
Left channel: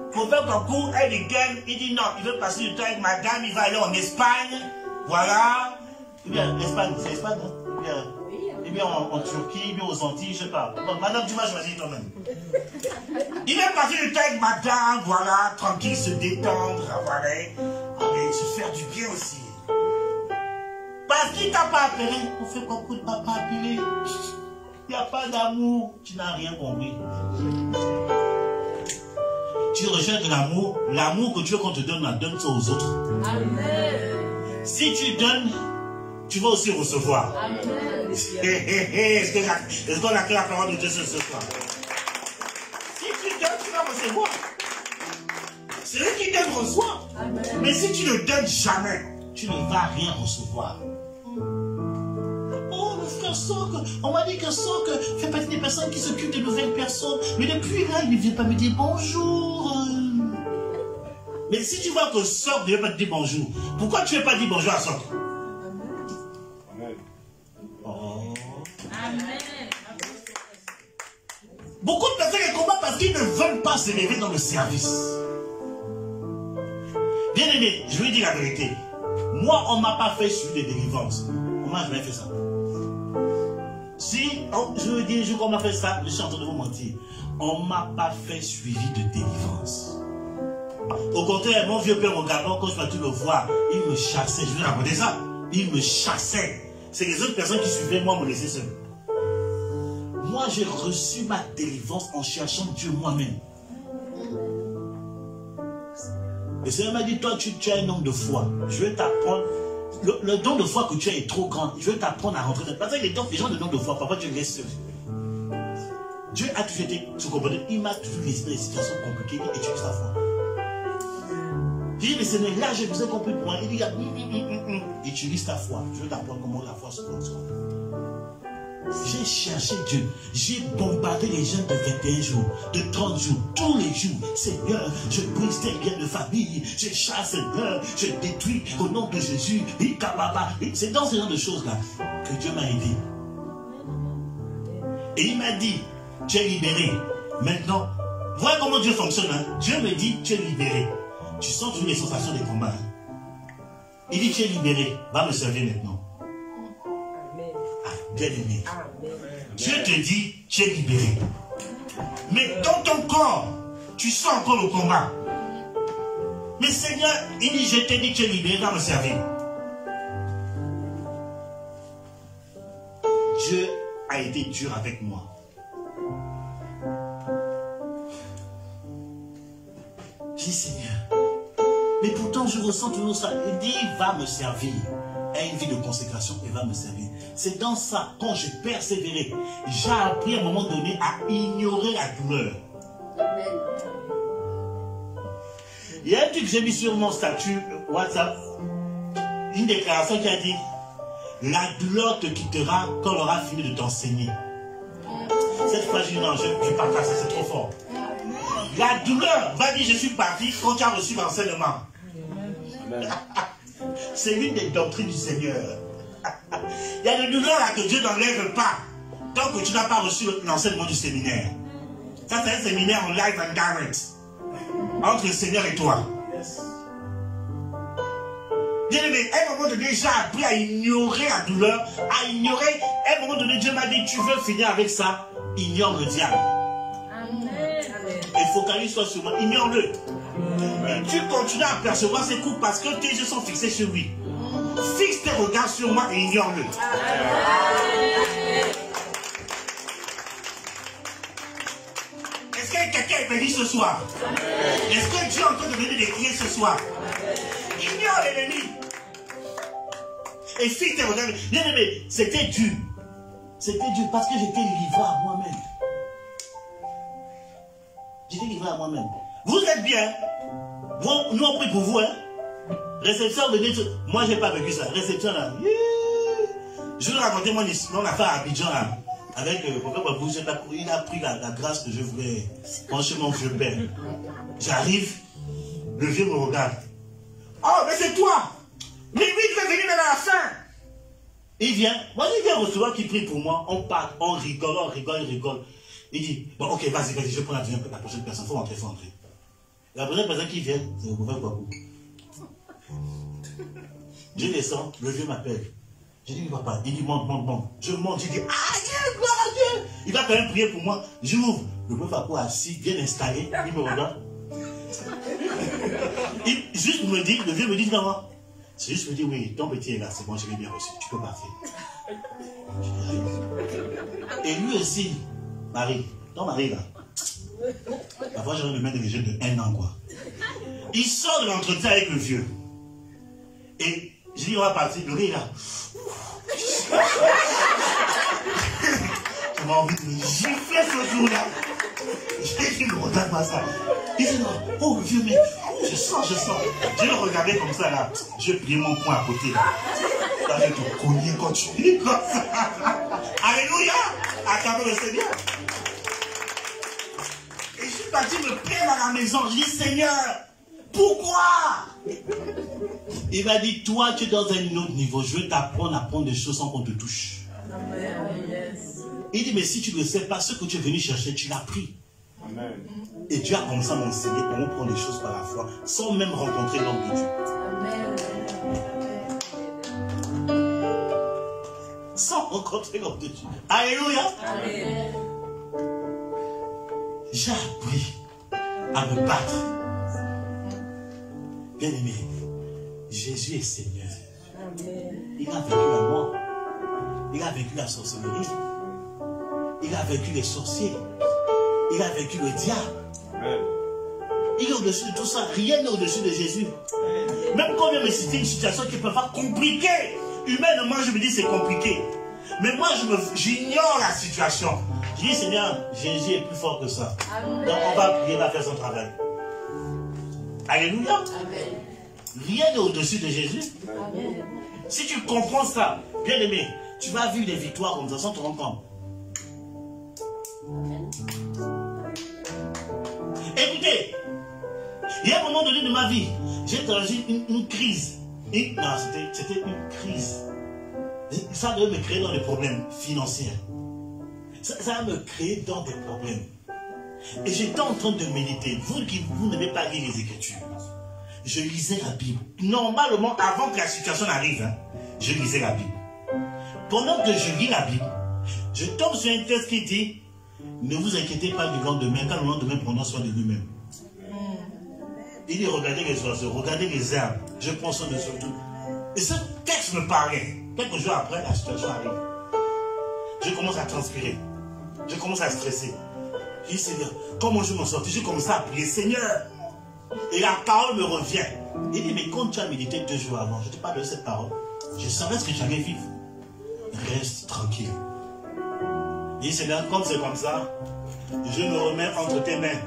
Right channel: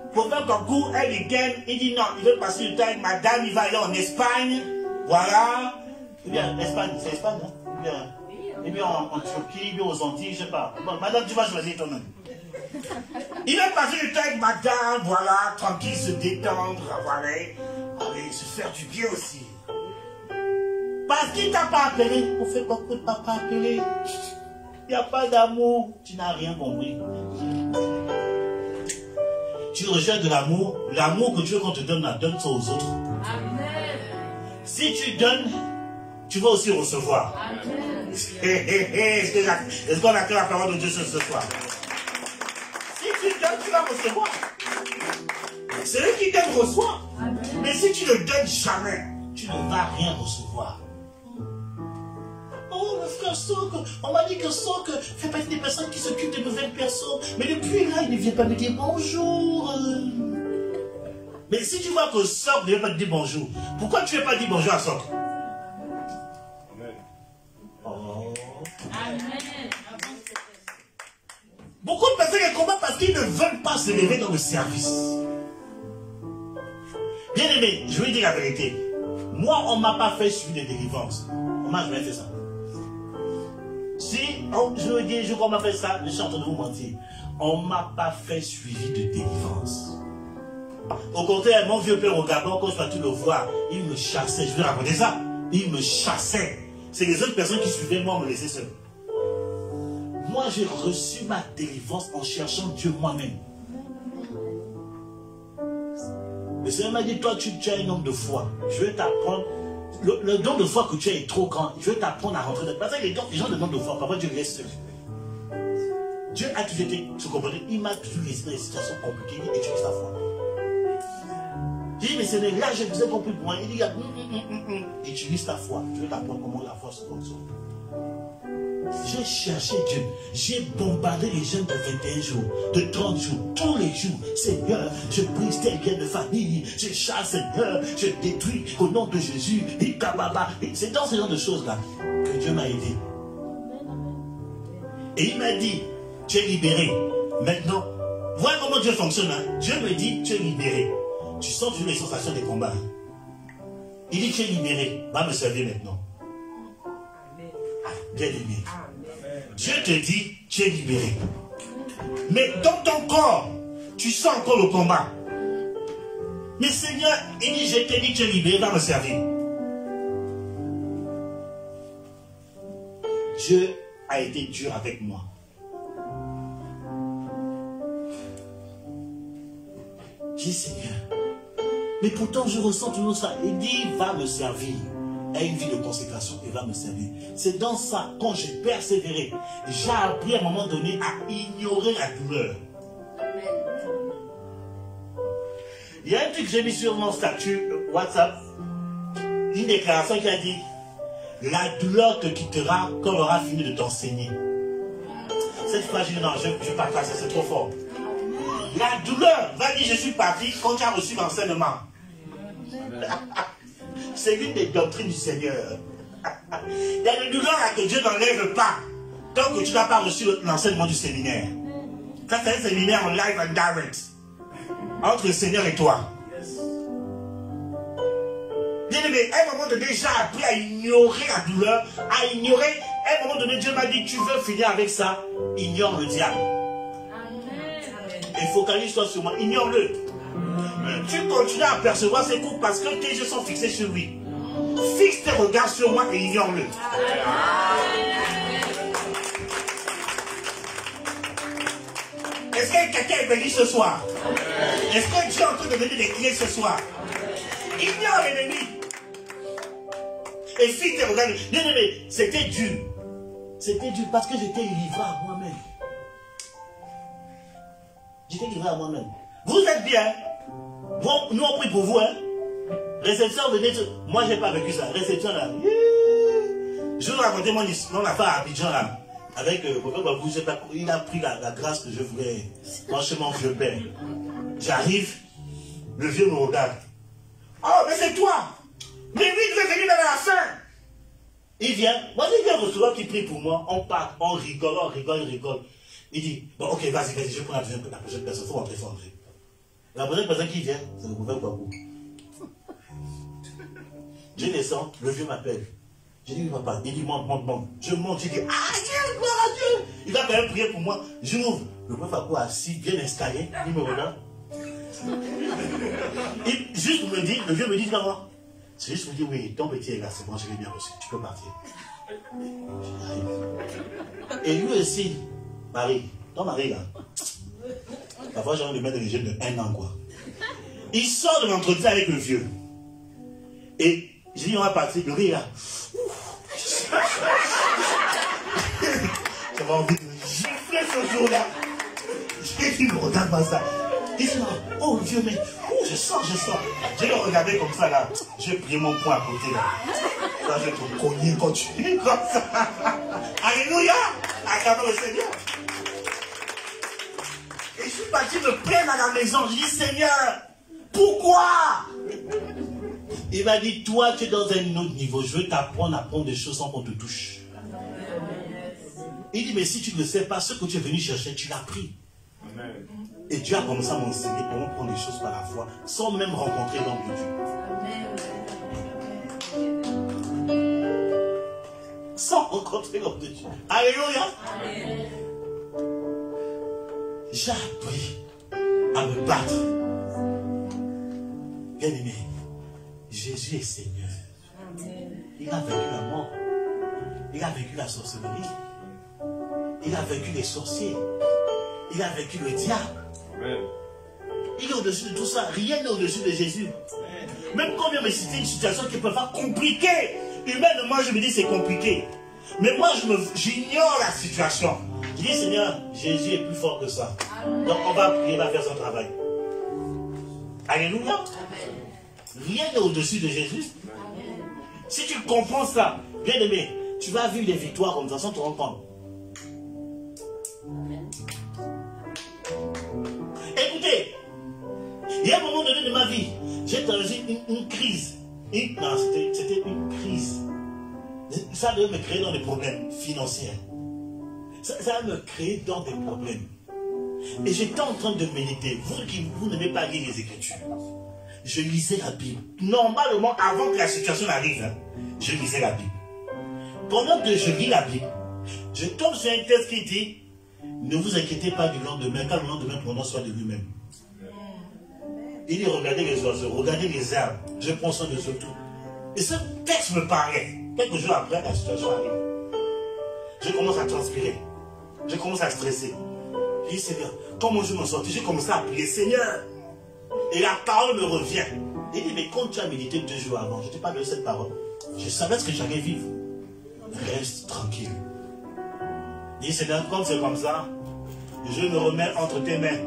Le prophète Kwaku, il dit non, il veut passer du temps avec madame, il va aller en Espagne. Voilà. Eh bien, Espagne, c'est Espagne, hein? Eh bien, en Turquie, bien aux Antilles, je sais pas. Bon, madame, tu vas choisir toi-même. Il va passer du temps avec madame, voilà, tranquille, se détendre, voilà. Allez, se faire du bien aussi. Parce qu'il t'a pas appelé. On fait quoi pour t'as pas appelé? Il n'y a pas d'amour. Tu n'as rien compris. Tu rejettes de l'amour. L'amour que Dieu qu'on te donne, donne ça aux autres. Amen. Si tu donnes, tu vas aussi recevoir. Amen. Est-ce qu'on accueille la parole de Dieu ce soir? Si tu donnes, tu vas recevoir. Celui qui donne reçoit. Amen. Mais si tu ne donnes jamais, tu ne vas rien recevoir. Oh, mon frère Sok, on m'a dit que Sok fait partie des personnes qui s'occupent de nouvelles personnes. Mais depuis là, il ne vient pas me dire bonjour. Mais si tu vois que Sok ne veut pas te dire bonjour, pourquoi tu ne veux pas dire bonjour à Sok? Amen. Oh. Amen. Beaucoup de personnes qui combattent parce qu'ils ne veulent pas se lever dans le service. Bien aimé, je vais dire la vérité. Moi, on ne m'a pas fait suivre des délivrances. On m'a jamais fait ça. Si je veux dire, qu'on m'a fait ça, je suis en train de vous mentir. On ne m'a pas fait suivi de délivrance. Au contraire, mon vieux père au Gabon, quand je partais le voir, il me chassait. Je vous raconter ça. Il me chassait. C'est les autres personnes qui suivaient moi me laissaient seul. Moi, j'ai reçu ma délivrance en cherchant Dieu moi-même. Le Seigneur m'a dit, toi, tu es un homme de foi. Je vais t'apprendre. Le don de foi que tu as est trop grand. Je vais t'apprendre à rentrer dans... Parce que les gens de don de foi, parfois Dieu reste seul. Dieu a toujours été, vous comprenez, il m'a toujours laissé dans des situations compliquées. Il utilise la foi. J'ai dit, mais Seigneur, là, je vous ai compris pour moi. Il dit, utilise ta foi. Je vais t'apprendre comment la foi se transforme. J'ai cherché Dieu. J'ai bombardé les jeunes de 21 jours, de 30 jours, tous les jours. Seigneur, je brise tes biens de famille. Je chasse, Seigneur, je détruis au nom de Jésus. C'est dans ce genre de choses-là que Dieu m'a aidé. Et il m'a dit, tu es libéré. Maintenant, voilà comment Dieu fonctionne. Hein? Dieu me dit, tu es libéré. Tu sens toujours les sensations des combats. Il dit, tu es libéré. Va me servir maintenant. Bien aimé. Dieu te dit, tu es libéré. Mais dans ton corps, tu sens encore le combat. Mais Seigneur, il dit, je t'ai dit que tu es libéré, va me servir. Dieu a été dur avec moi. J'ai dit, Seigneur, mais pourtant je ressens toujours ça. Il dit, va me servir. A une vie de consécration et va me servir. C'est dans ça, quand je persévérais, j'ai appris à un moment donné à ignorer la douleur. Il y a un truc que j'ai mis sur mon statut WhatsApp, une déclaration qui a dit, la douleur te quittera quand on aura fini de t'enseigner. Cette phrase, je dis non, je partage ça, c'est trop fort. La douleur va dire, je suis parti quand tu as reçu l'enseignement. C'est l'une des doctrines du Seigneur. Il y a des douleurs là que Dieu n'enlève pas tant que tu n'as pas reçu l'enseignement du séminaire. Ça, c'est un séminaire en live and direct entre le Seigneur et toi. Bien aimé, à un moment donné, j'ai appris à ignorer la douleur, à ignorer. À un moment donné, Dieu m'a dit, tu veux finir avec ça, ignore le diable. Et focalise-toi sur moi, ignore-le. Tu continues à percevoir ses coups parce que tes yeux sont fixés sur lui. Fixe tes regards sur moi et ignore-le. Est-ce que quelqu'un est béni ce soir? Est-ce que Dieu est en train de donner des clés ce soir? Ignore l'ennemi. Et fixe tes regards. Bien aimé, c'était dur. C'était dur parce que j'étais livré à moi-même. J'étais livré à moi-même. Vous êtes bien. Bon, nous on prie pour vous, hein. Réception, venez. Moi, j'ai pas vécu ça. Réception, là. Je vais vous raconter mon affaire à Abidjan, là. Avec le prophète Babou, il a pris la grâce que je voulais. Franchement, je perds. J'arrive, le vieux me regarde. Oh, mais c'est toi! Mais lui, il veut venir dans la fin! Il vient, moi, il vient recevoir qui prie pour moi. On part, on rigole, il rigole. Il dit, bon, ok, vas-y, je prends la prochaine personne. Faut rentrer. La prochaine personne qui vient, c'est le prophète Babou. Je descends, le vieux m'appelle. Je dis, papa, il dit, monte. Je monte, je dis, ah, gloire à Dieu. Il va quand même prier pour moi. J'ouvre, le prophète Babou assis, bien installé, il me regarde. Juste me dit, le vieux me dit, non, c'est juste me dit, oui, ton petit est là, c'est bon, je l'ai bien reçu, tu peux partir. Et lui aussi, Marie, ton mari là, parfois j'ai envie de mettre les jeunes de 1 an, quoi. Il sort de l'entretien avec le vieux. Et j'ai dit, on va partir, le gars, j'avais envie de gifler ce jour-là. J'ai dit, me regarde pas ça. Il dit, oh Dieu, mais je sens. Je le regardais comme ça, là. J'ai pris mon poing à côté, là. Là, je vais te cogner quand tu es comme ça. Alléluia! Acclamons le Seigneur. Et je suis parti me plaindre à la maison. Je dis, Seigneur, pourquoi? Il m'a dit, toi, tu es dans un autre niveau. Je veux t'apprendre à prendre des choses sans qu'on te touche. Il dit, mais si tu ne sais pas ce que tu es venu chercher, tu l'as pris. Amen. Et Dieu a commencé à m'enseigner comment prendre les choses par la foi, sans même rencontrer l'homme de Dieu. Sans rencontrer l'homme de Dieu. Alléluia. Amen. J'ai appris à me battre. Bien aimé, Jésus est Seigneur. Il a vaincu la mort. Il a vaincu la sorcellerie. Il a vaincu les sorciers. Il a vaincu le diable. Amen. Il est au-dessus de tout ça. Rien n'est au-dessus de Jésus. Même quand on vient me citer une situation qui peut pas compliquée. Humainement, je me dis c'est compliqué. Mais moi, j'ignore la situation. Je dis, Seigneur, Jésus est plus fort que ça. Donc, on va prier, il va faire son travail. Alléluia. Rien n'est au-dessus de Jésus. Si tu comprends ça, bien aimé, tu vas vivre des victoires comme ça sans te rendre compte. Écoutez, il y a un moment donné de ma vie, j'ai traversé une crise. Non, c'était une crise. Ça devait me créer dans des problèmes financiers. Ça va me créer dans des problèmes. Et j'étais en train de méditer. Vous n'aimez pas lire les Écritures. Je lisais la Bible. Normalement, avant que la situation arrive, je lisais la Bible. Pendant que je lis la Bible, je tombe sur un texte qui dit « Ne vous inquiétez pas du lendemain, car le lendemain prendra soin de lui-même. » Il dit « Regardez les oiseaux, regardez les arbres, je prends soin de surtout. » Et ce texte me parlait. Quelques jours après, la situation arrive. Je commence à transpirer. Je commence à stresser. Je dis, Seigneur, comment je m'en sortir? Je commence à prier, Seigneur. Et la parole me revient. Il dit, mais quand tu as médité 2 jours avant, je ne t'ai pas donné cette parole. Je savais ce que j'allais vivre. Reste tranquille. Il dit, Seigneur, comme c'est comme ça, je me remets entre tes mains.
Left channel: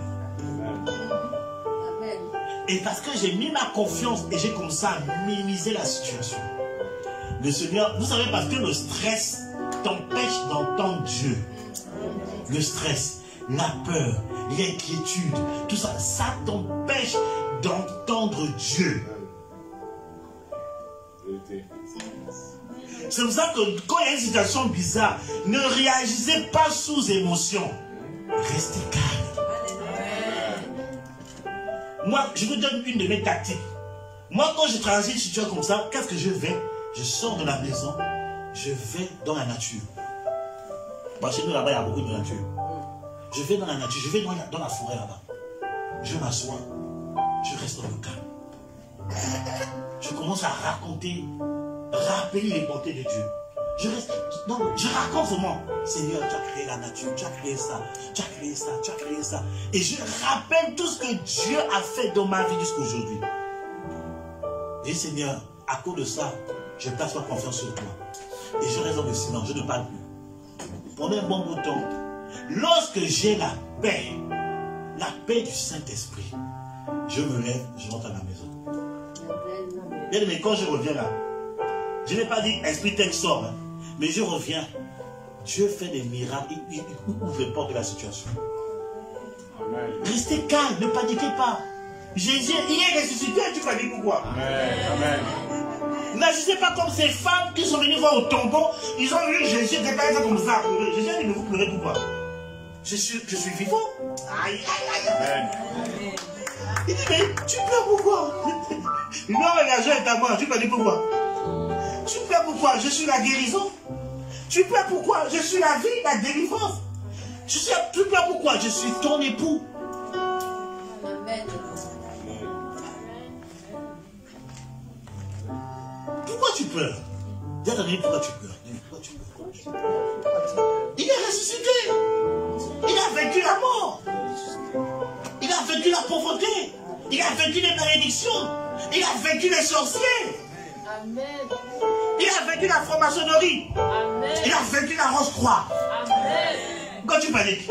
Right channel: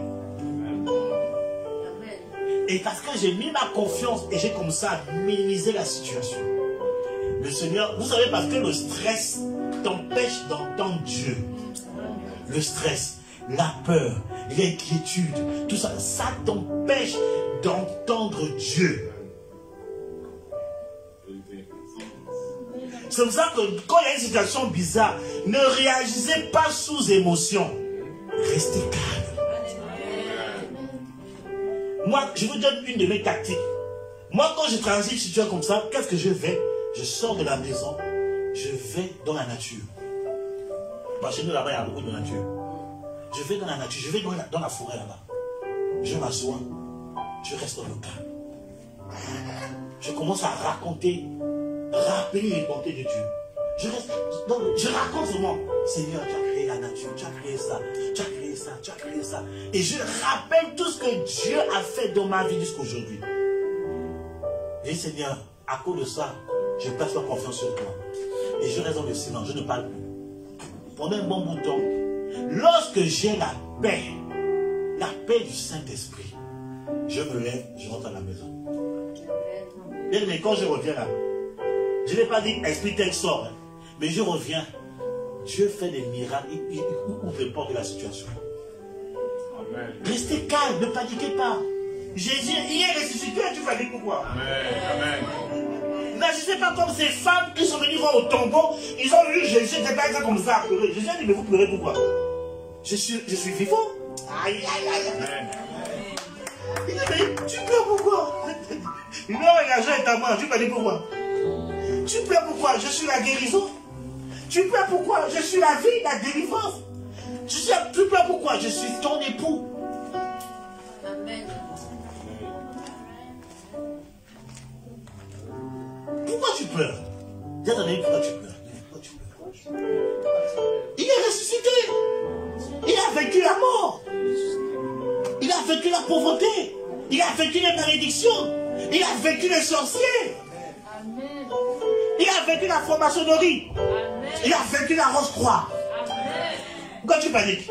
Et parce que j'ai mis ma confiance et j'ai commencé à minimiser la situation. Le Seigneur, vous savez, parce que le stress t'empêche d'entendre Dieu. Le stress, la peur, l'inquiétude, tout ça, ça t'empêche d'entendre Dieu. C'est pour ça que quand il y a une situation bizarre, ne réagissez pas sous émotion. Restez calme. Moi, je vous donne une de mes tactiques. Moi, quand je transite une situation comme ça, qu'est-ce que je fais? Je sors de la maison, je vais dans la nature. Parce que nous, là-bas, il y a beaucoup de nature. Je vais dans la nature, je vais dans la forêt là-bas. Je m'assois, je reste dans le calme. Je commence à rappeler les bontés de Dieu. Je raconte seulement, Seigneur, tu as créé la nature, tu as créé ça, tu as créé ça, tu as créé ça. Et je rappelle tout ce que Dieu a fait dans ma vie jusqu'à aujourd'hui. Et Seigneur, à cause de ça, je place ma confiance sur toi. Et je reste dans le silence, je ne parle plus. Pendant un bon bout de temps, lorsque j'ai la paix du Saint-Esprit, je me lève, je rentre à la maison. Et quand je reviens là, je n'ai pas dit esprit tel sort, mais je reviens. Dieu fait des miracles, il ouvre les portes de la situation. Amen. Restez calme, ne paniquez pas. Jésus, il est ressuscité, tu paniques pourquoi? Amen. N'agissez pas comme ces femmes qui sont venues voir au tombeau. Ils ont vu Jésus était comme ça à pleurer. Jésus a dit, mais vous pleurez pourquoi? Je suis vivant. Aïe, aïe, aïe. Amen. Il dit, mais tu pleures pourquoi? Non, l'argent est à moi, tu peux dire pourquoi? Tu pleures pourquoi? Je suis la guérison. Tu pleures pourquoi? Je suis la vie, la délivrance. Tu pleures pourquoi? Je suis ton époux. Pourquoi tu pleures? Dis à ton ami, pourquoi tu pleures? Pourquoi tu pleures? Il est ressuscité. Il a vaincu la mort. Il a vaincu la pauvreté. Il a vaincu les malédictions. Il a vaincu les sorciers. Amen. Il a vaincu la franc-maçonnerie. Amen. Il a vaincu la Rose-Croix. Amen. Quand tu paniques,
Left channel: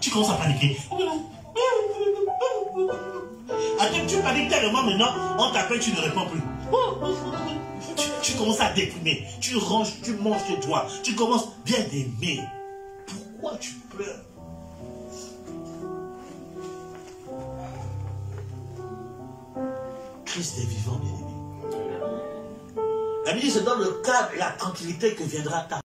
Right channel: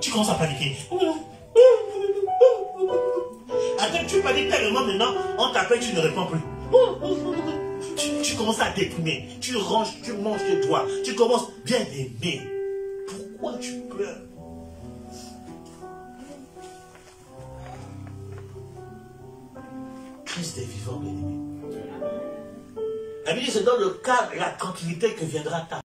tu commences à paniquer. Après, tu paniques tellement maintenant, on t'appelle, tu ne réponds plus. Tu commences à déprimer. Tu ranges, tu manges tes doigts. Tu commences bien aimer. Pourquoi tu pleures? Christ est vivant, bien aimé. La Bible, c'est dans le calme et la tranquillité que viendra ta